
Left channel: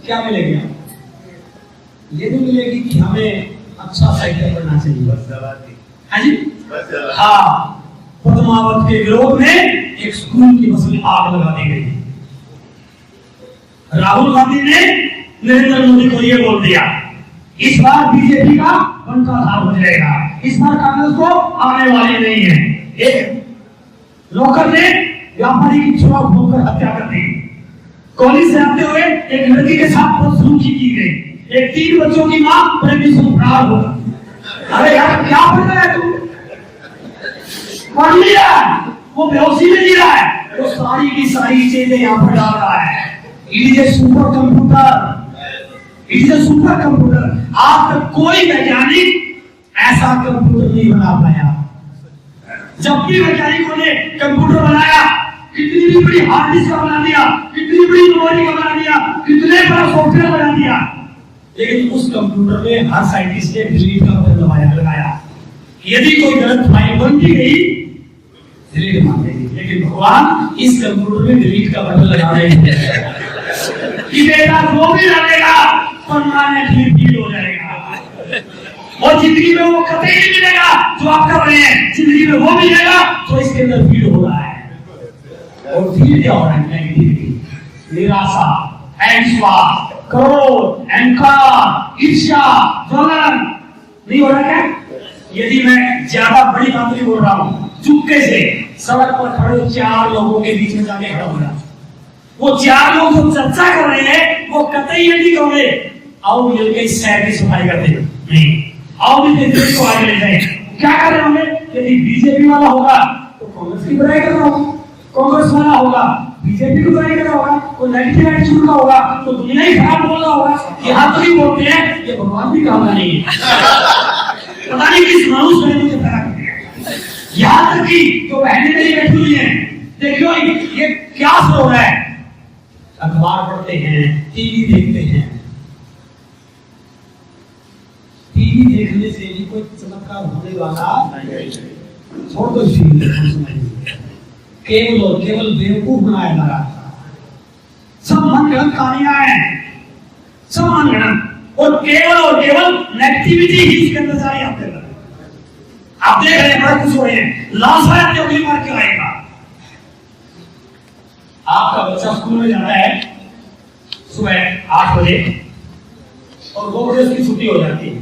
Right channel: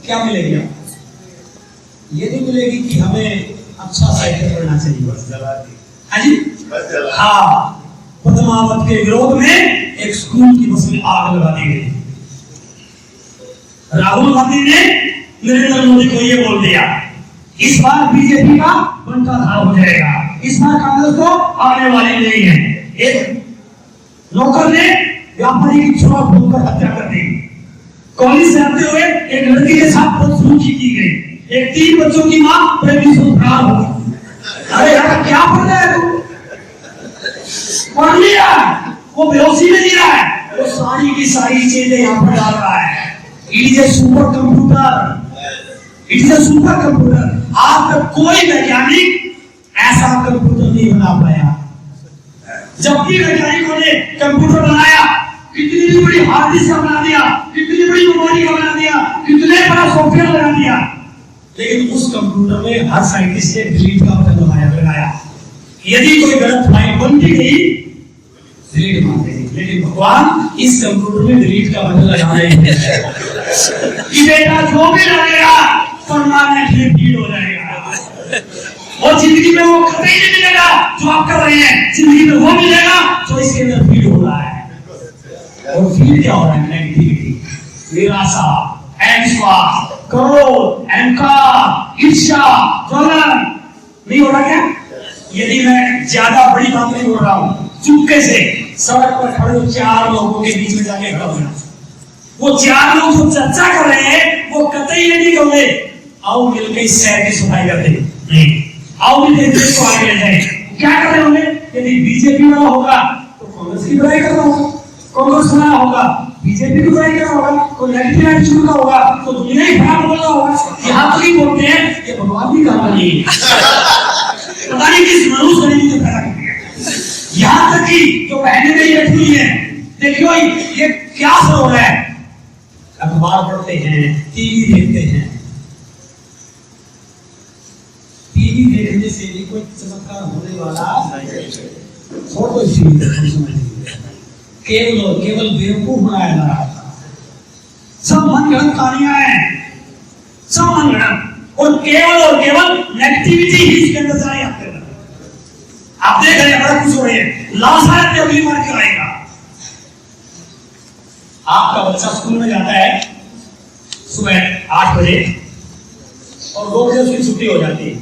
क्या मिलेगी आपको? ये नहीं मिलेगी कि हमें अच्छा साहित्य पढ़ना चाहिए। हाँ जी, हाँ, पद्मावत के विरोध में एक स्कूल की बस में आग लगा दी गई। राहुल गांधी ने नरेंद्र मोदी को यह बोल दिया, इस बार बीजेपी का बंटाधार हो जाएगा, इस बार कांग्रेस को आने वाली नहीं है। एक नौकर ने व्यापारी की छुरा भूनकर हत्या कर दी। कॉलेज से आते हुए एक लड़की के साथ बदसलूकी की गई। एक 3 बच्चों की मां फरार हो गई। अरे यार क्या पढ़ रहा है तू? पढ़ नहीं रहा, वो बेहोशी में जी रहा है, वो सारी की सारी चीजें यहाँ पर डाल रहा है। It is a super computer, it is a super computer. आज तक कोई वैज्ञानिक ऐसा कंप्यूटर नहीं बना पाया। जब भी वैज्ञानिकों ने कंप्यूटर बनाया, कितनी भी बड़ी हार्ड डिस्क का बना दिया, कितनी बड़ी मेमोरी का बना दिया, कितने बड़ा सॉफ्टवेयर बना दिया, लेकिन उस कंप्यूटर में हर साइंटिस्ट ने डिलीट का बटन लगाया। यदि कोई गलत फाइल बन गई डिलीट मार देगी, लेकिन भगवान इस कंप्यूटर में डिलीट का बटन लगा रहे हैं कि बेटा जो भी लगेगा परमानेंटली डिलीट हो जाएगा। और जिंदगी में वो कतई नहीं मिलेगा जो आप कर रहे हैं, जिंदगी में वो मिलेगा जो इसके अंदर फील हो रहा है। और फील क्या हो रहा है? नेगेटिविटी, निराशा, अविश्वास, क्रोध, अहंकार, ईर्ष्या, जलन। नहीं हो रहा क्या? यदि मैं ज्यादा बड़ी बात नहीं बोल रहा हूं, चुपके से सड़क पर खड़े 4 लोगों के बीच में जाके खड़ा होना, वो 4 लोग जो चर्चा कर रहे हैं वो कतई ये नहीं कहोगे आओ मिलकर इस शहर की सफाई करते हैं, नहीं, आओ मिलकर देश को आगे ले जाए। क्या कर रहे होंगे? यदि बीजेपी वाला होगा तो कांग्रेस की बुराई कर रहा होगा, कांग्रेस वाला होगा बीजेपी की बुराई कर रहा होगा, कोई नेगेटिव एटीट्यूड का होगा तो दुनिया ही खराब बोल रहा होगा। यहाँ तो नहीं बोलते हैं, ये भगवान भी काम नहीं है। पता नहीं किस मनुष्य ने मुझे पैदा कर दिया। यहाँ तक कि जो बहनें मेरी बैठी हुई हैं, देखियो ये क्या असर हो रहा है। अखबार पढ़ते हैं, टीवी देखते हैं, देखने से भी कोई चमत्कार होने वाला नहीं। छोड़ दो इसी केवल और केवल बेवकूफ बनाया जा रहा था। सब मनगढ़ंत कहानियां हैं, सब मनगढ़ंत, और केवल नेगेटिविटी ही इसके अंदर जारी आपके अंदर। आप देख रहे हैं बड़ा खुश हो रहे हैं, लाश आए थे अगली बार क्यों आएगा। आपका बच्चा स्कूल में जाता है सुबह 8 बजे और 2 बजे उसकी छुट्टी हो जाती है।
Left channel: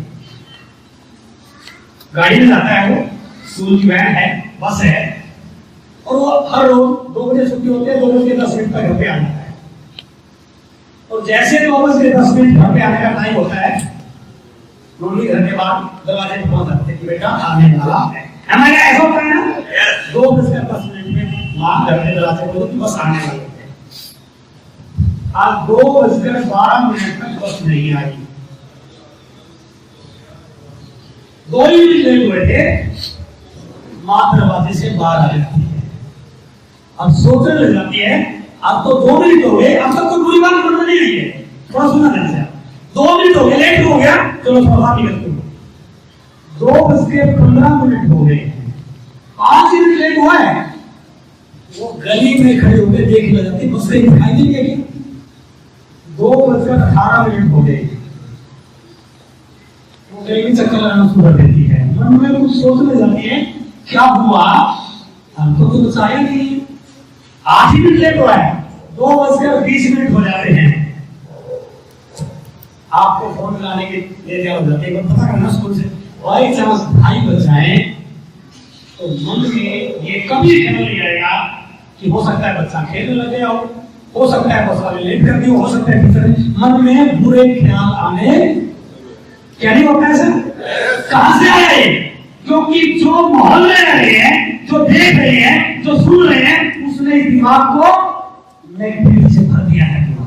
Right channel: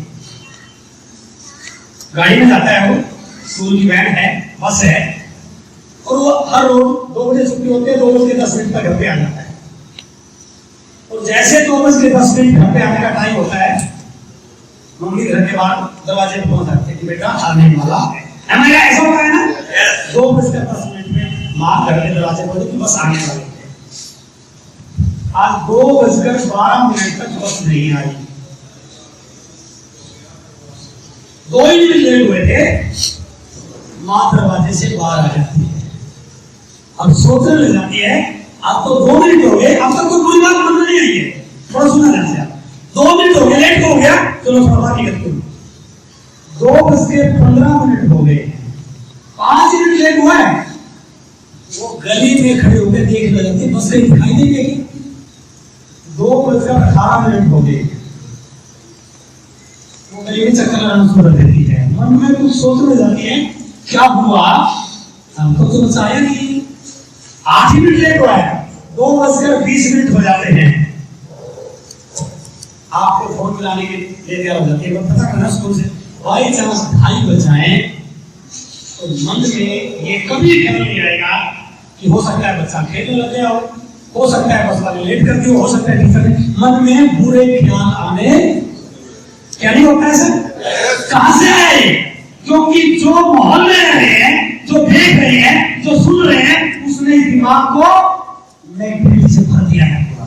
गाड़ी में जाता है, वो स्कूल की वैन है, बस है, और वो हर रोज 2 बजे छुट्टी होती है, 2:10 पर घर पे आ जाता है। और जैसे 2:10 घर पे आने का टाइम होता है, मम्मी घर के बाहर दरवाजे पे पहुंच जाते हैं कि बेटा आने वाला है। हमारे ऐसा होता है ना, 2:10 में माँ घर के दरवाजे खोलो कि बस आने वाले थे। आज 2:12 तक बस नहीं आई। 2 ही मिनट लेट हुए थे, माँ दरवाजे से बाहर आ जाती है। अब सोचने लग जाती है, अब तो 2 मिनट हो गए, अब तक कोई बुरी बात मन में नहीं आई है। थोड़ा सुना ध्यान से, 2 मिनट हो गए, लेट हो गया, चलो थोड़ा बात ही करते हैं। 2:15 हो गए, 5 मिनट लेट हुआ है। वो गली में खड़े होकर देखने लगते, बस कहीं दिखाई नहीं देगी। 2:18 हो गए, वो गली में चक्कर लगाना शुरू कर देती है। मन में कुछ सोचने जाती है, क्या हुआ, हमको तो बचाया नहीं। 8 मिनट लेट हुआ है, 2:20 हो जाते हैं। आपको फोन मिलाने के लिए तैयार हो जाते हैं, पता करना स्कूल से बाई चांस 2:30 बज जाए तो मन में ये कभी ख्याल नहीं आएगा कि हो सकता है बच्चा खेलने लग गया हो सकता है बस वाले लेट कर दिया हो सकता है टीचर। मन में बुरे ख्याल आने क्या नहीं होता है सर? कहां से आए? क्योंकि जो माहौल में रह रहे हैं, जो देख रहे हैं, जो सुन रहे हैं, उसने दिमाग को नेगेटिविटी से भर दिया है। पूरा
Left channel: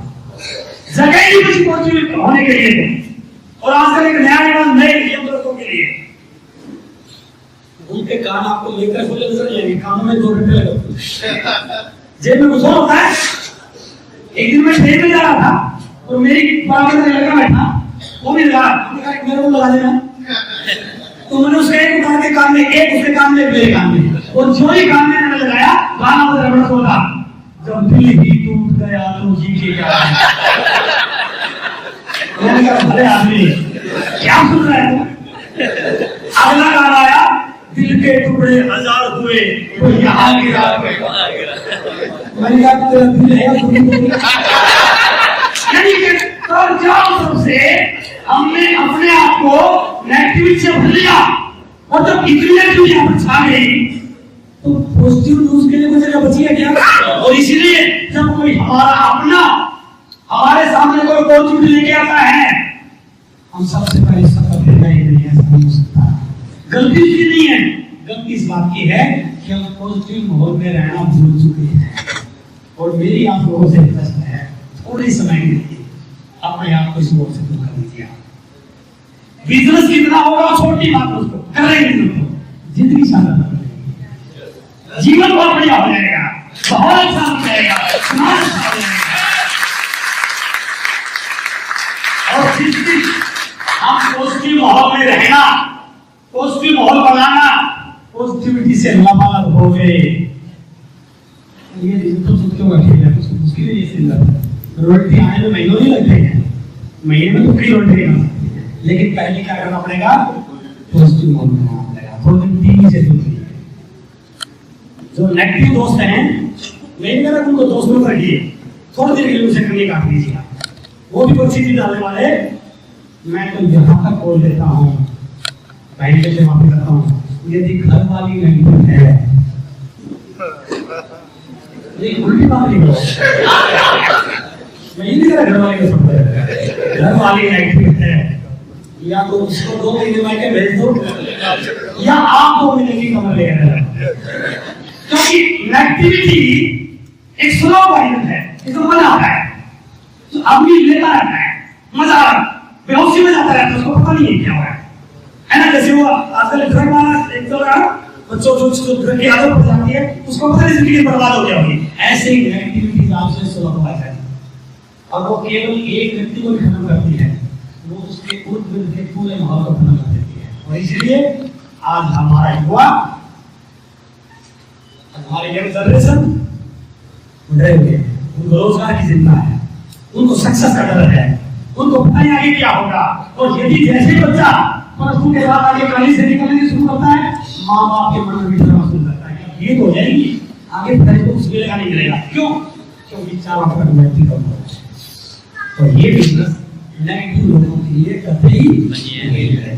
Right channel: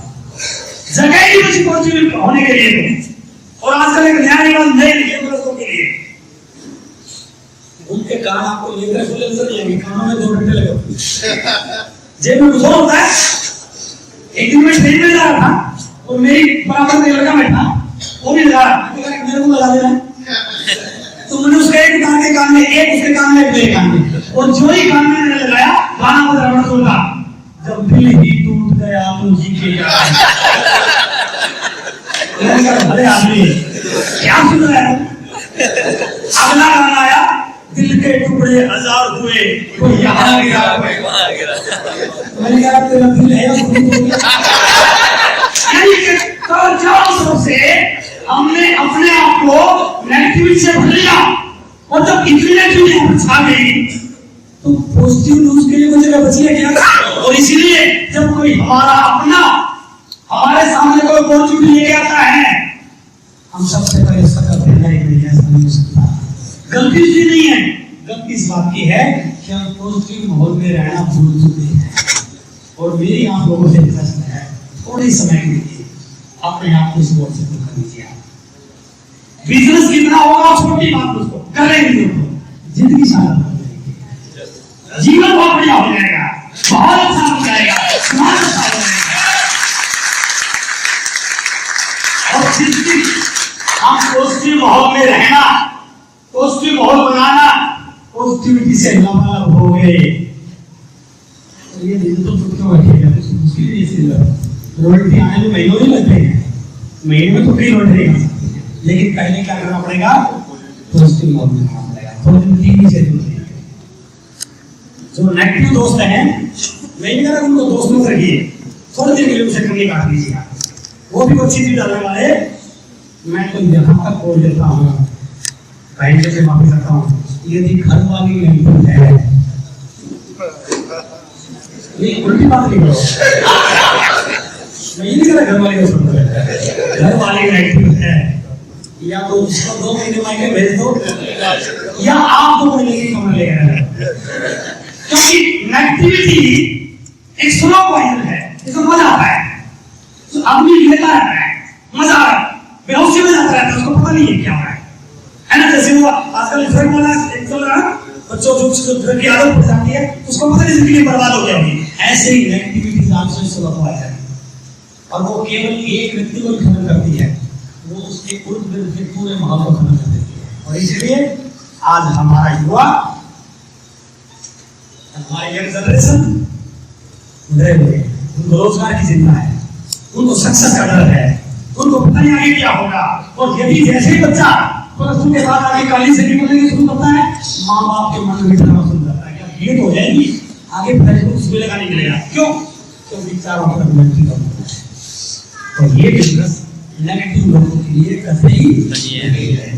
जगह ही बची पॉजिटिव होने के लिए। और आजकल एक नया रिवाज नए यंत्रों के लिए, उनके कान आपको लेकर खुले नजर नहीं आएंगे, कानों में 2 घंटे लगे होते हैं, जेब में कुछ और होता है। एक दिन मैं ट्रेन में जा रहा था और मेरी बराबर में लड़का बैठा, वो भी लगा मेरे को लगा देना, तो मैंने उसका एक कान के कान में, एक उसके कान में, एक मेरे कान में, और जो ही कान में मैंने लगाया गाना बजा बड़ा सोता, जब दिल ही टूट गया तो जी के क्या। मैंने कहा भले आदमी क्या सुन रहा है। अगला गाना आया, दिल के टुकड़े 1000 हुए, कोई यहाँ गिरा कोई वहाँ गिरा। मैंने कहा तेरा दिल है चारों तरफ से हमने अपने आप को नेगेटिविटी से भर लिया, और जब इतनी नेगेटिविटी यहाँ पर छा गई तो पॉजिटिव न्यूज के लिए कोई जगह बची है क्या? और इसीलिए जब कोई हमारा अपना हमारे सामने कोई पॉजिटिविटी लेके आता है, हम सबसे पहले इसका करते हैं नहीं, ऐसा नहीं हो सकता। गलती इसलिए नहीं है, गलती इस बात की है कि हम पॉजिटिव माहौल में रहना भूल चुके हैं। और मेरी आप लोगों से रिक्वेस्ट है, थोड़ी समय के लिए अपने आप को इस ओर से दूर कर दीजिए। बिजनेस कितना होगा छोटी बात, उसको करेंगे तो जिंदगी शानदार हो जाएगी, जीवन बहुत बढ़िया हो जाएगा, बहुत अच्छा हो जाएगा, समाज अच्छा हो जाएगा। और जिस दिन हम पॉजिटिव माहौल में रहना, पॉजिटिव माहौल बनाना, पॉजिटिविटी से लबालब हो गए, तो ये दिन तो क्यों रखेगा? उसके लिए रोटी आने में महीनों नहीं लगते हैं, महीने में तो कई रोटी नहीं खा सकते हैं, लेकिन पहले क्या करना पड़ेगा? पॉजिटिव माहौल में रहना पड़ेगा। पॉजिटिविटी से दूर रहिए। जो नेगेटिव दोस्त हैं, मैं नहीं कह रहा उनको दोस्त मत रखिए, थोड़ी देर के लिए उसे कमी काट लीजिएगा, वो भी अच्छी चीज डालने वाले। मैं तो यहाँ तक बोल देता हूँ, भाई से माफी करता हूँ, यदि घर वाली नेगेटिव है, ये उल्टी बात नहीं करो, मैं ये नहीं कह रहा घर वाली को समझ, घर वाली नेगेटिव है, या तो उसको 2 महीने मायके भेज दो, या आप 2 महीने की कमर लेकर आए। क्योंकि नेगेटिविटी एक स्लो पॉइजन है, इसको मजा आता है, तो आदमी लेता रहता है, मजा आ रहा, बेहोशी में जाता रहता है, उसको पता नहीं है क्या हो रहा है ना। जैसे वो आजकल ड्रग वाला एक चल रहा है, बच्चों जो ड्रग की आदत पड़ जाती है, उसको पता नहीं जिंदगी बर्बाद हो गया होगी। ऐसे ही नेगेटिविटी आपसे सुलभ हो जाएगी, और वो केवल एक व्यक्ति को खत्म करती है, वो उसके उर्द गिर्द के पूरे माहौल को खत्म कर देती है। इसलिए आज हमारा युवा, हमारी यंग जनरेशन डरे हुए, उनको रोजगार की चिंता है, उनको सक्सेस का डर है, उनको पता नहीं आगे क्या होगा। और यदि जैसे ही बच्चा प्लस टू के बाद आगे कॉलेज से निकलने शुरू करता है, माँ बाप के मन में डरना शुरू करता है कि ये तो हो जाएगी, आगे पढ़ाई को कुछ मिलेगा नहीं मिलेगा। क्यों? क्योंकि चारों तरफ नेगेटिव लोग हैं। तो ये बिजनेस नेगेटिव लोगों के लिए कतई नहीं है।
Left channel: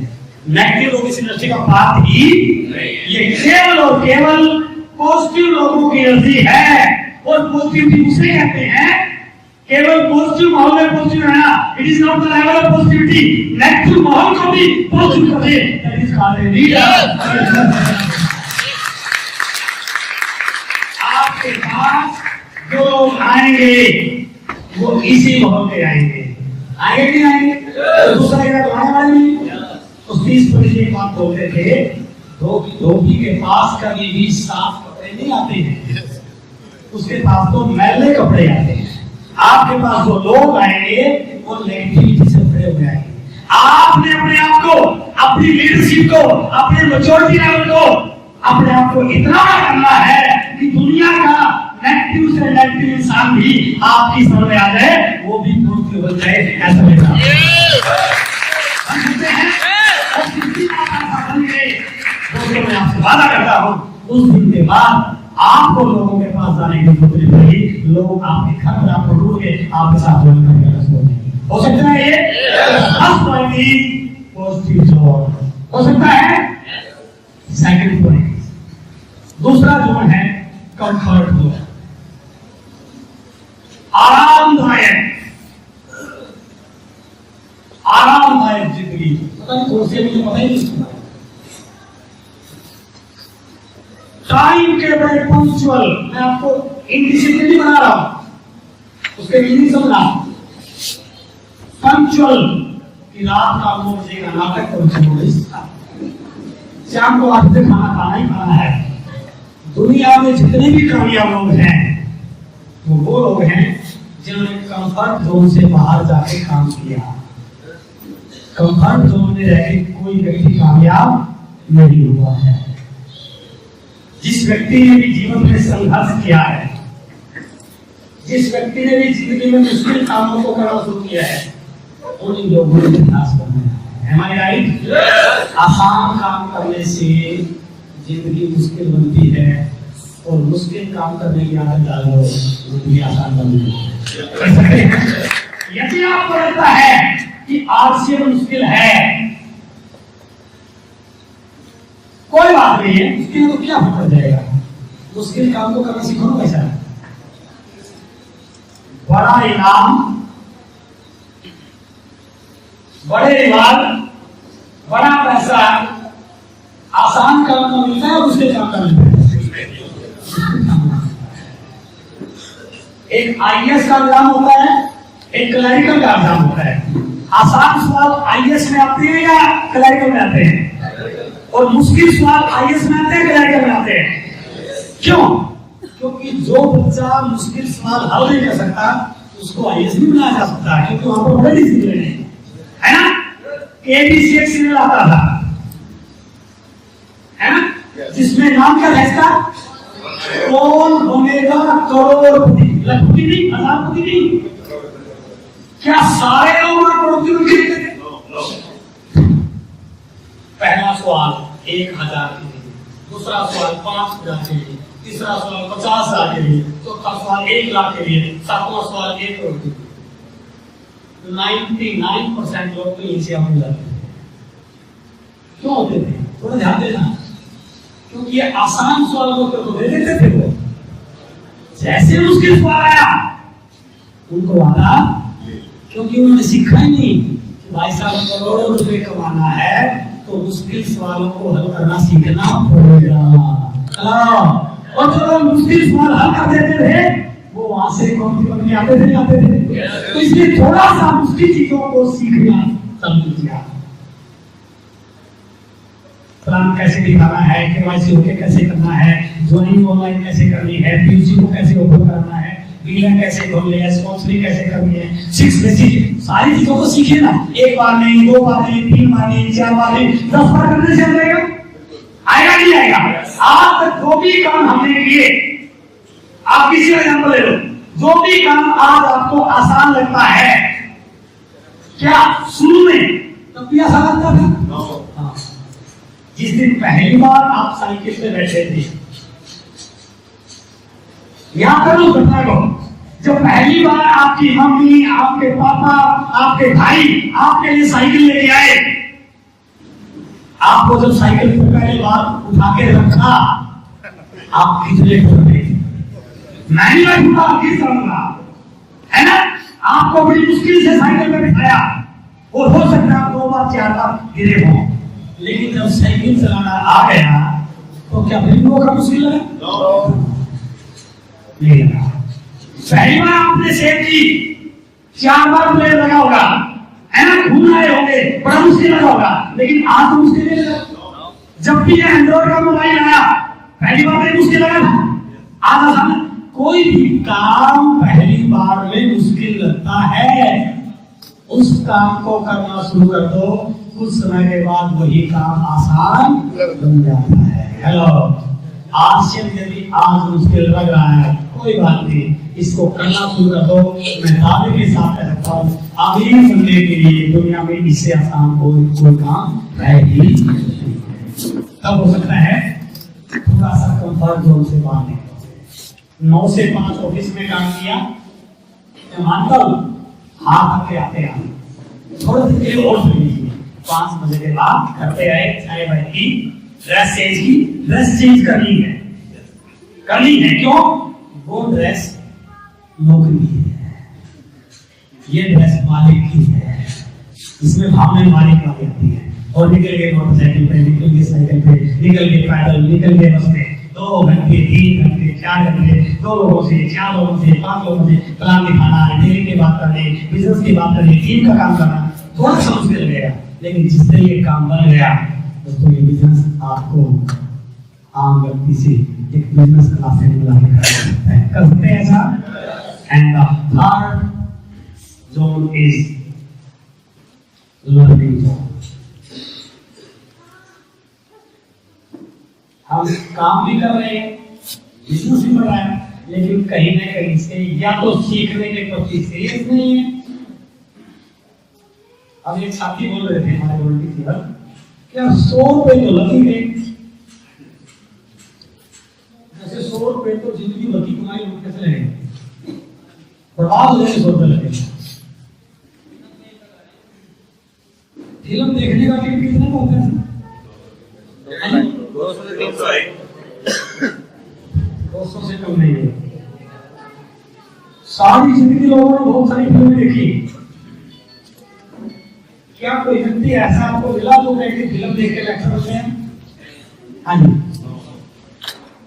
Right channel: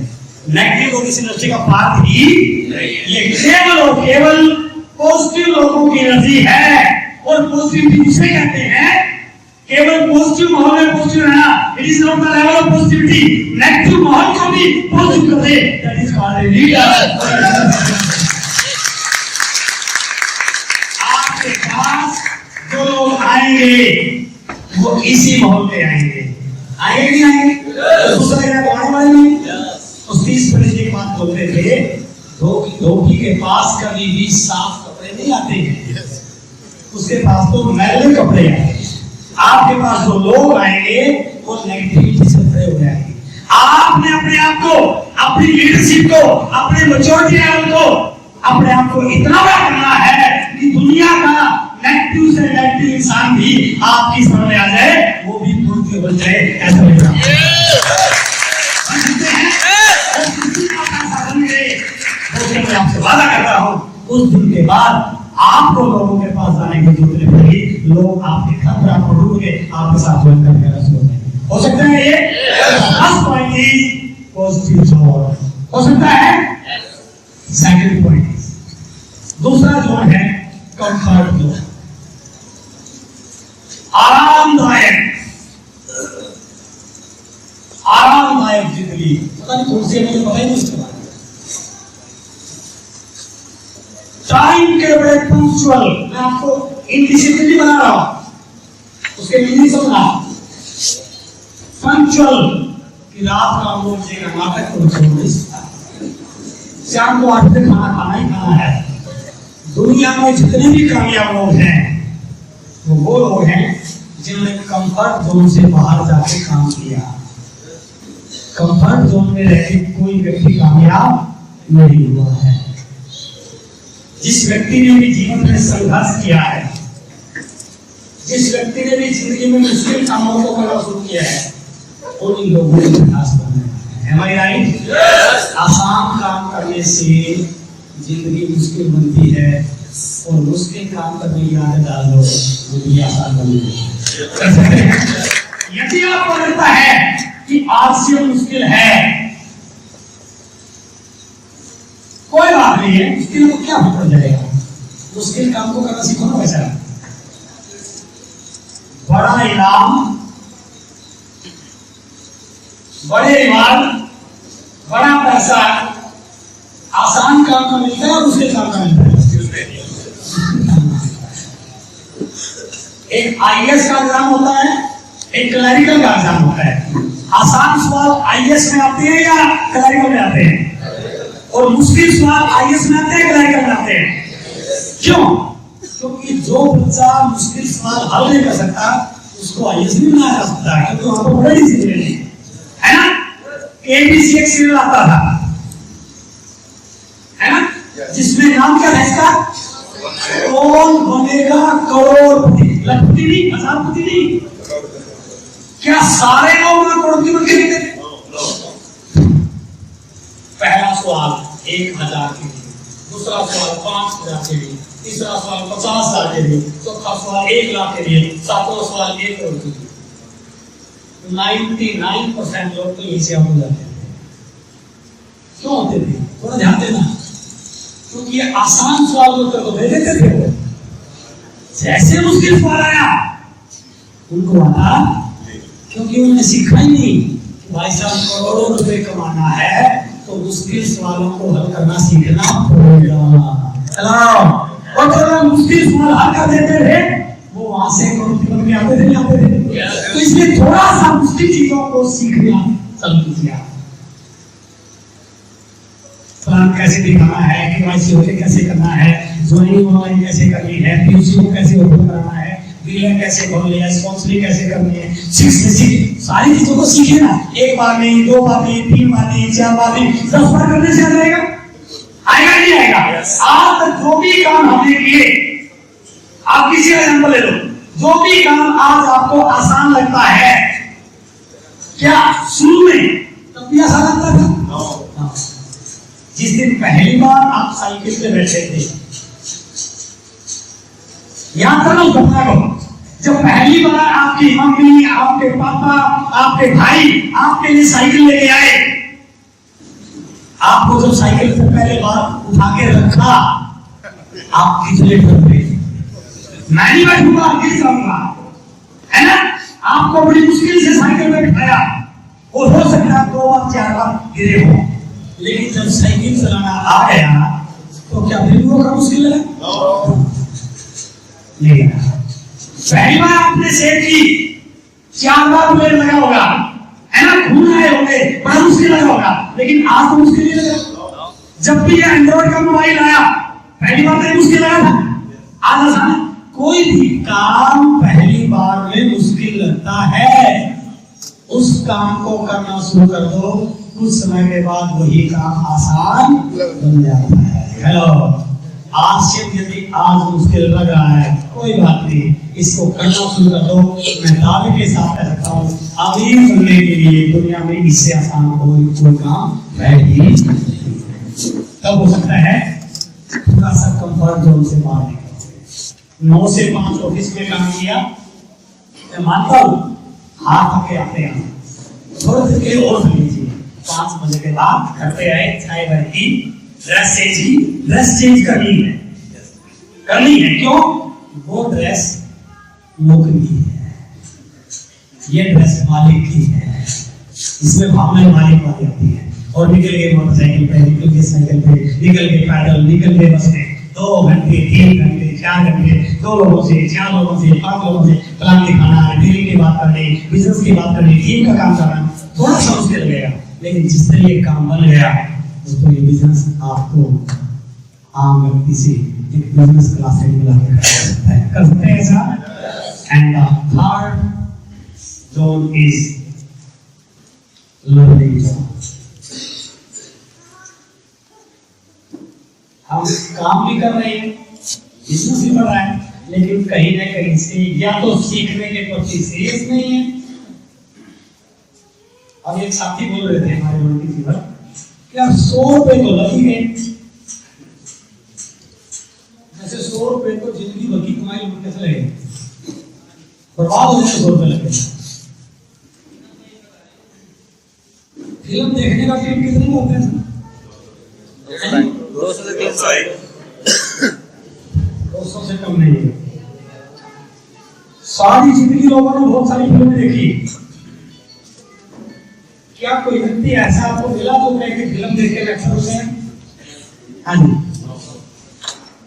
नेगेटिव लोग इस इंडस्ट्री का पार्ट ही ये केवल और केवल पॉजिटिव लोगों की एनर्जी है। और पॉजिटिविटी उसे कहते हैं, केवल पॉजिटिव माहौल में पॉजिटिव रहना, it is not the level of positivity. Negative माहौल को भी पॉजिटिव कर दे, that is called a leader. आपके पास जो लोग आएंगे वो इसी माहौल में आएंगे, आएंगे कि नहीं आएंगे? दूसरा जगह तो आने वाले नहीं। तो 30% एक बात बोलते थे, धोबी के पास कभी भी साफ कपड़े नहीं आते हैं, उसके पास तो मैले कपड़े आते हैं। आपके पास जो लोग आएंगे वो नेगेटिविटी से भरे हुए आएंगे। आपने अपने आप को, अपनी लीडरशिप को, अपने मैच्योरिटी लेवल को, अपने आप को इतना बड़ा करना है कि दुनिया का नेगेटिव से नेगेटिव इंसान भी आपकी सामने आ जाए, वो भी पॉजिटिव बन जाए। ऐसा मेरा बन सकते हैं और किसी का ऐसा बन गए, दोस्तों मैं आपसे वादा करता हूँ उस दिन के बाद आपको लोगों के पास जाने की जरूरत नहीं पड़ेगी। लोग आपके घर पर आपको ढूंढके आपके साथ ज्वाइन करने शुरू हो सकता है। ये first point is positive thought, हो सकता है। सेकंड पॉइंट, दूसरा जोन है कंफर्ट जोन, आरामदायक जिंदगी। पता नहीं कौन सी, मुझे पता ही नहीं इसके बारे में। टाइम के बड़े पंक्चुअल, मैं आपको इंडिसिप्लिन बना रहा हूं, उसके मीनिंग समझना। पंक्चुअल कि रात का 9 बजे का नाटक और शाम को 8 बजे खाना ही खाना है। दुनिया में जितने भी कामयाब लोग हैं वो लोग हैं जिन्होंने कंफर्ट जोन से बाहर जाके काम किया। कंफर्ट जोन में रह के कोई व्यक्ति कामयाब नहीं हुआ है। जिस व्यक्ति ने भी जीवन में संघर्ष किया है, जिस व्यक्ति ने भी जिंदगी में मुश्किल कामों को करना शुरू किया है, उन लोगों ने इतिहास बनाया है। Am I right? Yes. आसान काम करने से जिंदगी मुश्किल बनती है और मुश्किल काम करने की आदत डाल दो, जिंदगी आसान बन जाती है। यदि आपको लगता है कि आलस्य मुश्किल है, कोई बात नहीं है, मुश्किल तो क्या पड़ जाएगा। मुश्किल काम को करना सीखो ना वैसा। बड़ा इनाम, बड़े रिवार्ड, बड़ा पैसा आसान काम का मिलता है और मुश्किल काम का मिलता है। एक आईएएस का एग्जाम होता है, एक क्लरिकल का एग्जाम होता है। आसान सवाल आईएएस में आते हैं या क्लरिकल में आते हैं? और मुश्किल सवाल आईएएस में आते हैं, क्लरिकल में आते हैं। क्यों? क्योंकि जो बच्चा मुश्किल सवाल हल नहीं कर सकता उसको आईएएस नहीं बनाया जा सकता, क्योंकि वहां पर बड़े डिसिप्लिन है ना। एबीसी एक सीरियल आता था, है ना, जिसमें नाम क्या है इसका? कौन बनेगा करोड़पति। लखपति नहीं, हजारपति नहीं। क्या सारे लोग करोड़पति बन गए थे? पहला सवाल 1000 के लिए, दूसरा सवाल 5000 के लिए, तीसरा सवाल 50,000 के लिए, चौथा सवाल 1 लाख के लिए, सातवां सवाल 1 करोड़ के लिए। 99% लोग तो यहीं से आप हो जाते थे। क्यों होते थे? थोड़ा ध्यान देना, क्योंकि ये आसान सवाल को उत्तर तो दे देते थे वो। जैसे मुश्किल सवाल आया उनको आता, क्योंकि उन्होंने सीखा ही नहीं। भाई साहब करोड़ों रुपए कमाना है तो मुश्किल सवालों को हल करना सीखना पड़ेगा। चलो, और जो लोग मुश्किल सवाल हल कर देते थे वो वहां से करोड़पति बन के आते थे, नहीं आते थे? तो इसलिए थोड़ा सा मुश्किल चीजों को सीखना चालू कीजिए। प्लान कैसे दिखाना है, केवाईसी होके कैसे करना है, ज्वाइनिंग ऑनलाइन कैसे करनी है, पीयूसी को कैसे ओपन करना है, डीलर कैसे खोलने हैं, स्पॉन्सरिंग कैसे करनी है, 6 बेसिक सारी चीजों को सीखिए ना। 1 बार नहीं, 2 बार नहीं, 3 बार नहीं, 4 बार नहीं, 10 बार करने से आ जाएगा। आएगा नहीं आएगा? आज तक जो भी काम हमने किए, आप किसी का एग्जाम्पल ले लो, जो भी काम आज आपको आसान लगता है, क्या शुरू में तब भी आसान लगता था? जिस दिन पहली बार आप साइकिल पे बैठे थे, याद करो उस घटना को, जब पहली बार आपकी मम्मी, आपके पापा, आपके भाई आपके लिए साइकिल लेके आए, आपको जब साइकिल से पहले बार उठा के रखा, आप कितने डरते? मैं नहीं बैठूंगा, गिर जाऊंगा, है ना? आपको बड़ी मुश्किल से साइकिल पे बिठाया, वो हो सकता है 2 बार 4 बार गिरे हो, लेकिन जब साइकिल चलाना आ गया तो क्या फिर रोकना मुश्किल लगा? नहीं लगा। पहली बार आपने सेट की, 4 बार ब्रेक लगा होगा, है ना? घूम आए होंगे, बड़ा मुश्किल लगा होगा, लेकिन आज तो मुश्किल नहीं लगा। जब भी ये एंड्रॉइड का मोबाइल आया, पहली बार तो मुश्किल लगा था, आज आसान है। कोई भी काम पहली बार में मुश्किल लगता है, उस काम को करना शुरू कर दो, कुछ समय के बाद वही काम आसान बन जाता है। हेलो, आज से यदि आज मुश्किल लग रहा है, कोई बात नहीं, इसको करना शुरू कर दो। मैं दावे के साथ कह सकता हूँ, अभी सुनने के लिए दुनिया में इससे आसान कोई काम है ही नहीं। तब हो सकता है थोड़ा सा कंफर्ट जोन से बाहर निकलो। 9 से 5 ऑफिस में काम किया, मैं मानता हूँ हाथ थके आते आते थोड़ी देर के लिए और सो लीजिए। 5 बजे के बाद घर पे आए, चाय वाय पी, ड्रेस चेंज की, ड्रेस चेंज करनी है क्यों? वो ड्रेस नौकरी है, ये ड्रेस मालिक की है, इसमें भावनाएं मालिक वाली आती है। और निकल गए मोटरसाइकिल पे, निकल गए साइकिल पे, निकल गए पैदल, निकल गए बस में, 2 घंटे 3 घंटे 4 घंटे, 2 लोगों से 4 लोगों से 5 लोगों से प्लान दिखाना, डेली की बात करनी, बिजनेस की बात करनी, टीम का काम करना, थोड़ा सा मुश्किल लगेगा, लेकिन जिस तरह ये काम बन गया दोस्तों, ये बिजनेस आपको आम व्यक्ति से एक बिजनेस क्लास से मिला के कर सकते हैं ऐसा। And the third zone is learning zone. हम काम भी कर रहे हैं, बिजनेस भी बढ़ रहा है, लेकिन कहीं ना कहीं से या तो सीखने के प्रति सीरियस नहीं है। अब एक साथी बोल रहे थे हमारे वोल्टी जी पर, क्या 100 रुपए तो लग ही गए, जैसे 100 रुपए तो जिंदगी भर की कमाई लोग कैसे लगे, बर्बाद हो जाए 100 रुपए लगे। फिल्म देखने का टिकट कितने का होता है? 200 से कम नहीं है। सारी जिंदगी लोगों ने बहुत सारी फिल्में देखी, क्या कोई व्यक्ति ऐसा आपको मिला जो कह के फिल्म देख के लेक्चर होते हैं? हाँ जी,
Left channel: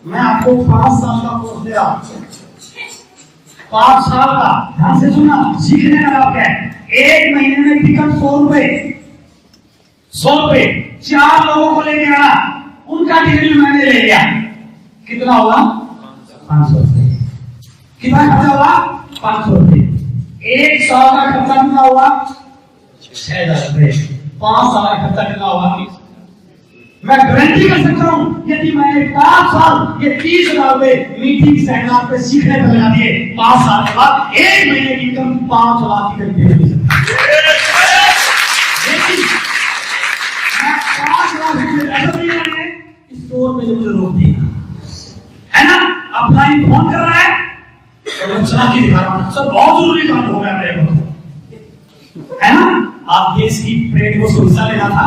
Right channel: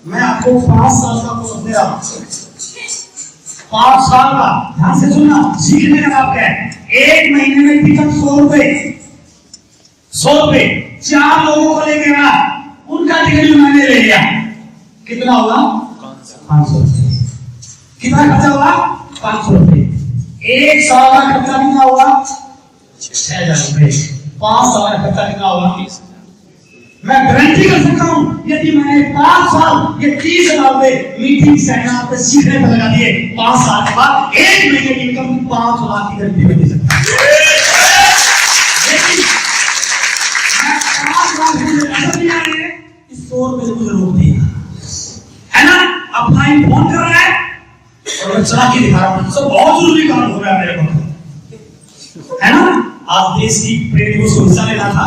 मैं आपको 5 साल का कोर्स दे रहा हूं, 5 साल का, ध्यान से सुनना, सीखने का आप क्या है, 1 महीने में टिकट 100 रुपए, 4 लोगों को लेके आना, उनका टिकट भी मैंने ले लिया, कितना होगा? 500 रुपए। कितना खर्चा होगा? 500 रुपए। 1 साल का खर्चा कितना होगा? 6000 रुपए। 5 साल का खर्चा कितना होगा? मैं गारंटी कर सकता हूं, यदि मैंने 5 साल ये 30,000 रुपए मीटिंग सेमिनार पे सीखने पर लगा दिए, 5 साल के बाद 1 महीने की इनकम 5 लाख की गारंटी दे सकता हूं। लेकिन मैं 5 लाख रुपए ऐसा नहीं आएंगे, इस 100 रुपए से मुझे रोक दिया, है ना? अपना ही फोन कर रहा है और मैं चला के दिखा रहा हूं, सब बहुत जरूरी काम हो गया मेरे को, है ना? आज देश की परेड को सुरक्षा लेना था,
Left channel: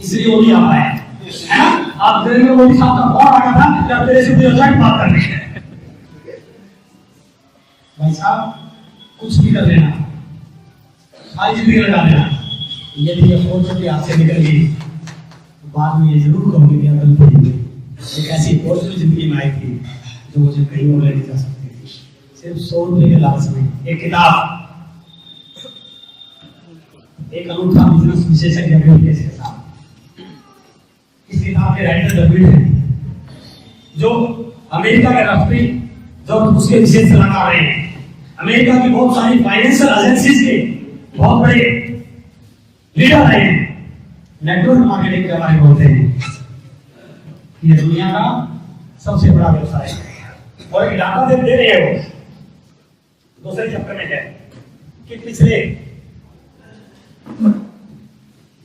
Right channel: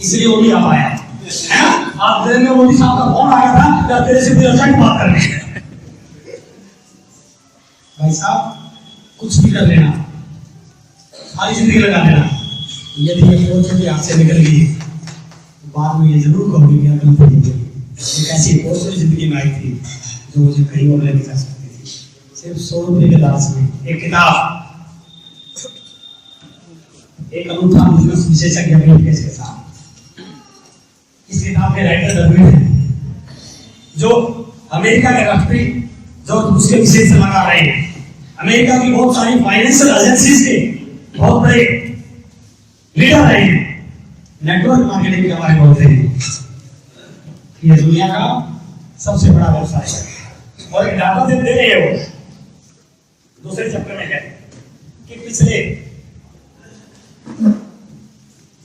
इसलिए वो भी आ पाया, है ना? आज देर में मोदी साहब का फोन आ गया था, जब तेरे से कोई अर्जेंट बात करनी है, भाई साहब कुछ भी कर लेना, सारी जिंदगी लगा देना, यदि ये अपॉर्चुनिटी आपसे निकल गई तो बाद में ये जरूर कहोगे कि अकल तो नहीं, एक ऐसी अपॉर्चुनिटी जिंदगी में आई थी जो मुझे कहीं और लेके जा सकती थी, सिर्फ 100 रुपए के लालच में। एक किताब, एक अनूठा बिजनेस विशेषज्ञ के साथ, इस किताब के राइटर रघुवीर हैं, जो अमेरिका के राष्ट्रीय जो उसके विशेष सलाहकार रहे हैं, अमेरिका की बहुत सारी फाइनेंशियल एजेंसीज के बहुत बड़े लीडर रहे हैं, नेटवर्क मार्केटिंग के बारे में बोलते हैं। ये दुनिया का सबसे बड़ा व्यवसाय है और एक डाटा दे रहे हैं वो दूसरे चैप्टर में है कि पिछले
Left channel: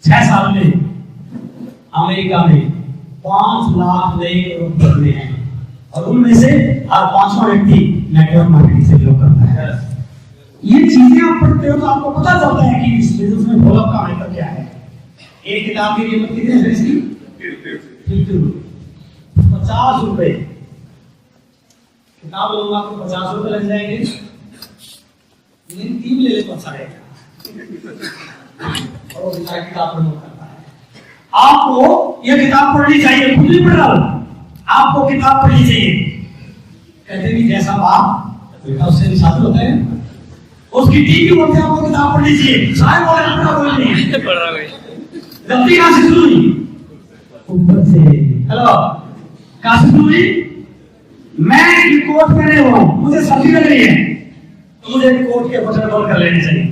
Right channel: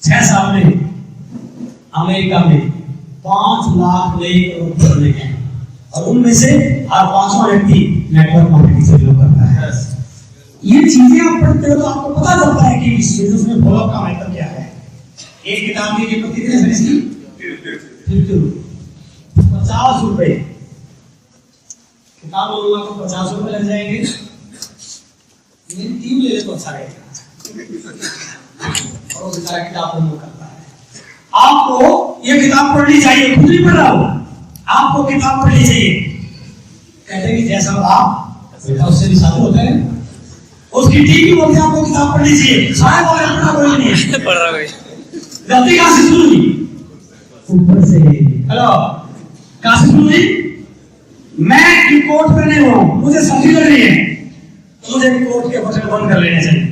6 साल में अमेरिका में 5 लाख नए करोड़ बने हैं और उनमें से हर 5वां व्यक्ति नेटवर्क मार्केटिंग से बिलोंग करता है। ये चीजें आप पढ़ते हो तो आपको पता चलता है कि इस बिजनेस में फॉलोअप का महत्व क्या है। एक किताब की कीमत कितनी है इसकी? 50 रुपए। किताब लूंगा तो 50 रुपए लग जाएंगे। मेरी टीम ले ले तो अच्छा रहेगा। और वो बेचारा किताब प्रमोट करता है। आपको ये किताब पढ़नी चाहिए, खुद नहीं पढ़ रहा हूं, आपको किताब पढ़नी चाहिए। कहते हैं कि जैसा बाप बेटा उससे भी शादी होता है, उसकी टीम भी बोलते हैं आपको किताब पढ़नी चाहिए। सारे बोले पढ़ा कोई नहीं पढ़ रहा है। गलती कहां से शुरू हुई? ऊपर से। हेलो, कहां से शुरू हुई? मैं कोट पहने हुआ हूं, मुझे सर्दी लग रही है तो मुझे कोट के बटन बंद कर लेने चाहिए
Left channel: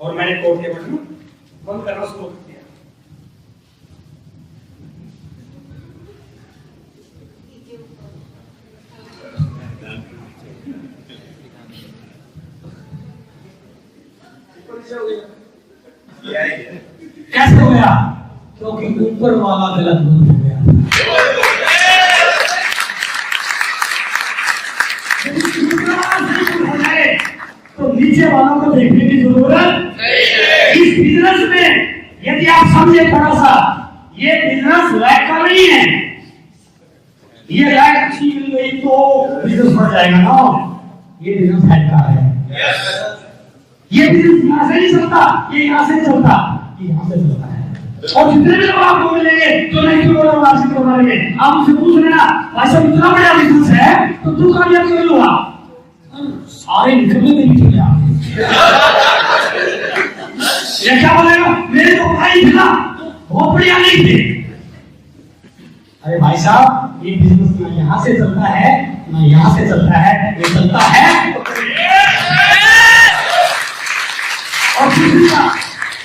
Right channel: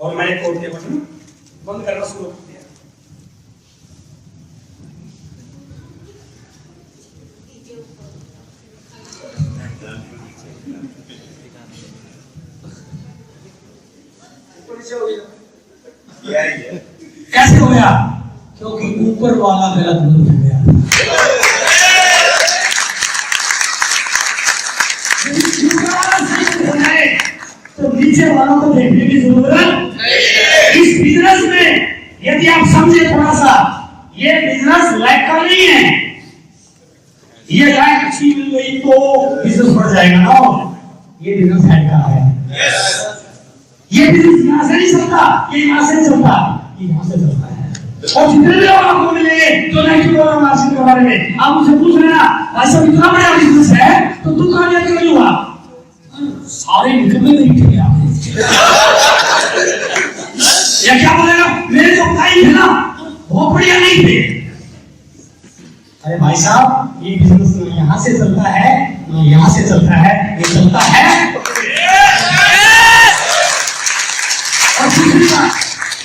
और मैंने कोट के बटन बंद करना शुरू कर दिया। कैसे हो गया? क्योंकि ऊपर वाला गलत बंद हो गया। हो जाए तो नीचे वालों को देखने की जरूरत नहीं। इस बिजनेस में यदि आप समझे थोड़ा सा, ये बिजनेस लायक का नहीं है। ये लायक अच्छी मिल गई तो बिजनेस बढ़ जाएगा ना, ये बिजनेस हेड का है। ये बिजनेस यहाँ से नहीं चलता, ये यहाँ से चलता, ये यहाँ से चलता है। और जितने भी लोग आपको मिलेंगे जो नहीं बोल रहा मार्जिन के बारे में, आप उनसे पूछ लेना भाई साहब इतना बड़ा बिजनेस है तो तू कामयाब क्यों हुआ? सारे निकलने नहीं थे या क्या बोलेगा? मेरे तो भाई थे ना, बहुत बढ़िया नहीं थे। अरे भाई साहब, ये बिजनेस ना यहाँ से चलता है ना यहाँ से चलता है, ये चलता है। और दूसरी बात,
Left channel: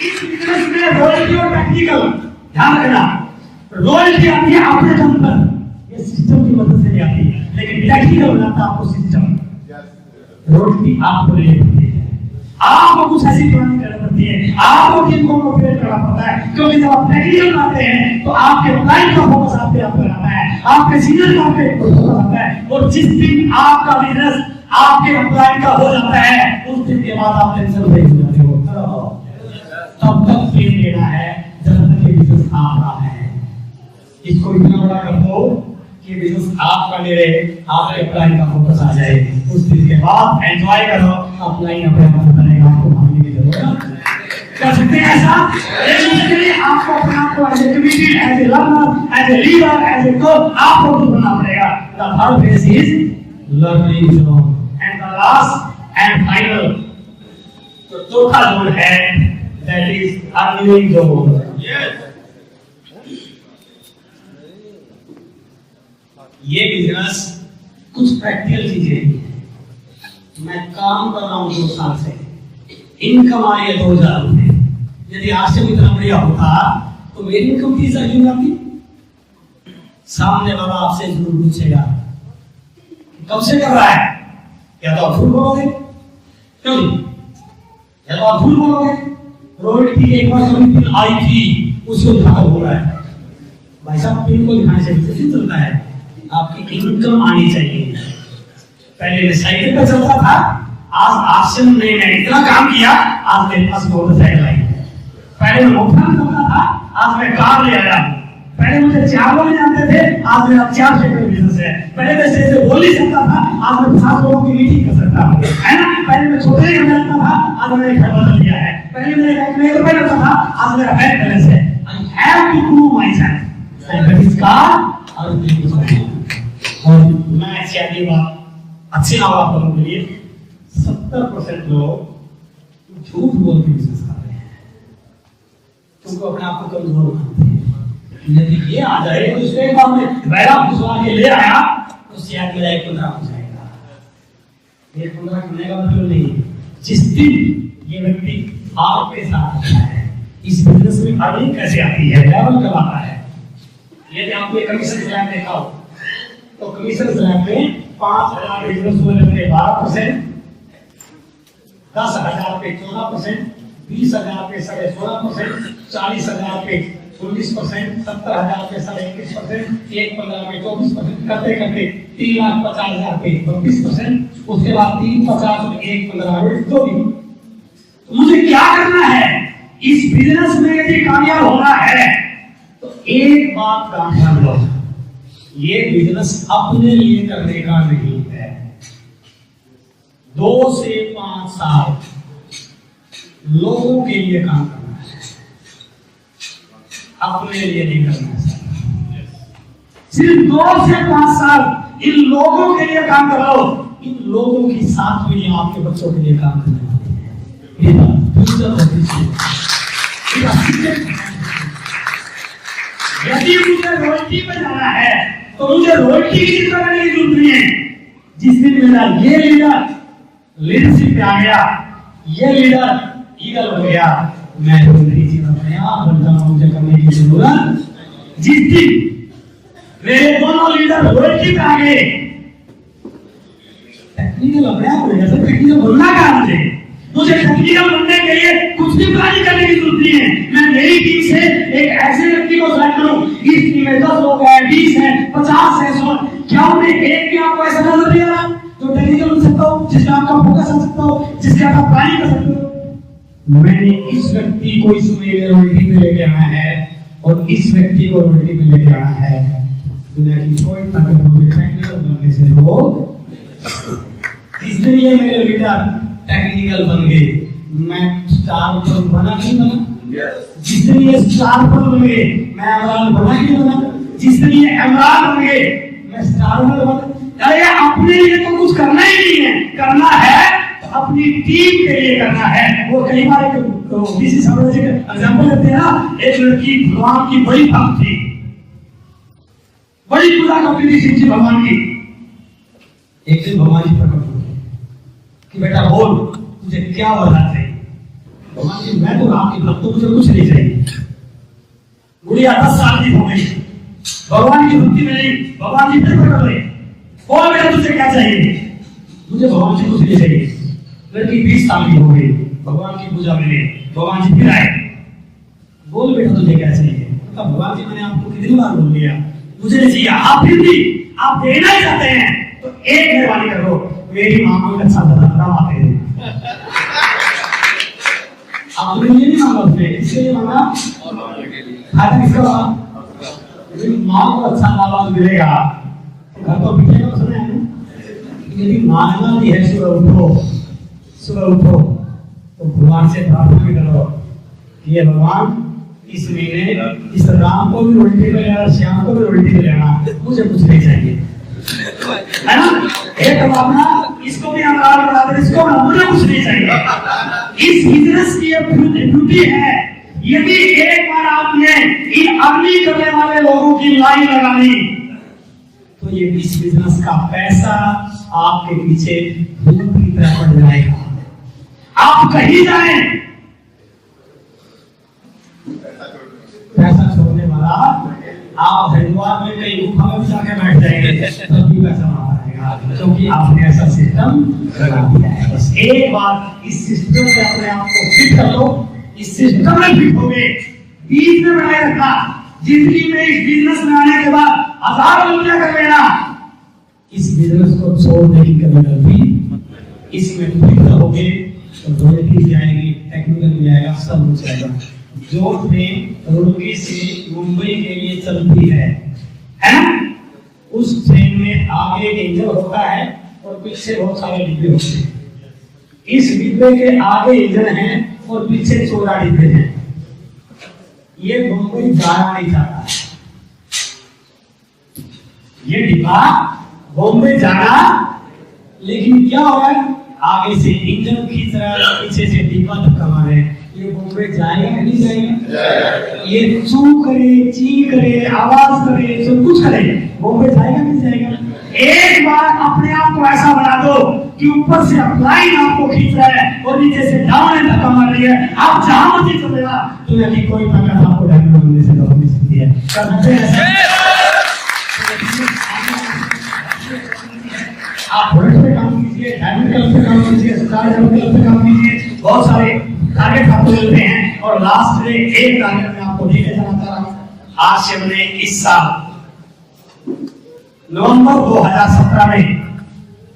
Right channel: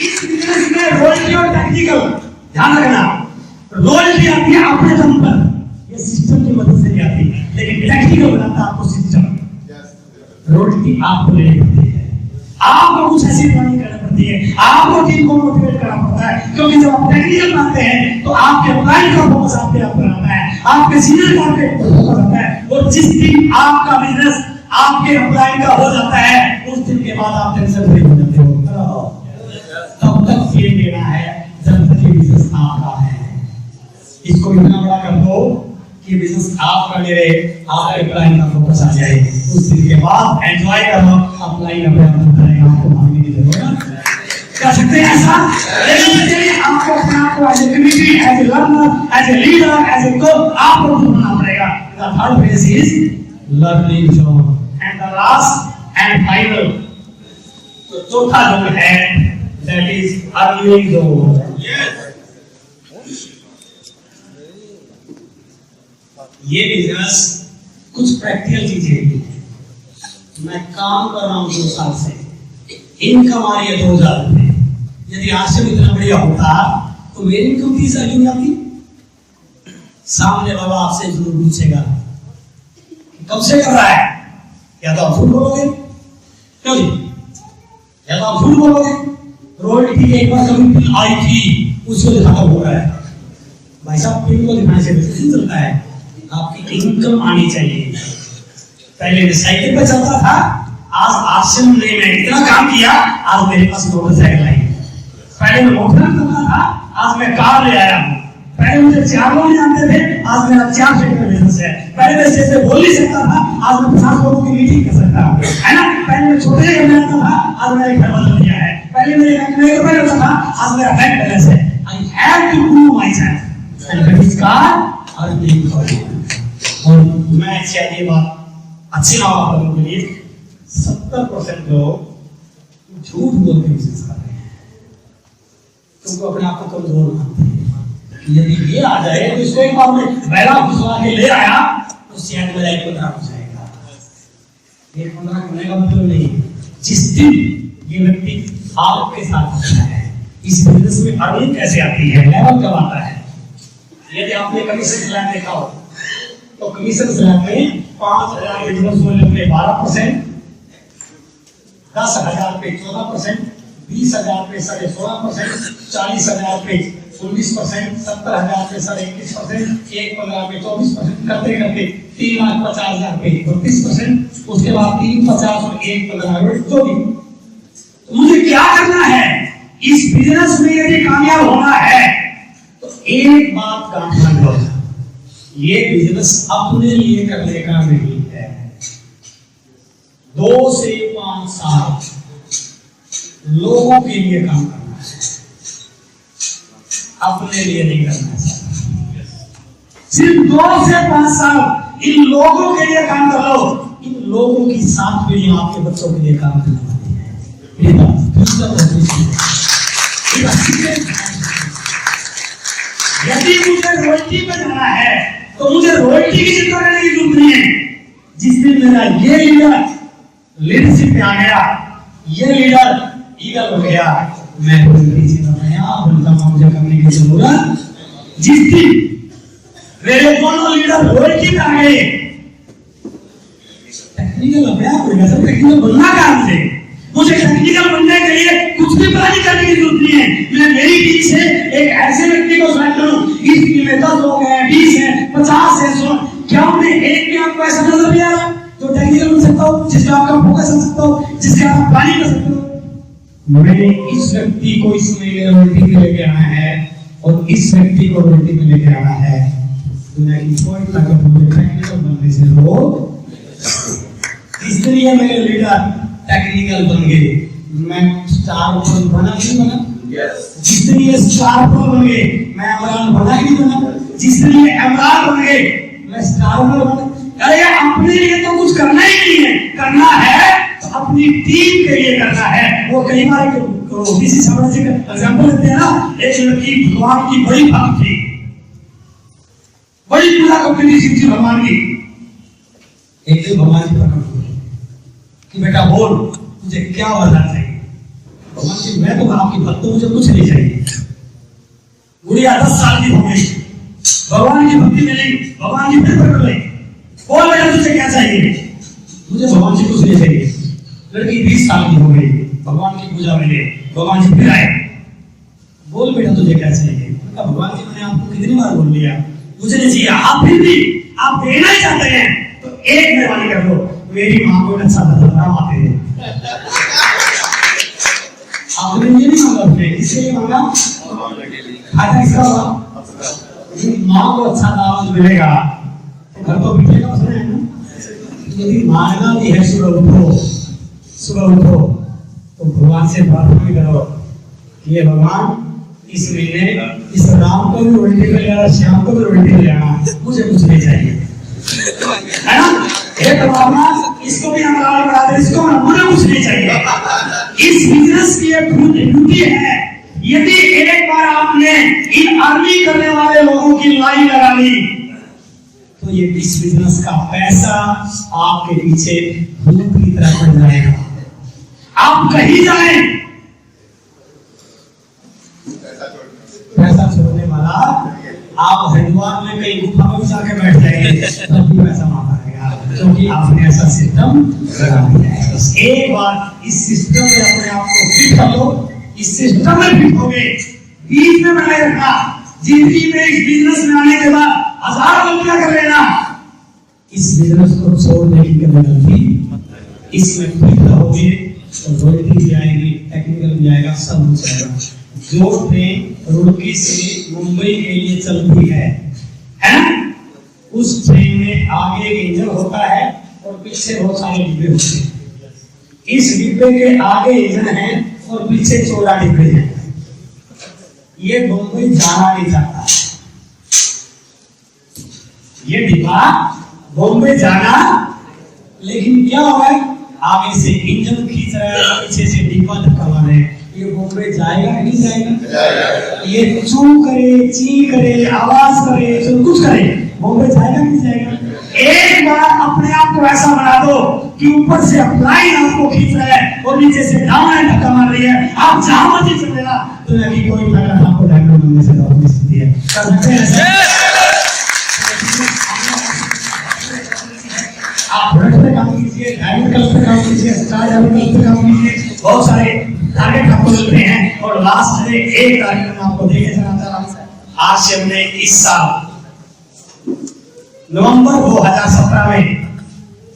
इस बिजनेस में रॉयल्टी और टेक्निकल ध्यान रखना। रॉयल्टी आती है अपने दम पर, ये सिस्टम की मदद से नहीं आती, लेकिन टेक्निकल बनाता आपको सिस्टम। रॉयल्टी आपको लेनी पड़ती है, आपको कुछ ऐसी प्लानिंग करनी पड़ती है, आपको टीम को मोटिवेट करना पड़ता है। क्योंकि जब आप टेक्निकल बनाते हैं तो आपके क्लाइंट का फोकस आप पे आता है, आपके सीनियर का आप पे फोकस आता है। और जिस दिन आपका बिजनेस आपके एम्प्लॉय का हो जाता है, उस दिन के बाद आप टेंशन फ्री हो जाते हो। तब तक फेम देना है जब तक ये बिजनेस आपका है। इसको इतना बड़ा कर दो कि बिजनेस आपका नहीं रहे, आपके एम्प्लॉय का फोकस आ जाए। उस दिन के बाद एंजॉय करो, एम्प्लॉय अपने आप करेगा, आपको भागने की जरूरत कर सकते हैं ऐसा। लेकिन आपको अपने आप को as a committed, as a learner, as a leader, as a coach आपको खुद बनना पड़ेगा। The third phase is learning zone and the last and final, तो चौथा जोन है दैट इज अर्निंग जोन। ये बिजनेस कुछ प्रैक्टिकल चीजें हैं। मैं काम कर रहा हूं 2 साल से, इनकम आ रही है 2000 रुपए। यदि आज से इतना बढ़िया होता तो मेरी इनकम 30,000 क्यों आती? सामने बाबा आपसे जरूर पूछेगा कब से कर रहा है, या तो आप झूठ बोलोगे, क्यों जी? या तो आप झूठ बोलोगे, रॉयल्टी की एक बार कभी पिन आई थी उसको दिखाना हो रहा है। भाई साहब, पिन को दिखाने से बिजनेस चलता है, आपकी इनकम आनी चाहिए। पहले मैं साइकिल पे चलता था, आज आश्रम ने मैं इतना काम किया, आज मेरे पास मोटरसाइकिल आई। पहले मैं मोटरसाइकिल चलता था, आज मैं कार ले आया हूँ। पहले मुझे 4 लोग जानते थे, आज मेरा 4 फीट में बिजनेस है। पहले मैं स्टेज पे बोल नहीं सकता था, आज मैं 50 लोगों की मीटिंग कर सकता हूँ, है ना। पहले मैं छोटे घर में रहता था, आज मैंने घर बदल लिया है। पहले मेरे बैंक में ₹1 रहता था, आज मेरा बैंक बैलेंस है। I have to prove my self and that is called earning. और मैं शायद ये बात अच्छी ना हो आप लोगों के लिए, 70% लोग झूठ बोल के बिजनेस कर रहे हैं क्योंकि अपने आप को कमजोर मानते हैं। यदि ये आ जाए तो इसको एक बार में बैरा घुसवा के ले आया तो शायद मेरा 1 15 हो जाएगा। ये 15 करने का मतलब नहीं है। जिस दिन ये व्यक्ति आपके साथ आता है, इस बिजनेस में अर्निंग कैसे आती है, लेवल कब आता है। यदि आपने कमीशन स्लैब देखा हो तो कमीशन स्लैब में 5,000 बिजनेस वाले पे 12%, 10,000 पे 14%, 20,000 पे 16.5%, 40,000 पे 19%, 70,000 पे 21%, 1,15,000 पे 24%, करते करते 3,50,000 पे 32%, उसके बाद 3,50,000 और 1,15,000 जो भी। तो मुझे क्या करना है इस बिजनेस में यदि कामयाब होना है? तो एक बात का ध्यान लो, ये बिजनेस अपने लिए करने का नहीं है। 2 से 5 साल लोगों के लिए काम करना है, अपने लिए नहीं करना है। सिर्फ 2 से 5 साल इन लोगों के लिए काम करो। इन लोगों की 7 पीढ़ियां आपके बच्चों के लिए काम करने वाली है। ये बात यदि मुझे रॉयल्टी पे जाना है तो मुझे रॉयल्टी की चिंता करने की जरूरत नहीं है। जिस दिन मेरा ये लीडर लीडरशिप पे आ गया, ये लीडर ईगल बन गया, मैं रॉयल्टी से बनता मुझे करने की जरूरत। जिस दिन मेरे दोनों लीडर रॉयल्टी पे आ गए, टेक्निकल अपने आप हो गया। सब टेक्निकल बनना क्या मुझे टेक्निकल बनने के लिए कुछ भी प्लानिंग करने की जरूरत नहीं है। मैं मेरी टीम से एक ऐसे व्यक्ति को सेलेक्ट करूं, इस टीम में 10 लोग हैं, 20 हैं, 50 हैं, 100, क्या उन्हें एक भी आपको ऐसा नजर नहीं आ रहा जो टेक्निकल बन सकता हो, जिसका आपका फोकस कर सकता हो, जिसका आप प्लानिंग कर सकते हो? मैंने इस व्यक्ति को इस महीने रॉयल्टी में लेके आना है और इस व्यक्ति को रॉयल्टी में लेके आना है। दुनिया की कोई ताकत मुझे टेक्निकल बनने से रोक। इसलिए मेरे लीडर टेक्निकल बन गए, मैं स्टार पर बना नहीं बना। जिस दिन ये स्टार पर बन गए, मैं इमरान बना ही नहीं बना। जिस दिन ये इमरान बन गए, मैं स्टार पर बना। अरे अपने लिए तो कुछ करना ही नहीं है, करना है तो अपनी टीम के लिए करना है। वो कई बार किसी साम्राज्य का एग्जांपल लेते हैं ना, एक लड़की भगवान की बड़ी भक्त थी, बड़ी पूजा करती थी शिव जी भगवान की। एक दिन भगवान जी प्रकट हुए कि बेटा बोल मुझे क्या वरदान चाहिए। भगवान जी मैं तो आपकी भक्त हूं, मुझे कुछ नहीं चाहिए। गुड़िया 10 साल की हो गई, भगवान की भक्ति में नहीं। भगवान जी फिर प्रकट हुए, बोल बेटा तुझे क्या चाहिए? मुझे भगवान जी कुछ नहीं चाहिए। लड़की 20 साल की हो गई, भगवान की पूजा में गए, भगवान जी फिर आए, बोल बेटा तुझे क्या चाहिए? भगवान जी मैंने आपको कितनी बार बोल दिया मुझे नहीं चाहिए। आप फिर भी आप देना ही चाहते हैं तो एक मेहरबानी कर दो, मेरी मां को अच्छा दाम आते हैं। आपने ये नहीं मांगा, उसने इसलिए मांगा फायदा इसका हुआ। यदि मां को अच्छा दामाद मिलेगा तो घर तो पीछे का मसला है ना। यदि मांगना भी है सुबह उठो तो भगवान से प्रार्थना भी करो कि ये भगवान इस महीने इस राम को भी उल्टी पे लेना, श्याम को भी उल्टी पे लेना, मुझे कुछ नहीं चाहिए, है ना? हे परमात्मा इसको भी अमराल बना दे, इसको ना, मुझे कुछ नहीं चाहिए। इस बिजनेस की एक ब्यूटी है, यदि एक बार आपने इन अर्निंग करने वाले लोगों की लाइन लगा ली तो ये इस बिजनेस का पैसा आपके पीछे धूप की तरह पड़ जाएगा। आप कहीं जाए पैसा छोड़ने वाला, आप हरिद्वार में कहीं गुफा में जाके बैठ जाएंगे तब भी पैसा वहां आएगा, क्योंकि आपने ऐसा सिस्टम लगा दिया है। बस एक बार इस सिस्टम में अपने आप को फिट कर लो, इस सिस्टम में फिट हो गए, बीच में बनाए रखना। जिंदगी में इस बिजनेस में आने के बाद 1000 गलतियां कर लेना, इस बिजनेस को छोड़ने की कभी गलती, इसमें फिट रहोगे तो रॉयल्टी भी आएगी, टेक्निकल भी आएगा, सब कुछ आएगा। जो ट्रेन रुड़की से मुंबई के लिए चलती है ना, उस ट्रेन में आगे इंजन होता है और पीछे बहुत सारे डिब्बे होते हैं। इस डिब्बे के आगे इंजन है और पीछे 14 डिब्बे हैं। ये मुंबई जाना नहीं चाहता, ये डिब्बा बॉम्बे जाना, लेकिन क्या होगा, आगे से इंजन खींच रहा है, पीछे से डिब्बा धक्का मारे, ये बॉम्बे जाएगा कि नहीं जाएगा? ये चू करे, ची करे, आवाज करे, सब कुछ करे, बॉम्बे जाएगा कि नहीं जाएगा? एक बार अपने आप को ऐसा बना दो कि ऊपर से अपलाइन आपको खींच रहा है और नीचे से डाउन एंड धक्का मार रही है, आप जहां मर्जी चलेगा तो नहीं कोई ताकत आपको डायमंड बनने से रोक नहीं सकती है। कर सकते हैं ऐसा? आप प्रोडक्ट पे काम कीजिए, डायमंड कलर पे काम कीजिए, स्टार डायमंड कलर पे काम कीजिए, बहुत सारे टारगेट आपको मिल रहे हैं। और लास्ट में एक टारगेट मैं आपको देके जाना चाह रहा हूं। आज से हमने इस साल नवंबर 2017 में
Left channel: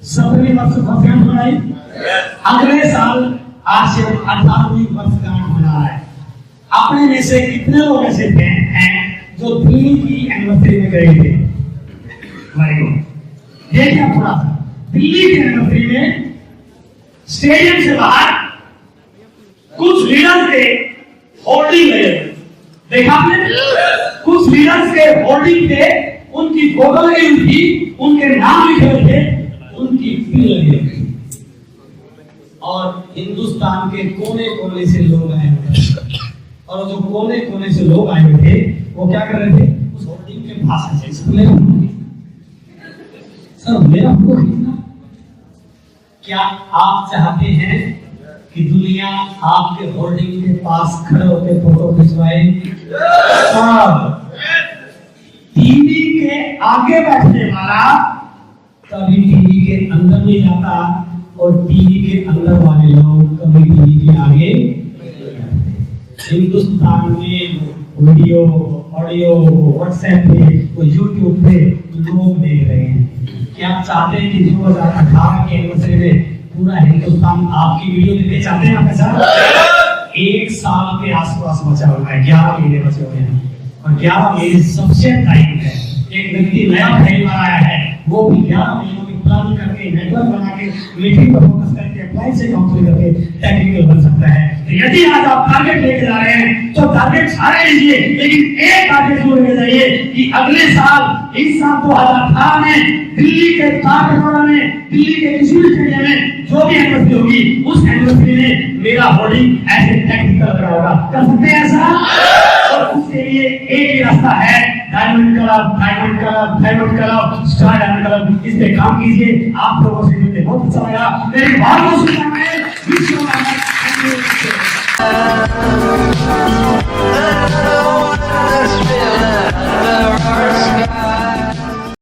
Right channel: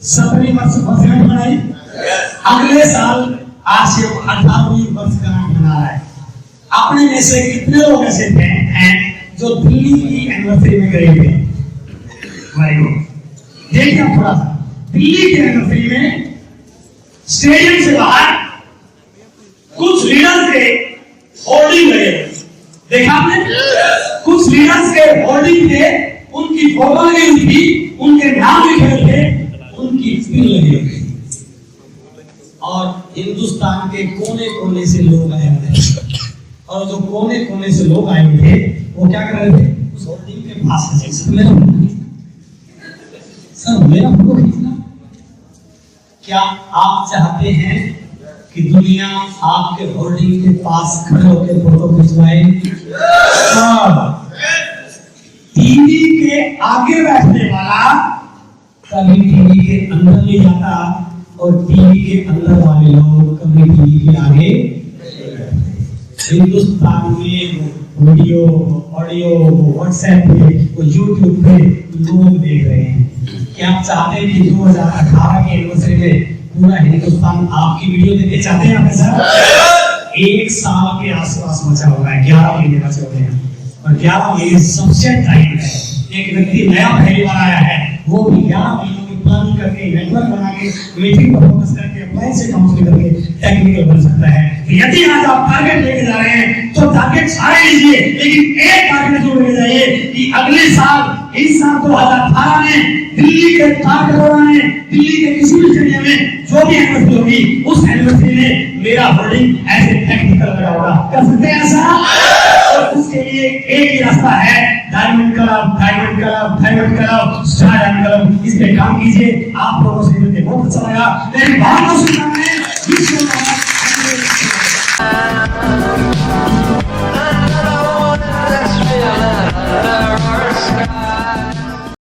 17वीं वर्षगांठ मनाई। अगले साल आज से 18वीं वर्षगांठ मना रहा है। अपने में से कितने लोग ऐसे हैं जो दिल्ली की एनिवर्सरी में गए थे? देखिए आप थोड़ा सा, दिल्ली की एनिवर्सरी में स्टेडियम से बाहर कुछ लीडर्स के होर्डिंग लगे, देखा आपने? कुछ लीडर्स के होर्डिंग थे, उनकी फोटो लगी हुई थी, उनके नाम लिखे हुए थे, उनकी पिन लगी हुई थी। और हिंदुस्तान के कोने कोने से लोग आए हुए थे, और जो कोने कोने से लोग आए हुए थे वो क्या कर रहे थे? उस होर्डिंग के पास से सर मेरा फोटो खींचना। क्या आप चाहते हैं कि दुनिया आपके होर्डिंग के पास खड़े होकर फोटो खिंचवाए? टीवी के आगे बैठने वाला कभी टीवी के अंदर नहीं जाता, और टीवी के अंदर वाले लोग कभी टीवी के आगे। हिंदुस्तान में वीडियो, ऑडियो, व्हाट्सएप पे, यूट्यूब पे लोग देख रहे हैं। क्या आप चाहते हैं कि 2018 के एनिवर्सरी में पूरा हिंदुस्तान आपकी वीडियो देखे? चाहते हैं आप ऐसा? एक साल के आसपास बचा हुआ है, 11 महीने बचे हुए हैं, और 11 महीने सबसे टाइम है। एक व्यक्ति नया पहली बार आया है, वो भी 11 महीनों की प्लानिंग करके, नेटवर्क बना के, मीटिंग पर फोकस करके, अप्लाई से काउंसलिंग करके टेक्निकल बन सकता है। यदि आज आप टारगेट लेके जा रहे हैं तो टारगेट सारे लीजिए, लेकिन एक टारगेट जो लेके जाइए कि अगले साल, इस साल 2018 में दिल्ली के तारकटोरा में, दिल्ली के किसी भी स्टेडियम में जो भी एनिवर्सरी होगी, उस एनिवर्सरी में मेरा होर्डिंग ऐसे टेक्निकल लगा होगा। कर सकते हैं ऐसा? और उसके लिए एक ही रास्ता है, diamond club, diamond club, diamond club, star diamond club. इस पे काम कीजिए। आप लोगों से मिलकर बहुत अच्छा लगा। मेरी बहुत बहुत शुभकामनाएं।